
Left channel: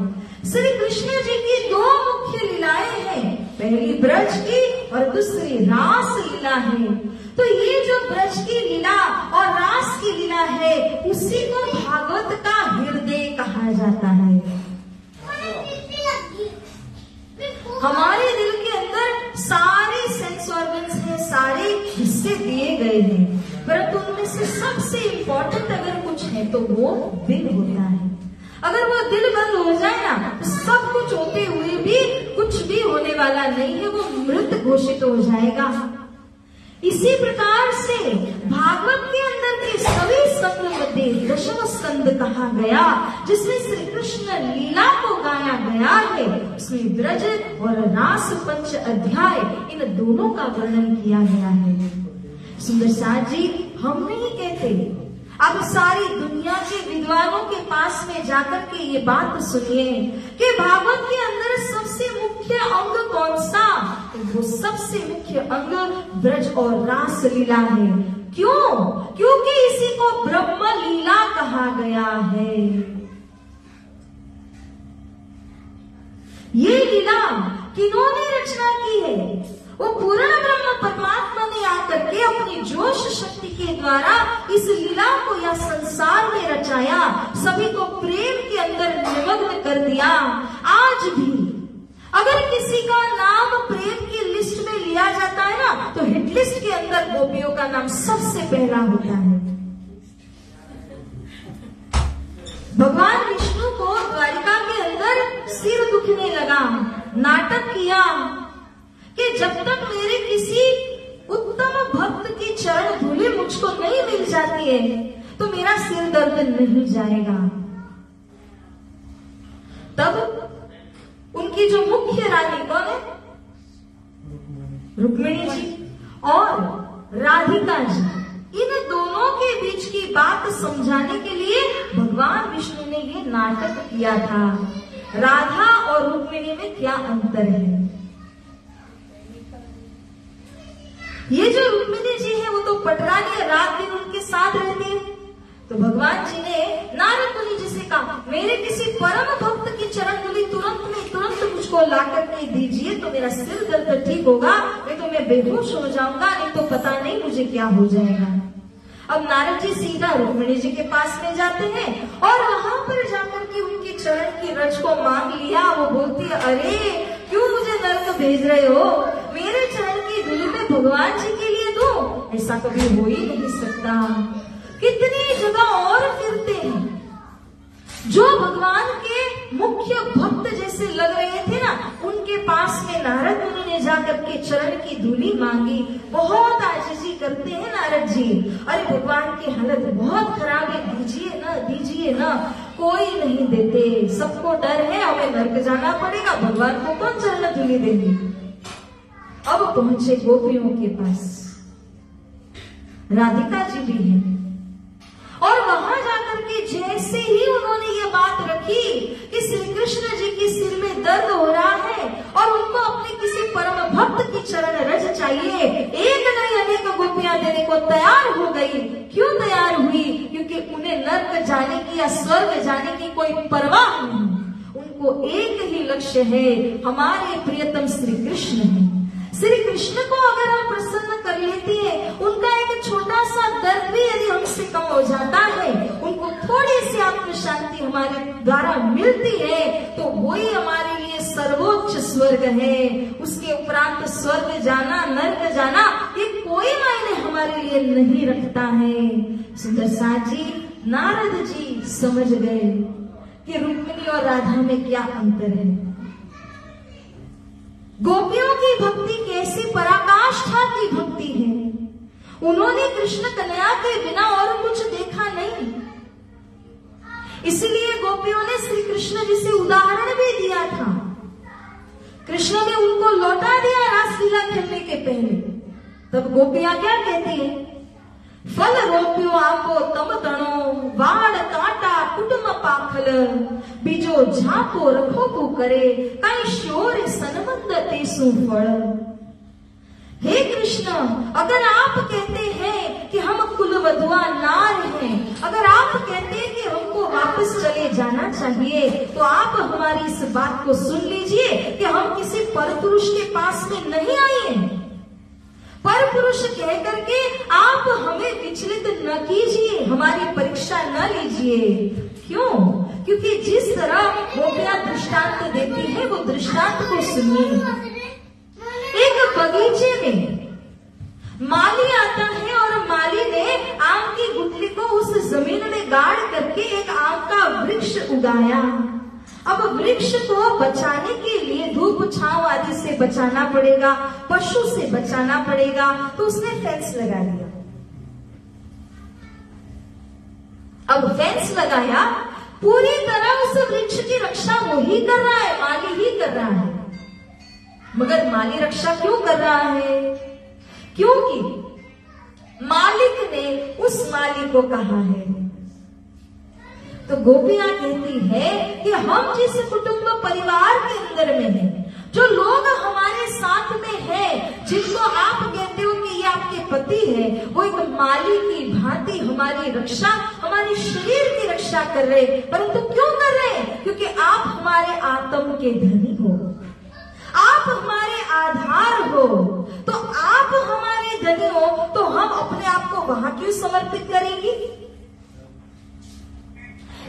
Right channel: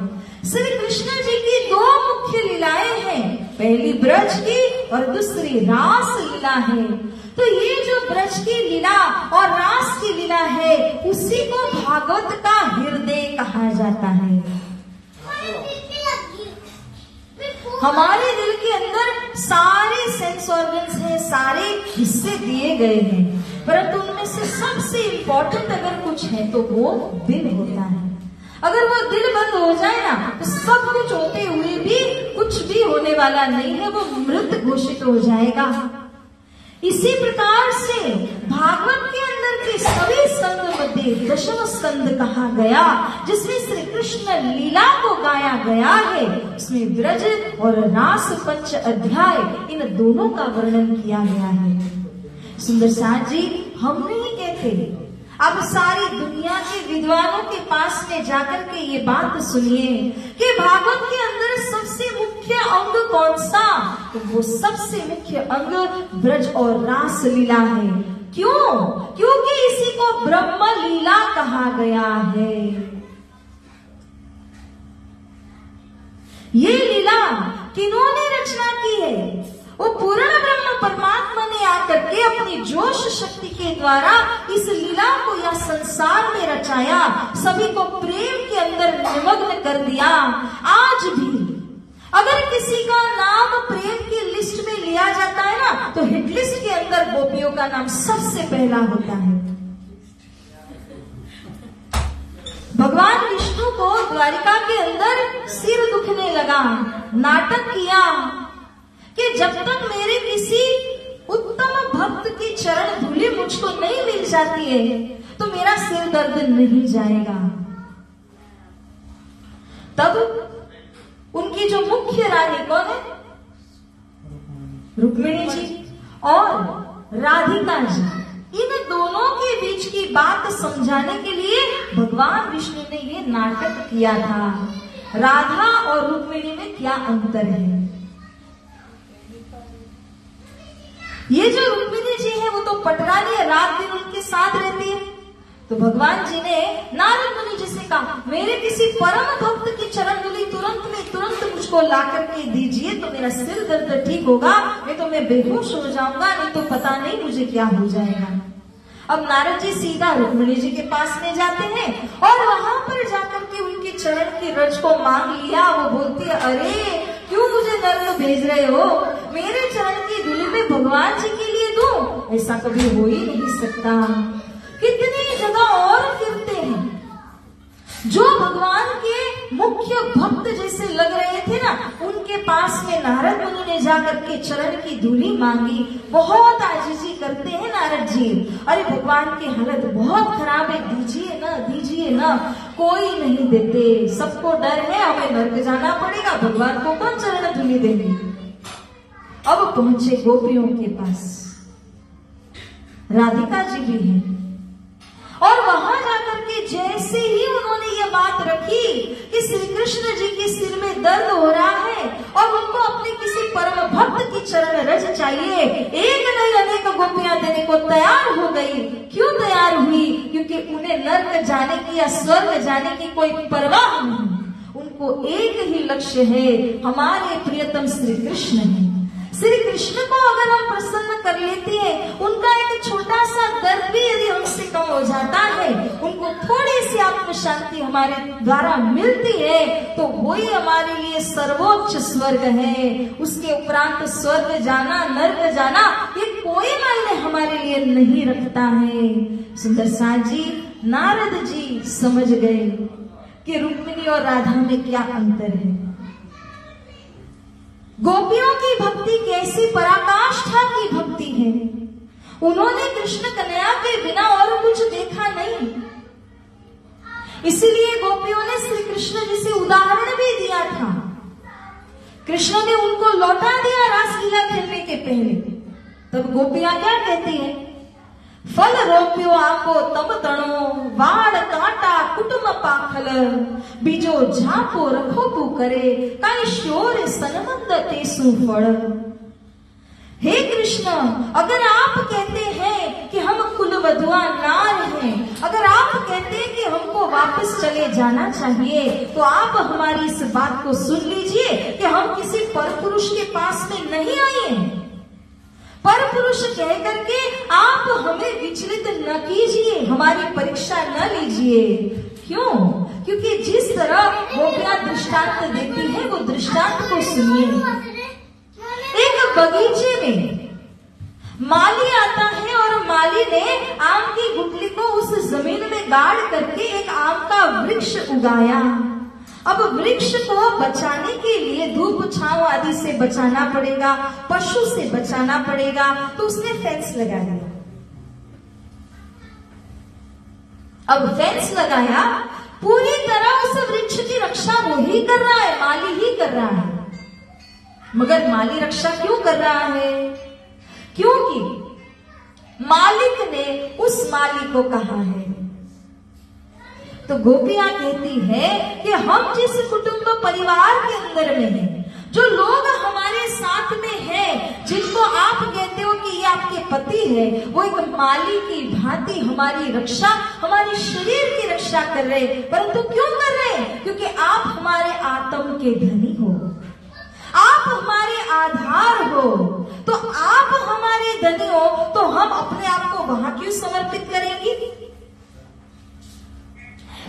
श्री कृष्ण जी की 2 मुख्य लीलाएं हैं, पहली ब्रज की और दूसरी रास लीला है। तो ये जो ब्रज की लीला और रास की लीला है उसी को भागवत का हृदय कहा जाता है। हमारे दिल के अंदर सारे सेंस ऑर्गन्स हैं, सारे हिस्से दिए गए हैं, परंतु उनमें से सबसे इम्पोर्टेंट अगर कुछ है तो वो दिल होता है। अगर वो दिल बंद हो जाए ना तो सब कुछ होते हुए भी कुछ भी होने वाला नहीं है, वो मृत घोषित हो जाएगा। इसी प्रकार से भागवत के अंदर के सभी स्कंद मध्ये दशम स्कंद कहा गया, जिसमें श्री कृष्ण लीला को गाया गया है, उसमें ब्रज और रास पंच अध्याय इन दोनों का वर्णन किया गया है। सुंदर साथ जी, हम नहीं कहते, अब सारी दुनिया के विद्वानों के पास में जाकर के ये बात सुनिए कि भागवत के अंदर सबसे मुख्य अंग कौन सा? तो वो सबसे मुख्य अंग ब्रज और रास लीला है। क्यों? क्योंकि इसी को ब्रह्म लीला कहा गया है। ये लीला किन्होंने रचना की है? वो पूर्ण ब्रह्म परमात्मा ने आकर के अपनी जोश शक्ति के द्वारा इस लीला को या संसार में रचाया, सभी को प्रेम के अंदर निमग्न कर दिया। आज भी अगर किसी का नाम प्रेम की लिस्ट में लिया जाता है ना, तो हिट लिस्ट के अंदर गोपियों का नाम सबसे पहला होता है। भगवान विष्णु को द्वारिका के अंदर सिर दुखने लगा, नाटक किया कि जब तक मेरे किसी उत्तम भक्त की चरण धूलि मुझको नहीं मिल जाती है तो मेरा सिर दर्द नहीं जाएगा। तब उनकी जो मुख्य रानी कौन है? रुक्मिणी जी और राधिका जी। इन दोनों के बीच की बात समझाने के लिए भगवान विष्णु ने ये नाटक किया था। राधा और रुक्मिणी में क्या अंतर है? ये जो रुक्मिणी जी है वो तो पटरानी है, रात दिन उनके साथ रहती है। तो भगवान जी ने नारद मुनि जी से कहा, मेरे किसी परम भक्त की चरण धूलि तुरंत मुझको ला करके दीजिए तो मेरा सिर दर्द ठीक होगा, नहीं तो मैं बेहोश हो जाऊंगा, नहीं तो पता नहीं मुझे क्या हो जाएगा। अब नारद जी सीधा रुक्मिणी जी के पास में जाते हैं और वहां पर जाकर के उनके चरण की रज को मांग लिया। वो बोलती है, अरे क्यों मुझे नरक भेज रहे हो? मेरे चरण की धूलि में भगवान जी के लिए दूं? ऐसा कभी हो ही नहीं सकता। कितनी जगह और फिरते हैं जो भगवान के मुख्य भक्त जैसे लग रहे थे ना, उनके पास में नारद मुनि ने जाकर के चरण की धूलि मांगी। बहुत आजीजी करते हैं नारद जी, अरे भगवान की हालत बहुत खराब है, दीजिए ना। कोई नहीं देते, सबको डर है हमें नरक जाना पड़ेगा, भगवान को कौन चरण धूलि देंगे। अब पहुंचे गोपियों के पास, राधिका जी भी है, और वहां जाकर के जैसे ही उन्होंने ये बात रखी कि श्री कृष्ण जी के सिर में दर्द हो रहा है और उनको अपने किसी परम भक्त की चरण रज चाहिए, एक नहीं अनेक गोपियां देने को तैयार हो गई। क्यों तैयार हुई? क्योंकि उन्हें नरक जाने की या स्वर्ग जाने की कोई परवाह नहीं, उनको एक ही लक्ष्य है, हमारे प्रियतम श्री कृष्ण है। श्री कृष्ण को अगर हम प्रसन्न कर लेते हैं, उनका एक छोटा सा दर्द भी यदि हमसे कम हो जाता है, उनको थोड़ी सी आत्म शांति हमारे द्वारा मिलती है, तो वही हमारे लिए सर्वोच्च स्वर्ग है। उसके उपरांत स्वर्ग जाना, नर्क जाना, ये कोई मायने हमारे लिए नहीं रखता है। सुंदर साथ जी, नारद जी समझ गए कि रुक्मिणी और राधा में क्या अंतर है। गोपियों की भक्ति कैसी पराकाष्ठा की भक्ति है। उन्होंने कृष्ण कन्हैया के बिना और कुछ देखा नहीं, इसलिए गोपियों ने श्री कृष्ण जी से उदाहरण भी दिया था। कृष्ण ने उनको लौटा दिया रासलीला खेलने के पहले। तब गोपियां क्या कहती हैं? फल रोप्यो आंबो तब तणो, वाड़ कांटा कुटुंब पाखल, बीजो झांपो रखोपू करे, काई शोर सनमंद तेसु फल। हे कृष्ण, अगर आप कहते हैं कि हम कुलवधुआ नार हैं, अगर आप कहते हैं कि हमको वापस चले जाना चाहिए, तो आप हमारी इस बात को सुन लीजिए कि हम किसी परपुरुष के पास में नहीं आए हैं। पर पुरुष कह करके आप हमें विचलित न कीजिए, हमारी परीक्षा न लीजिए। क्यों? क्योंकि जिस तरह गोपियां दृष्टांत देती है, वो दृष्टांत को सुनिए। एक बगीचे में माली आता है और माली ने आम की गुठली को उस जमीन में गाड़ करके एक आम का वृक्ष उगाया। अब वृक्ष को बचाने के लिए धूप छांव आदि से बचाना पड़ेगा, पशु से बचाना पड़ेगा, तो उसने फेंस लगा दिया। अब फेंस लगाया, पूरी तरह उस वृक्ष की रक्षा वो ही कर रहा है, माली ही कर रहा है। मगर माली रक्षा क्यों कर रहा है? क्योंकि मालिक ने उस माली को कहा है। तो गोपियां कहती है कि हम जिस कुटुंब परिवार के अंदर में हैं, जो लोग हमारे साथ में हैं, जिनको आप कहते हो कि ये आपके पति है, वो एक माली की भांति हमारी रक्षा, हमारे शरीर की रक्षा कर रहे। परंतु क्यों कर रहे? क्योंकि आप हमारे आत्म के धनी हो, आप हमारे आधार हो। तो आप हमारे धनी हो तो हम अपने आप को वहां क्यों समर्पित करेंगी?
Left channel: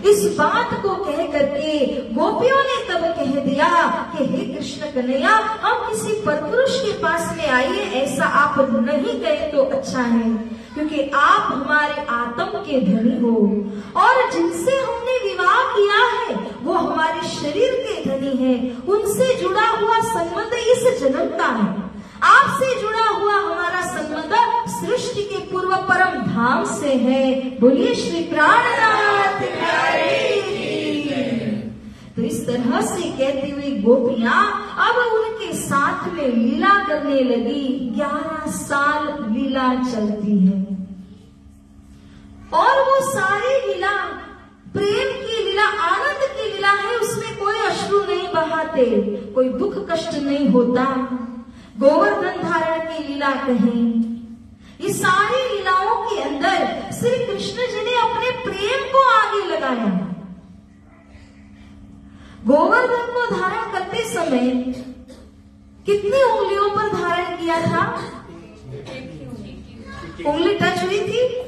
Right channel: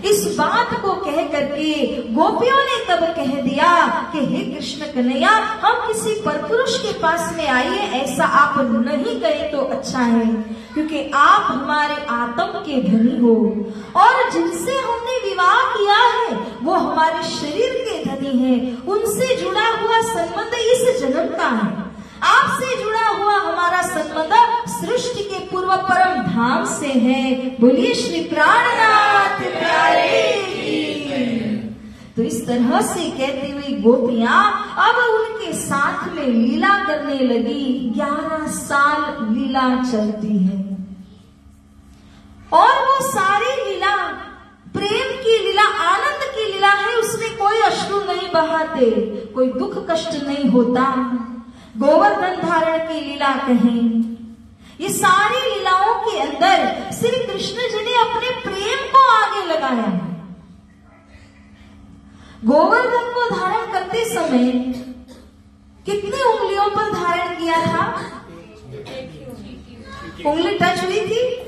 इस बात को कह करके गोपियों ने तब कह दिया कि हे कृष्ण कन्हैया, हम किसी परपुरुष के पास में आइए, ऐसा आप नहीं गए तो अच्छा है, क्योंकि आप हमारे आत्म के धनी हो और जिनसे हमने विवाह किया है वो हमारे शरीर के धनी है। उनसे जुड़ा हुआ संबंध इस जन्म का है। आपसे जुड़ा हुआ हमारा संबंध सृष्टि के पूर्व परम धाम से है। बोलिए श्री प्राणनाथ प्यारे की। तो इस तरह से कहती हुई गोपियां अब उनके साथ में लीला करने लगी। 11 साल लीला चलती है और वो सारी लीला प्रेम की लीला, आनंद की लीला है। उसमें कोई अश्रु नहीं बहाते, कोई दुख कष्ट नहीं होता। गोवर्धन धारण की लीला कहें, ये सारी लीलाओं के अंदर श्री कृष्ण जी ने अपने प्रेम को आगे लगाया। गोवर्धन को धारण करते समय कितनी उंगलियों पर धारण किया था? उंगली टच हुई थी?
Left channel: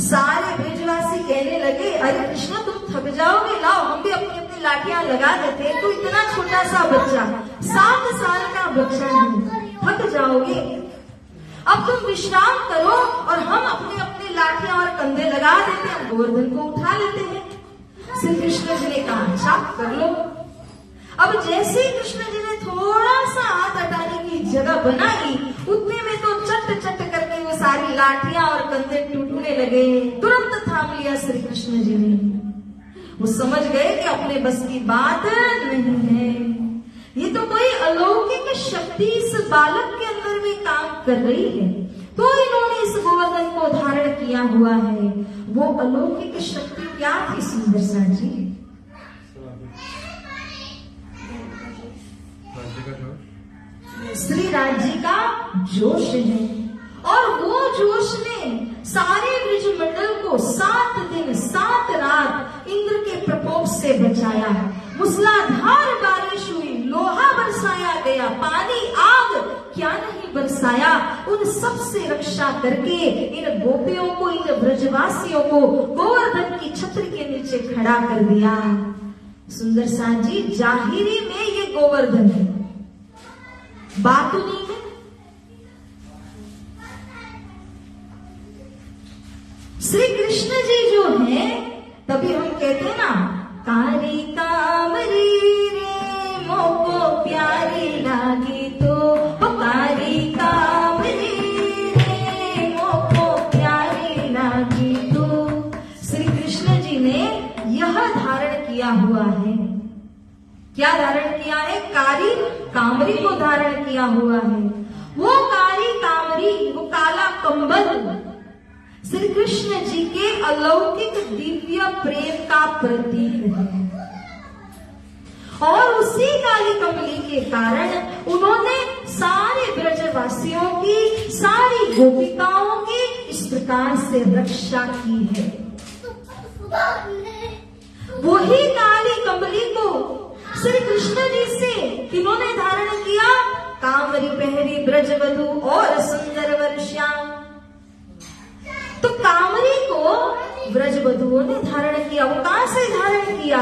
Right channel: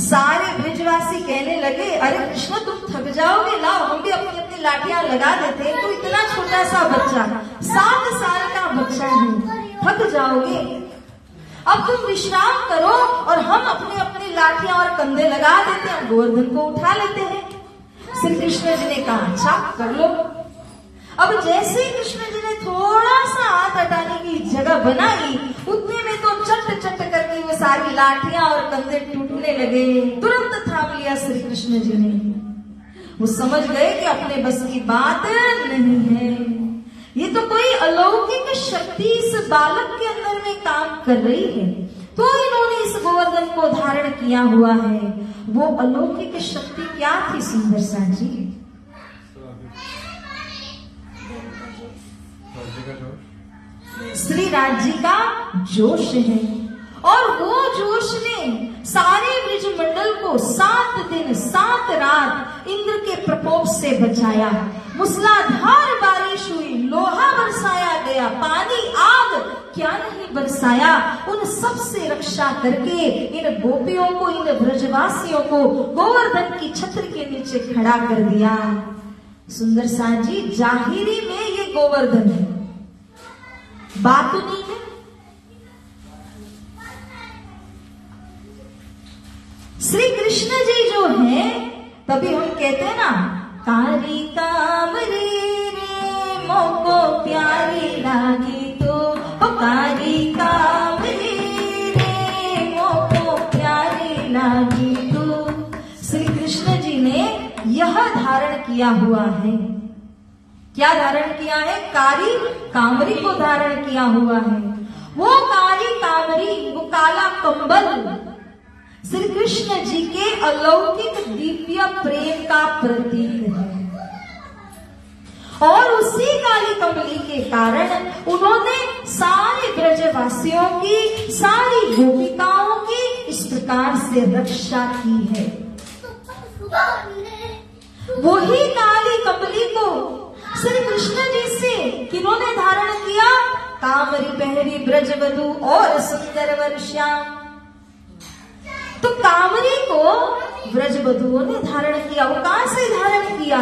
सारे ब्रिजवासी कहने लगे, अरे कृष्ण तुम थक जाओगे, लाओ हम भी अपनी अपनी लाठियां लगा देते हैं। तो इतना छोटा सा बच्चा, 7 साल का बच्चा है, थक जाओगे, अब तुम विश्राम करो और हम अपने अपनी लाठियां और कंधे लगा देते हैं, गोवर्धन को उठा लेते हैं। श्री कृष्ण जी ने कहा अच्छा कर लो। अब जैसे कृष्ण जी ने थोड़ा सा हाथ हटाने की जगह बनाई, उतने में तो चट चट करके वो सारी लाठियां और कंधे टूटने लगे। तुरंत थाम लिया श्री कृष्ण जी ने। वो समझ गए कि अपने बस की बात नहीं है, ये तो कोई अलौकिक शक्ति इस बालक के अंदर में काम कर रही है, तो इन्होंने इस गोवर्धन को धारण किया हुआ है। वो अलौकिक शक्ति क्या थी सुंदर सा जी? श्री राज्य का जोश है और वो जोश ने सारे ब्रिज मंडल को 7 दिन 7 रात इंद्र के प्रकोप से बचाया। मूसलाधार बारिश हुई, लोहा बरसाया गया, पानी आग क्या नहीं बरसाया। उन सब से रक्षा करके इन गोपियों को, इन ब्रजवासियों को गोवर्धन की छत्र के नीचे खड़ा कर दिया। सुंदर सा जी, जाहिरी में ये गोवर्धन है, बातुनी में श्री कृष्ण जी जो है, तभी हम कहते हैं ना, तारी कामरी रे मोको प्यारी लागी तो, तारी कामरी रे मोको प्यारी लागी तो। श्री कृष्ण जी ने यह धारण किया हुआ है। क्या धारण किया है? कारी कामरी को धारण किया हुआ है। वो कारी कामरी, वो काला कंबल श्री कृष्ण जी के अलौकिक दिव्य प्रेम का प्रतीक है। और उसी काली कमली के कारण उन्होंने सारे ब्रजवासियों की, सारी गोपिकाओं की इस प्रकार से रक्षा की है। वही काली कमली को श्री कृष्ण जी से किन्होंने धारण किया? कामरी पहरी ब्रजवधु और सुंदर वर्षा। तो कामरी को ब्रजवधुओं ने धारण किया। वो कहां से धारण किया?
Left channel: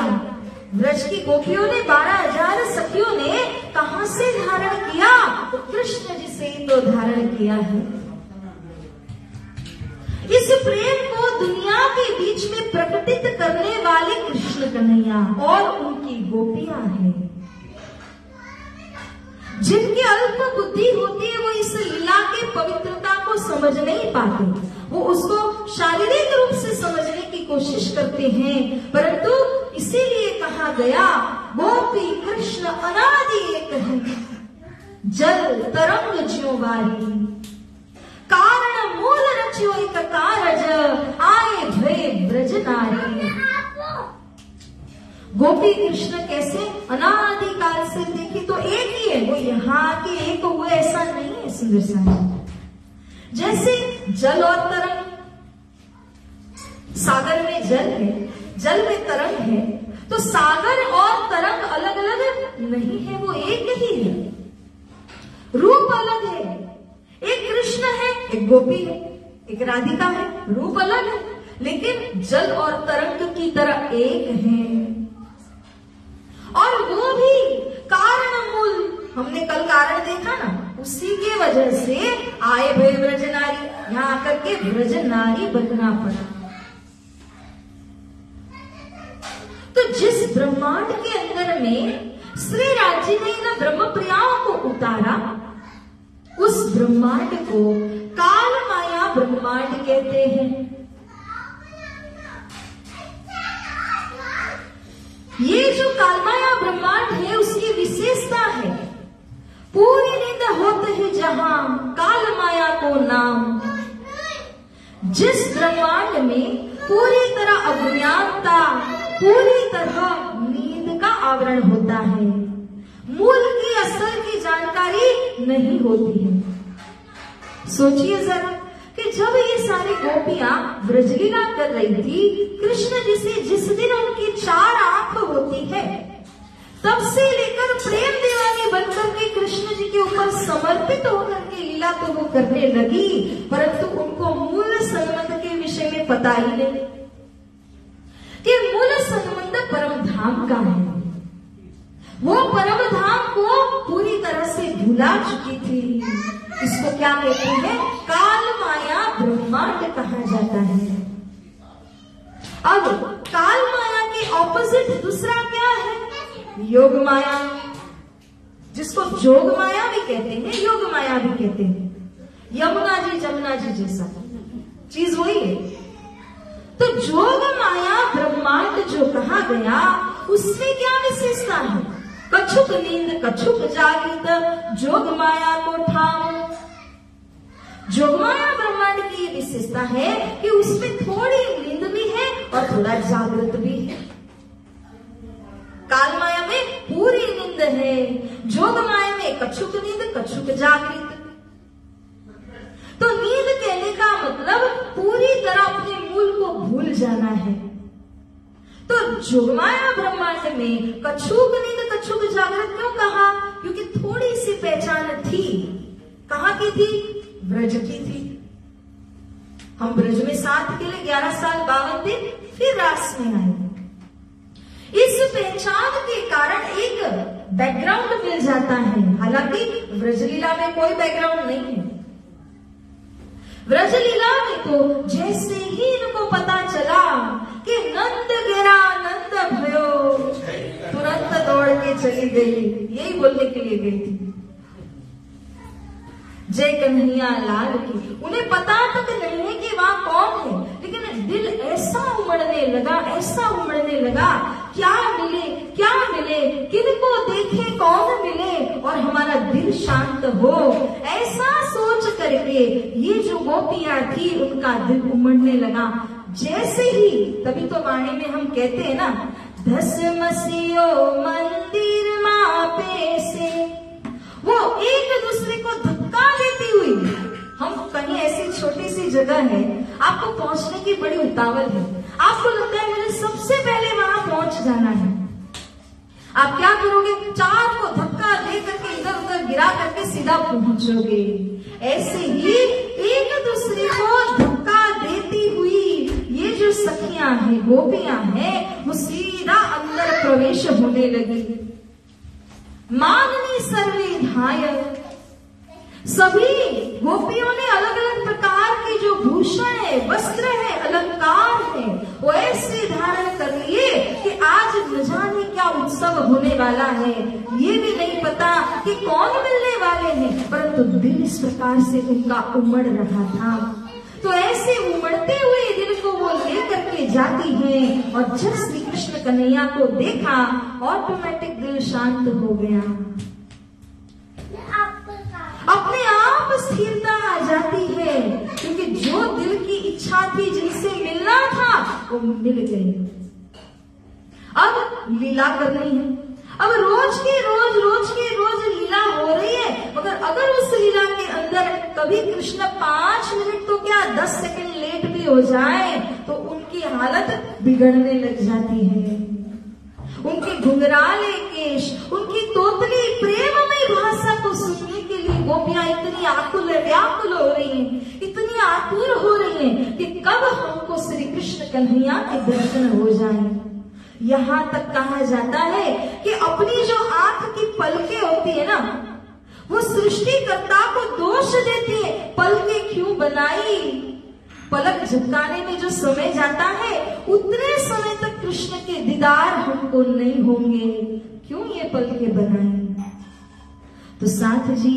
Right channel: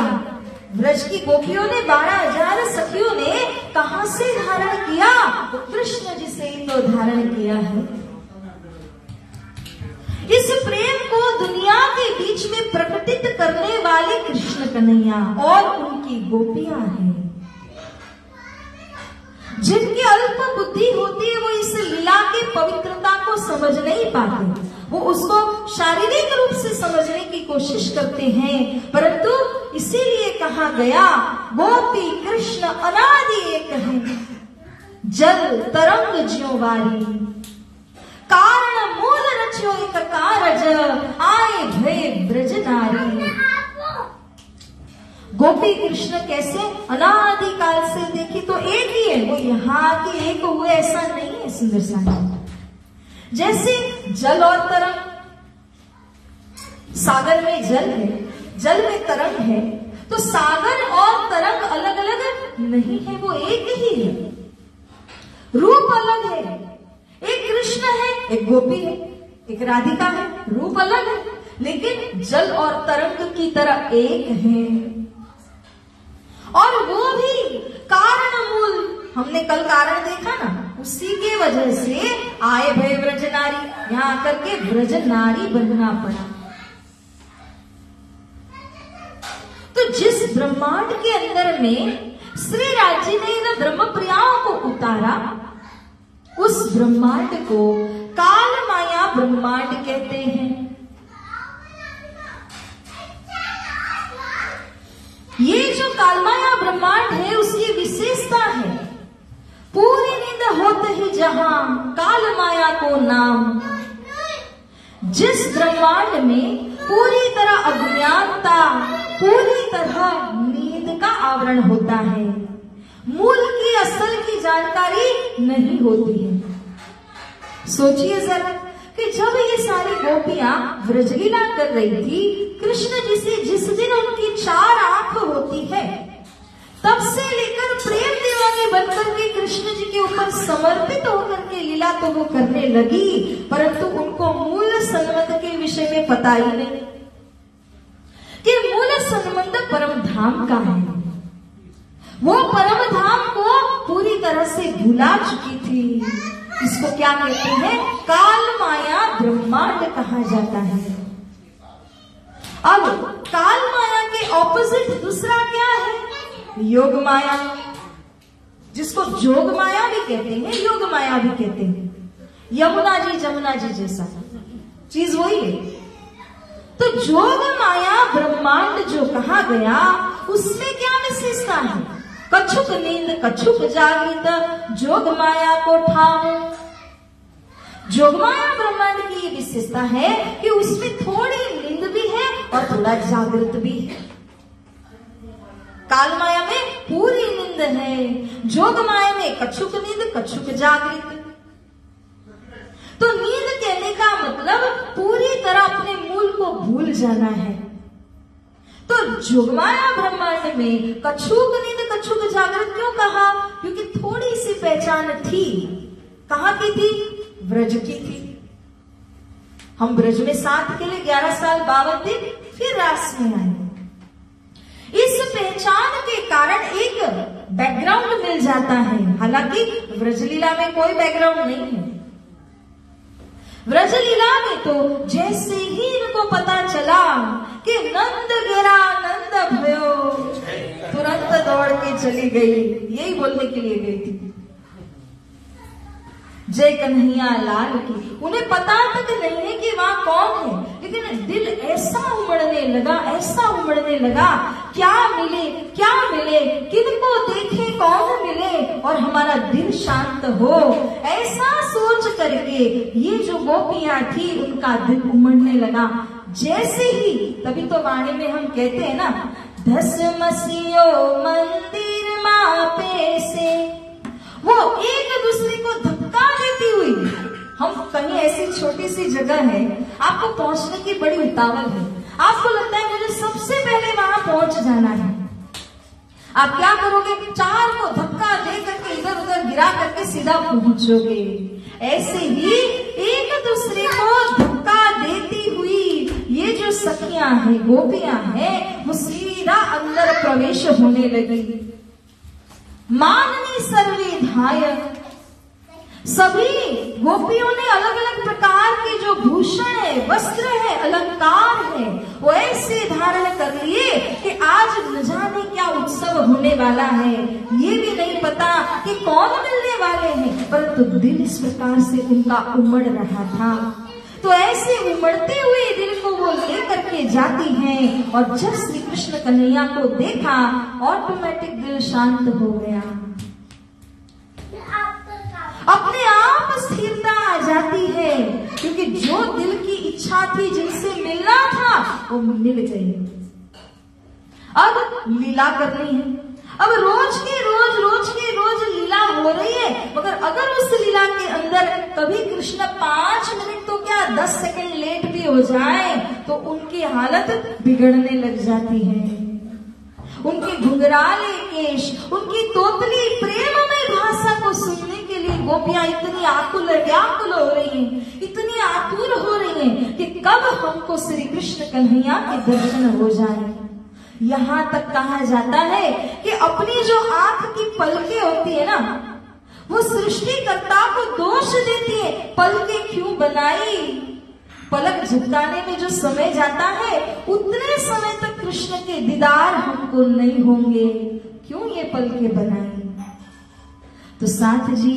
ब्रज की गोपियों ने, 12,000 सखियों ने कहां से धारण किया? तो कृष्ण जी से ही तो धारण किया है। इस प्रेम को दुनिया के बीच में प्रकटित करने वाले कृष्ण कन्हैया और उनकी गोपियां हैं। जिनकी अल्प बुद्धि होती है वो इस लीला की पवित्रता को समझ नहीं पाते, वो उसको शारीरिक रूप से समझने की कोशिश करते हैं, परंतु इसीलिए कहा गया गोपी कृष्ण अनादि एक है, जल तरंग ज्योवारी, कारण मूल रच्यो एक कारज, आए भय ब्रज नारी। गोपी कृष्ण कैसे अनादिकाल से देखी तो एक ही है, वो यहाँ के एक हुए ऐसा नहीं है। सुंदर सा जैसे जल और तरंग, सागर में जल है, जल में तरंग है, तो सागर और तरंग अलग अलग नहीं है, वो एक ही है। रूप अलग है, एक कृष्ण है, एक गोपी है, एक राधिका है, रूप अलग है, लेकिन जल और तरंग की तरह एक है। और वो भी कारण मूल, हमने कल कारण देखा ना, उसी की वजह से आए भय ब्रज नारी, यहां आकर के ब्रज नारी बनना पड़ा। तो जिस ब्रह्मांड के अंदर में श्री राजी ने इन ब्रह्म प्रियाओं को उतारा, उस ब्रह्मांड को काल माया ब्रह्मांड कहते हैं। ये जो कालमाया ब्रह्मांड है उसकी विशेषता है, पूरी नींद होते ही जहां काल माया को नाम। जिस ब्रह्मांड में पूरी तरह अज्ञानता, पूरी तरह नींद का आवरण होता है, मूल की असल की जानकारी नहीं होती है। सोचिए जरा कि जब ये सारी गोपियां ब्रजलीला कर रही थी, कृष्ण जी से जिस दिन उनकी 4 आंख होती है, तब से लेकर प्रेम दीवानी बनकर के कृष्ण जी के ऊपर समर्पित होकर के लीला तो वो करने लगी, परंतु उनको मूल संबंध के विषय में पता ही नहीं कि मूल संबंध परम धाम का है। वो परम धाम को पूरी तरह से भुला चुकी थी। इसको क्या कहते हैं? काल माया ब्रह्मांड कहा जाता है। अब काल माया के ऑपोजिट दूसरा क्या है? योग माया, जिसको जोग माया भी कहते हैं, योग माया भी कहते हैं। यमुना जी जमुना जी जैसा चीज वही है। तो जोग माया ब्रह्मांड जो कहा गया, उसमें क्या विशेषता है? कछुक नींद कछुक जागृत, जोग माया को ठाओ। जोग माया ब्रह्मांड की ये विशेषता है कि उसमें थोड़ी नींद भी है और थोड़ा जागृत भी है। काल माया में पूरी नींद है, जोग माया में कछुक नींद कछुक जागृत। तो नींद कहने का मतलब पूरी तरह अपने मूल को भूल जाना है। तो जोगमाया ब्रह्मांड में कछुक नींद कछुक जागृत क्यों कहा? क्योंकि थोड़ी सी पहचान थी। कहाँ की थी? ब्रज की थी। हम ब्रज में 7 के लिए 11 साल 52 दिन फिर रास में आए। इस पहचान के कारण एक बैकग्राउंड मिल जाता है। हालांकि ब्रजलीला में कोई बैकग्राउंड नहीं है। ब्रजलीला में तो जैसे ही इनको पता चला कि नंद गिरा नंद भयो, तुरंत दौड़ के चली गई, यही बोलने के लिए गई थी, जय कन्हैया लाल की। उन्हें पता तक नहीं है कि वहां कौन है, लेकिन दिल ऐसा उमड़ने लगा, ऐसा उमड़ने लगा, क्या मिले किनको देखे कौन मिले और हमारा दिल शांत हो। ऐसा सोच करके ये जो गोपियां थी उनका दिल उमड़ने लगा। जैसे ही, तभी तो वाणी में हम कहते हैं ना, 10 मसीहो मंदिर मापे से, वो एक दूसरे को धक्का देती हुई, हम कहीं ऐसी छोटी सी जगह है, आपको पहुंचने की बड़ी उतावल है, आपको लगता है मुझे सबसे पहले वहां पहुंच जाना है। आप क्या करोगे? 4 को धक्का दे करके इधर उधर गिरा करके सीधा पहुंचोगे। ऐसे ही एक दूसरे को धक्का देती हुई ये जो सखियां हैं, गोपियां हैं, वो सीधा अंदर प्रवेश होने लगी। माननी सर्वे धाय, सभी गोपियों ने अलग अलग प्रकार के जो भूषण है, वस्त्र है, अलंकार है, वो ऐसे धारण कर लिए कि आज न जाने क्या उत्सव होने वाला है, ये भी नहीं पता कि कौन मिलने वाले हैं, परंतु दिल इस प्रकार से उनका उमड़ रहा था। तो ऐसे उमड़ते हुए दिल को वो लेकर के जाती हैं और जब श्री कृष्ण कन्हैया को देखा ऑटोमेटिक दिल शांत हो गया, अपने आप स्थिरता आ जाती है, क्योंकि जो दिल की इच्छा थी, जिनसे मिलना था, वो मिल गई। अब लीला कर रही है, अब रोज के रोज लीला हो रही है, मगर अगर उस लीला के अंदर कभी कृष्ण 5 मिनट तो क्या 10 सेकंड लेट भी हो जाए तो उनकी हालत बिगड़ने लग जाती है। उनके घुंघराले केश, उनकी तोतली प्रेममय भाषा को सुनने के लिए गोपियां इतनी आकुल व्याकुल हो रही हैं, इतनी आतुर हो रही हैं कि कब हमको श्री कृष्ण कन्हैया के दर्शन हो जाए। यहाँ तक कहा जाता है कि अपनी जो आंख की पलकें होती है ना, वो सृष्टिकर्ता को दोष देती है, पलकें क्यों बनाई। पलक झपकाने में जो समय जाता है, उतने समय तक कृष्ण के दीदार हमको नहीं होंगे, क्यों ये पलकें बनाई। तो साथ जी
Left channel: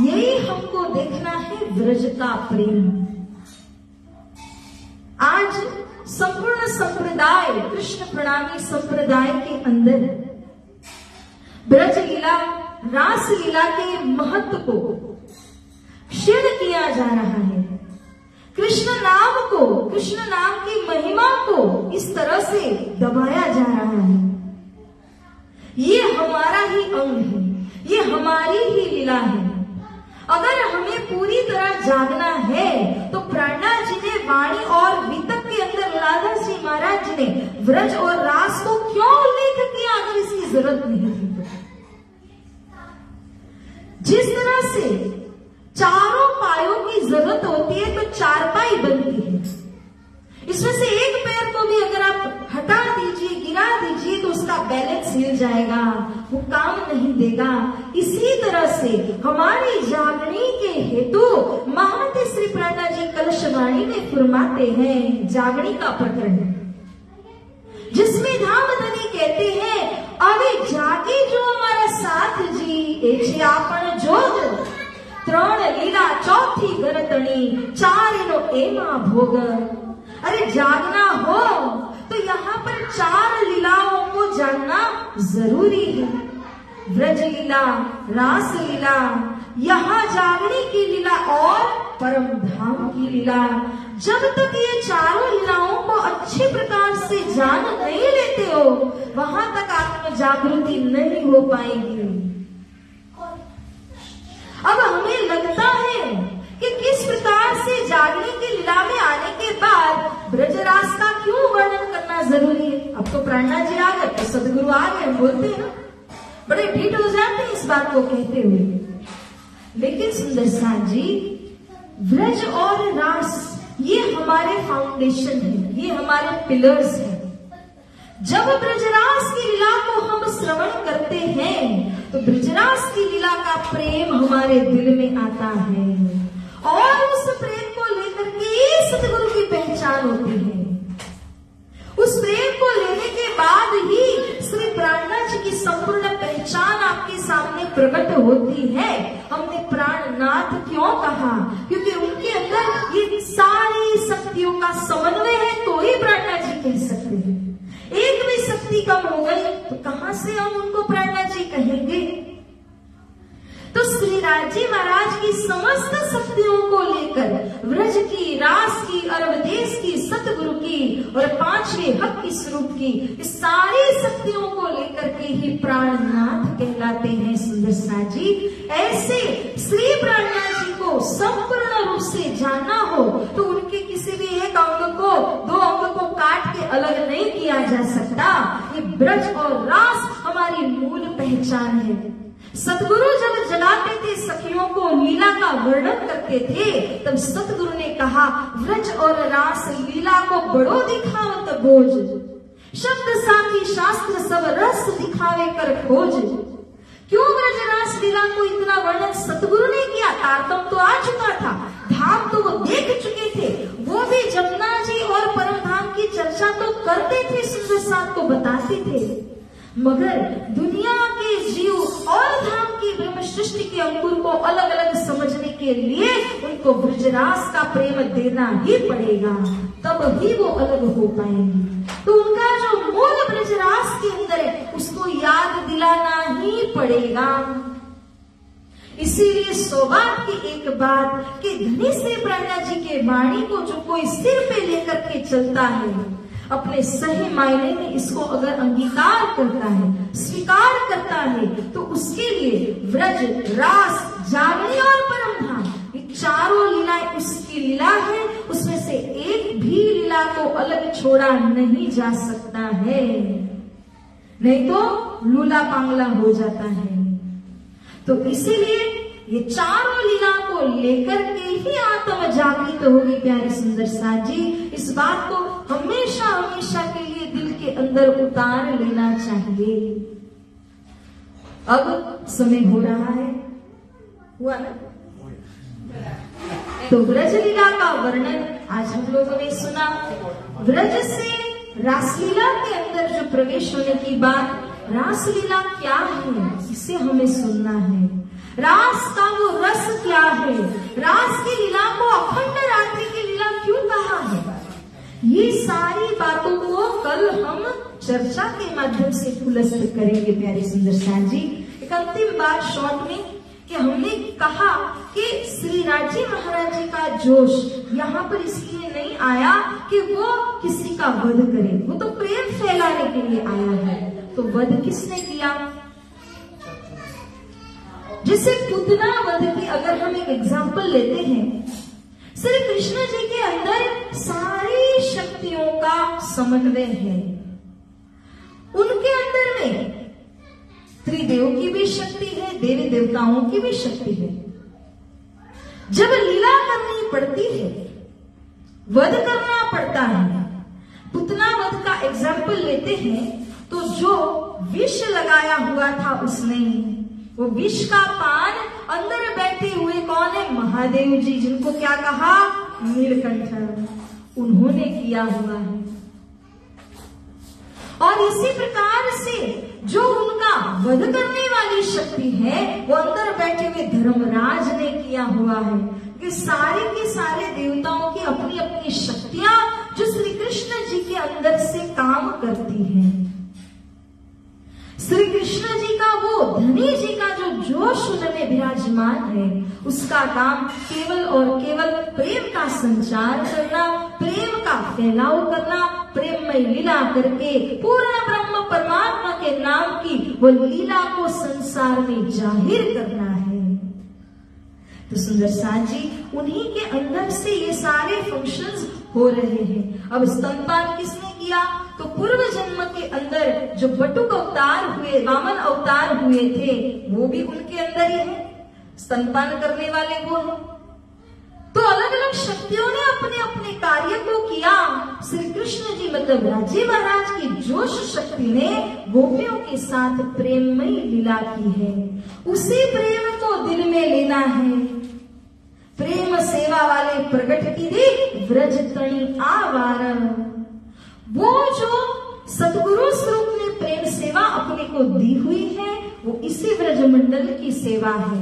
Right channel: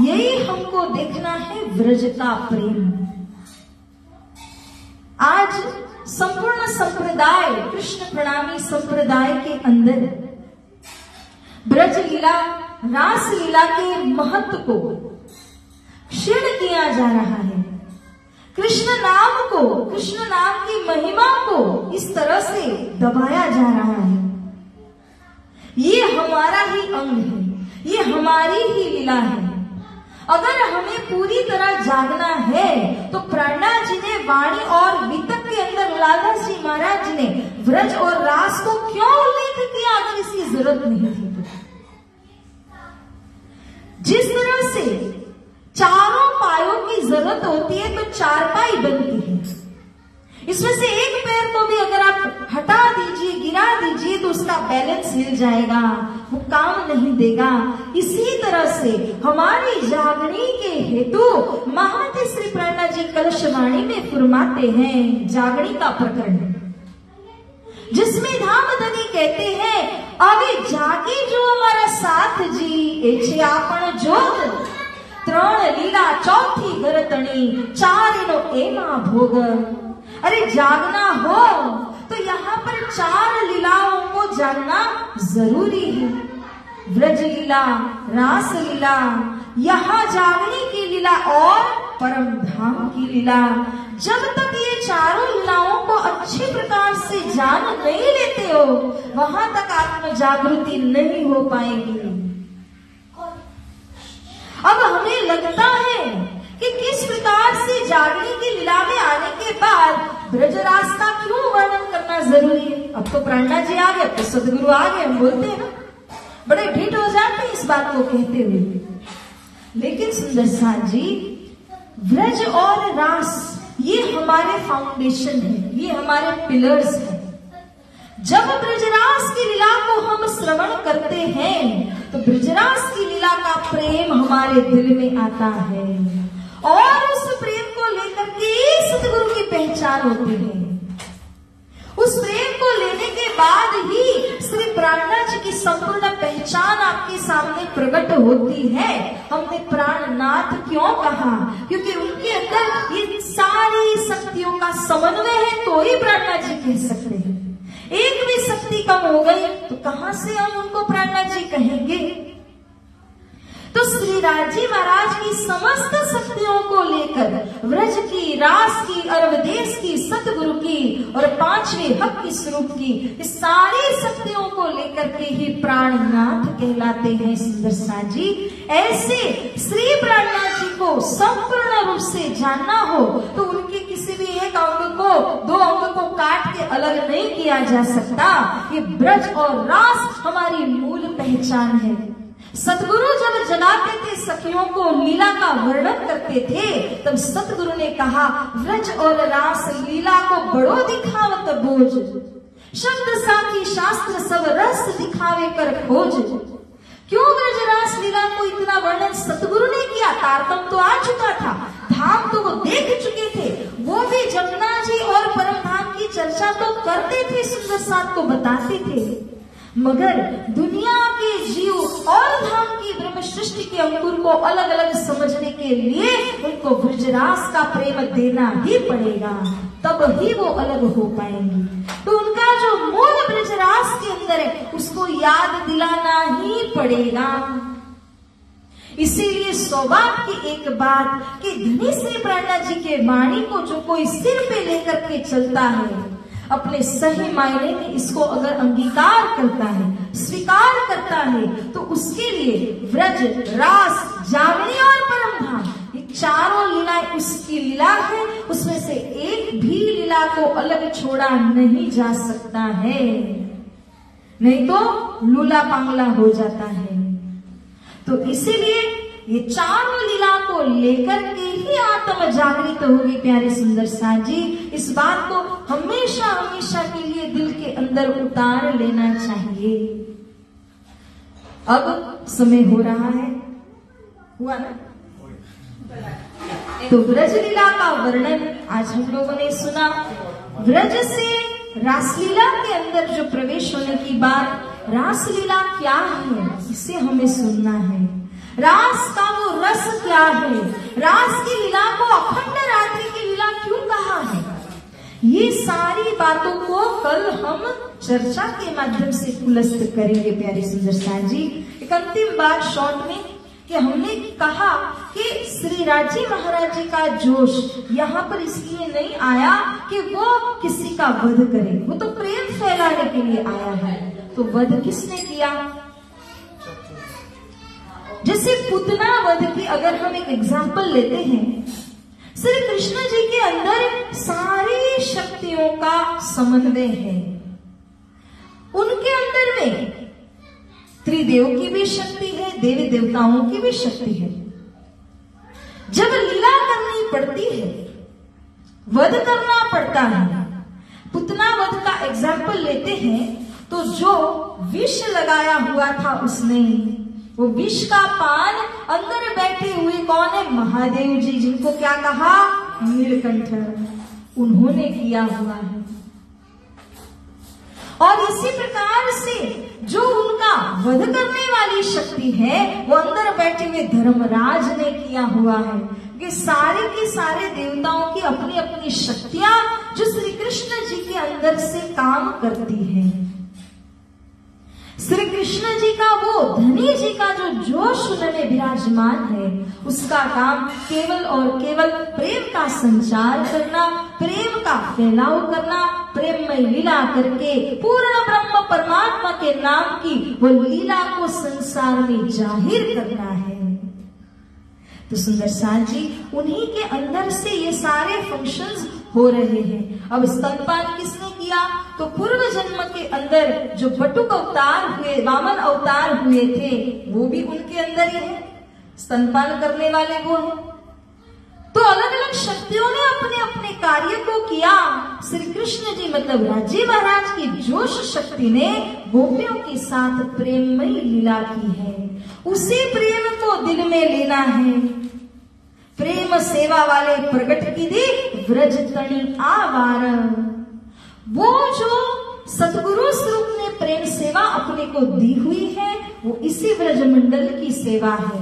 यही हमको देखना है व्रज का प्रेम। आज संपूर्ण संप्रदाय, कृष्ण प्रणामी संप्रदाय के अंदर ब्रज लीला, रास लीला के महत्व को क्षीण किया जा रहा है। कृष्ण नाम को, कृष्ण नाम की महिमा को इस तरह से दबाया जा रहा है। ये हमारा ही अंग है, ये हमारी ही लीला है। अगर हमें पूरी तरह जागना है तो प्राणा जी ने वाणी और वितक के अंदर लाला जी महाराज जी ने व्रज और रास को क्यों उल्लेख किया, अगर इसकी जरूरत नहीं थी। जिस तरह से चारों पायों की जरूरत होती है तो चारपाई बनती है, इसमें से एक पैर को भी अगर आप हटा दीजिए, गिरा दीजिए तो उसका बैलेंस हिल जाएगा, वो काम नहीं देगा। इसी तरह से हमारी जागनी के हेतु महामती श्री प्राणा जी कलशवाणी में फरमाते हैं जागनी का प्रकरण, जिसमें धामधनी कहते हैं, अभी जागी जो हमारा साथ जी, एछे आपण जोग, 3 लीला 4थी गरतणी, 4 नो एमा भोग। अरे जागना हो तो यहाँ पर 4 लीलाओं को जानना जरूरी है। ब्रज लीला, रास लीला, यहाँ जागने की लीला और परम धाम की लीला। जब तक ये चारों लीलाओं को अच्छे प्रकार से जान नहीं लेते हो, वहां तक आत्म जागृति नहीं हो पाएगी। अब हमें लगता है कि किस प्रकार से जागने की लीला में आने के बाद ब्रजरास का क्यों वर्णन करना जरूरी है। अब तो प्राणा जी आ गए, तो सदगुरु आ गए, हम बोलते हैं ना, बड़े ढीठ हो जाते हैं इस बात को कहते हुए। लेकिन सुंदर साथ जी, ब्रज और रास ये हमारे फाउंडेशन है, ये हमारे पिलर्स हैं। जब ब्रजरास की लीला को हम श्रवण करते हैं तो ब्रजरास की लीला का प्रेम हमारे दिल में आता है और उस प्रेम को लेकर के सदगुरु की पहचान होती है। उस प्रेम को लेने के बाद ही श्री प्राणनाथ जी की संपूर्ण पहचान आपके सामने प्रकट होती है। हमने प्राणनाथ क्यों कहा? क्योंकि उनके अंदर ये सारी शक्तियों का समन्वय है, तो ही प्राणनाथ जी कह सकते हैं। एक भी शक्ति कम हो गई तो कहां से हम उनको प्राणनाथ जी कहेंगे? तो श्री राजी महाराज की समस्त शक्तियों को लेकर व्रज की, रास की, अरवदेश की, सतगुरु की और 5वें हक की स्वरूप की इस सारी शक्तियों को लेकर के ही प्राणनाथ कहलाते हैं। सुंदर साथ जी, ऐसे श्री प्राणनाथ जी को संपूर्ण रूप से जानना हो तो उनके किसी भी एक अंग को, 2 अंग को काट के अलग नहीं किया जा सकता। ये ब्रज और रास हमारी मूल पहचान है। सतगुरु जब जगाते थे सखियों को, लीला का वर्णन करते थे, तब सतगुरु ने कहा, व्रज और रास लीला को बड़ो दिखावत बोझ, शब्द साखी शास्त्र सब रस दिखावे कर खोज। क्यों ब्रज रास लीला को इतना वर्णन सतगुरु ने किया? तारतम्य तो आ चुका था, धाम तो वो देख चुके थे, वो भी जमुना जी और परम धाम की चर्चा तो करते थे, सुंदर साथ को बताते थे, मगर दुनिया के जीव और धाम की ब्रह्म सृष्टि के अंकुर को अलग अलग समझने के लिए उनको ब्रजरास का प्रेम देना ही पड़ेगा, तब ही वो अलग हो पाएंगे। तो उनका जो मूल ब्रजरास के अंदर है उसको याद दिलाना ही पड़ेगा। इसीलिए सौभाग्य की एक बात कि धनी से प्राणा जी के वाणी को जो कोई सिर पे लेकर के चलता है, अपने सही मायने में इसको अगर अंगीकार करता है, स्वीकार करता है, तो उसके लिए व्रज, रास, जामनी और परम धाम ये चारों लीलाएं उसकी लीला है, उसमें से एक भी लीला को अलग छोड़ा नहीं जा सकता है, नहीं तो लूला पांगला हो जाता है। तो इसीलिए ये चारों लीला को लेकर के ही आत्म जागृत होगी प्यारे सुंदर साथ जी। इस बात को हमेशा हमेशा के लिए दिल के अंदर उतार लेना चाहिए। अब समय हो रहा है, हुआ ना? तो ब्रज लीला का वर्णन आज हम लोगों ने सुना। ब्रज से रासलीला के अंदर जो प्रवेश होने की बात, रासलीला क्या है इसे हमें सुनना है। रास का वो रस क्या है, रास की लीला को अखंड रात्रि की लीला क्यों कहा है, ये सारी बातों को कल हम चर्चा के माध्यम से खुलस्त करेंगे प्यारे सुंदर साथ जी। एक अंतिम बात शॉर्ट में कि हमने कहा कि श्री राजी महाराज जी का जोश यहाँ पर इसलिए नहीं आया कि वो किसी का वध करे, वो तो प्रेम फैलाने के लिए आया है। तो वध किसने किया? जैसे पुतना वध की अगर हम एक एग्जाम्पल लेते हैं, श्री कृष्ण जी के अंदर सारी शक्तियों का समन्वय है। उनके अंदर में त्रिदेव की भी शक्ति है, देवी देवताओं की भी शक्ति है। जब लीला करनी पड़ती है, वध करना पड़ता है, पुतना वध का एग्जाम्पल लेते हैं, तो जो विष लगाया हुआ था उसने, वो विष का पान अंदर बैठे हुए कौन है? महादेव जी, जिनको क्या कहा? नीलकंठ, उन्होंने किया हुआ है। और इसी प्रकार से जो उनका वध करने वाली शक्ति है वो अंदर बैठे हुए धर्मराज ने किया हुआ है। कि सारे के सारे देवताओं की अपनी अपनी शक्तियां जो श्री कृष्ण जी के अंदर से काम करती हैं। श्री कृष्ण जी का वो धनी जी का जो जोश उन्होंने विराजमान है, उसका काम केवल और केवल प्रेम का संचार करना, प्रेम का फैलाव करना, प्रेममय लीला करके पूर्ण ब्रह्म परमात्मा के नाम की वो लीला को संसार में जाहिर करना है। तो सुंदर साथ जी, उन्हीं के अंदर से ये सारे फंक्शंस हो रहे हैं। अब स्तनपान किसने किया? तो पूर्व जन्म के अंदर जो बटुक अवतार हुए, वामन अवतार हुए थे, वो भी उनके अंदर ही है, स्तनपान करने वाले वो है। तो अलग अलग शक्तियों ने अपने अपने कार्य को किया। श्री कृष्ण जी मतलब राजी महाराज की जोश शक्ति ने गोपियों के साथ प्रेममयी लीला की है। उसी प्रेम को दिल में लेना है। प्रेम सेवा वाले प्रगट की दी व्रज तणी आवार, वो जो सतगुरु स्वरूप में प्रेम सेवा अपने को दी हुई है, वो इसी ब्रज मंडल की सेवा है।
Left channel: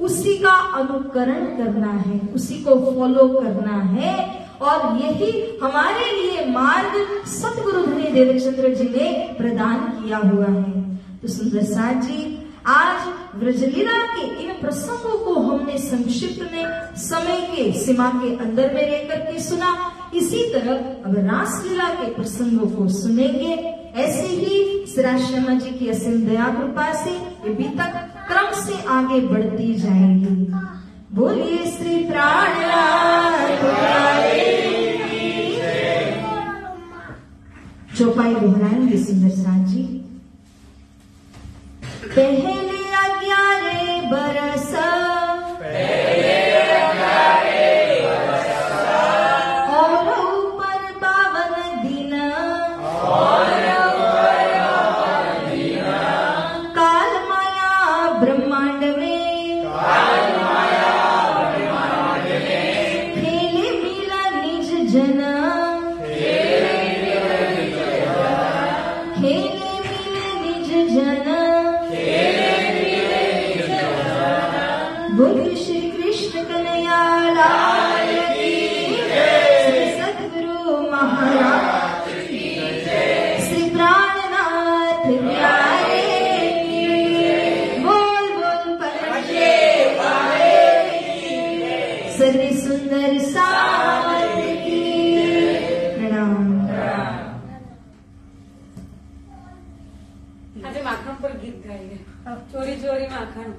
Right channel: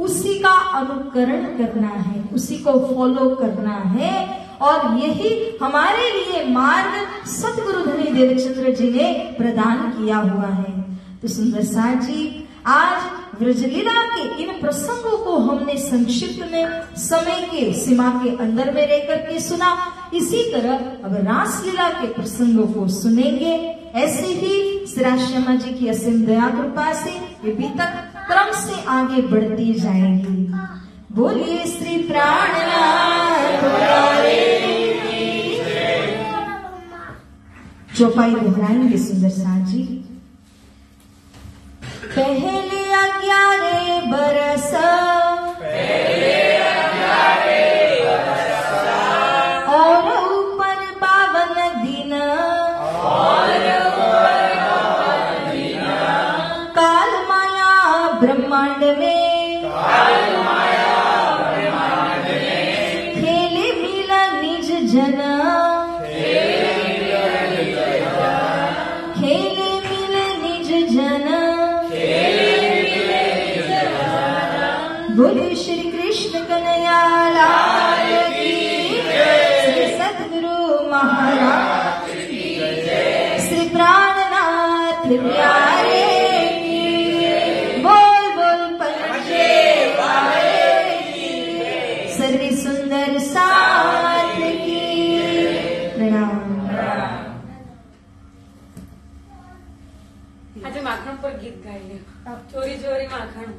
उसी का अनुकरण करना है, उसी को फॉलो करना है। और यही हमारे लिए मार्ग सतगुरु धनी देवचंद्र जी ने प्रदान किया हुआ है। तो सुंदर साथ जी, आज ब्रजलीला के इन प्रसंगों को हमने संक्षिप्त में समय के सीमा के अंदर में रहकर के सुना। इसी तरह अब रासलीला के प्रसंगों को सुनेंगे। ऐसे ही श्री श्यामा जी की असीम दया कृपा से ये बीतक क्रम से आगे बढ़ती जाएंगी। बोलिए श्री प्राणनाथ। चौपाई दोहराएंगे सुंदर साथ जी। पहले 11 बरस और ऊपर 52 दिन, काल माया ब्रह्मांड में बोले श्री कृष्ण कन्हैया लाल की श्री सद्गुरु महाराज की श्री प्राणनाथ प्यारे की बोल बोल पलटे वाले की सर्वे सुंदर साथ की प्रणाम। આજે માખણ પર ગીત ગાઈએ ચોરી ચોરી માખણ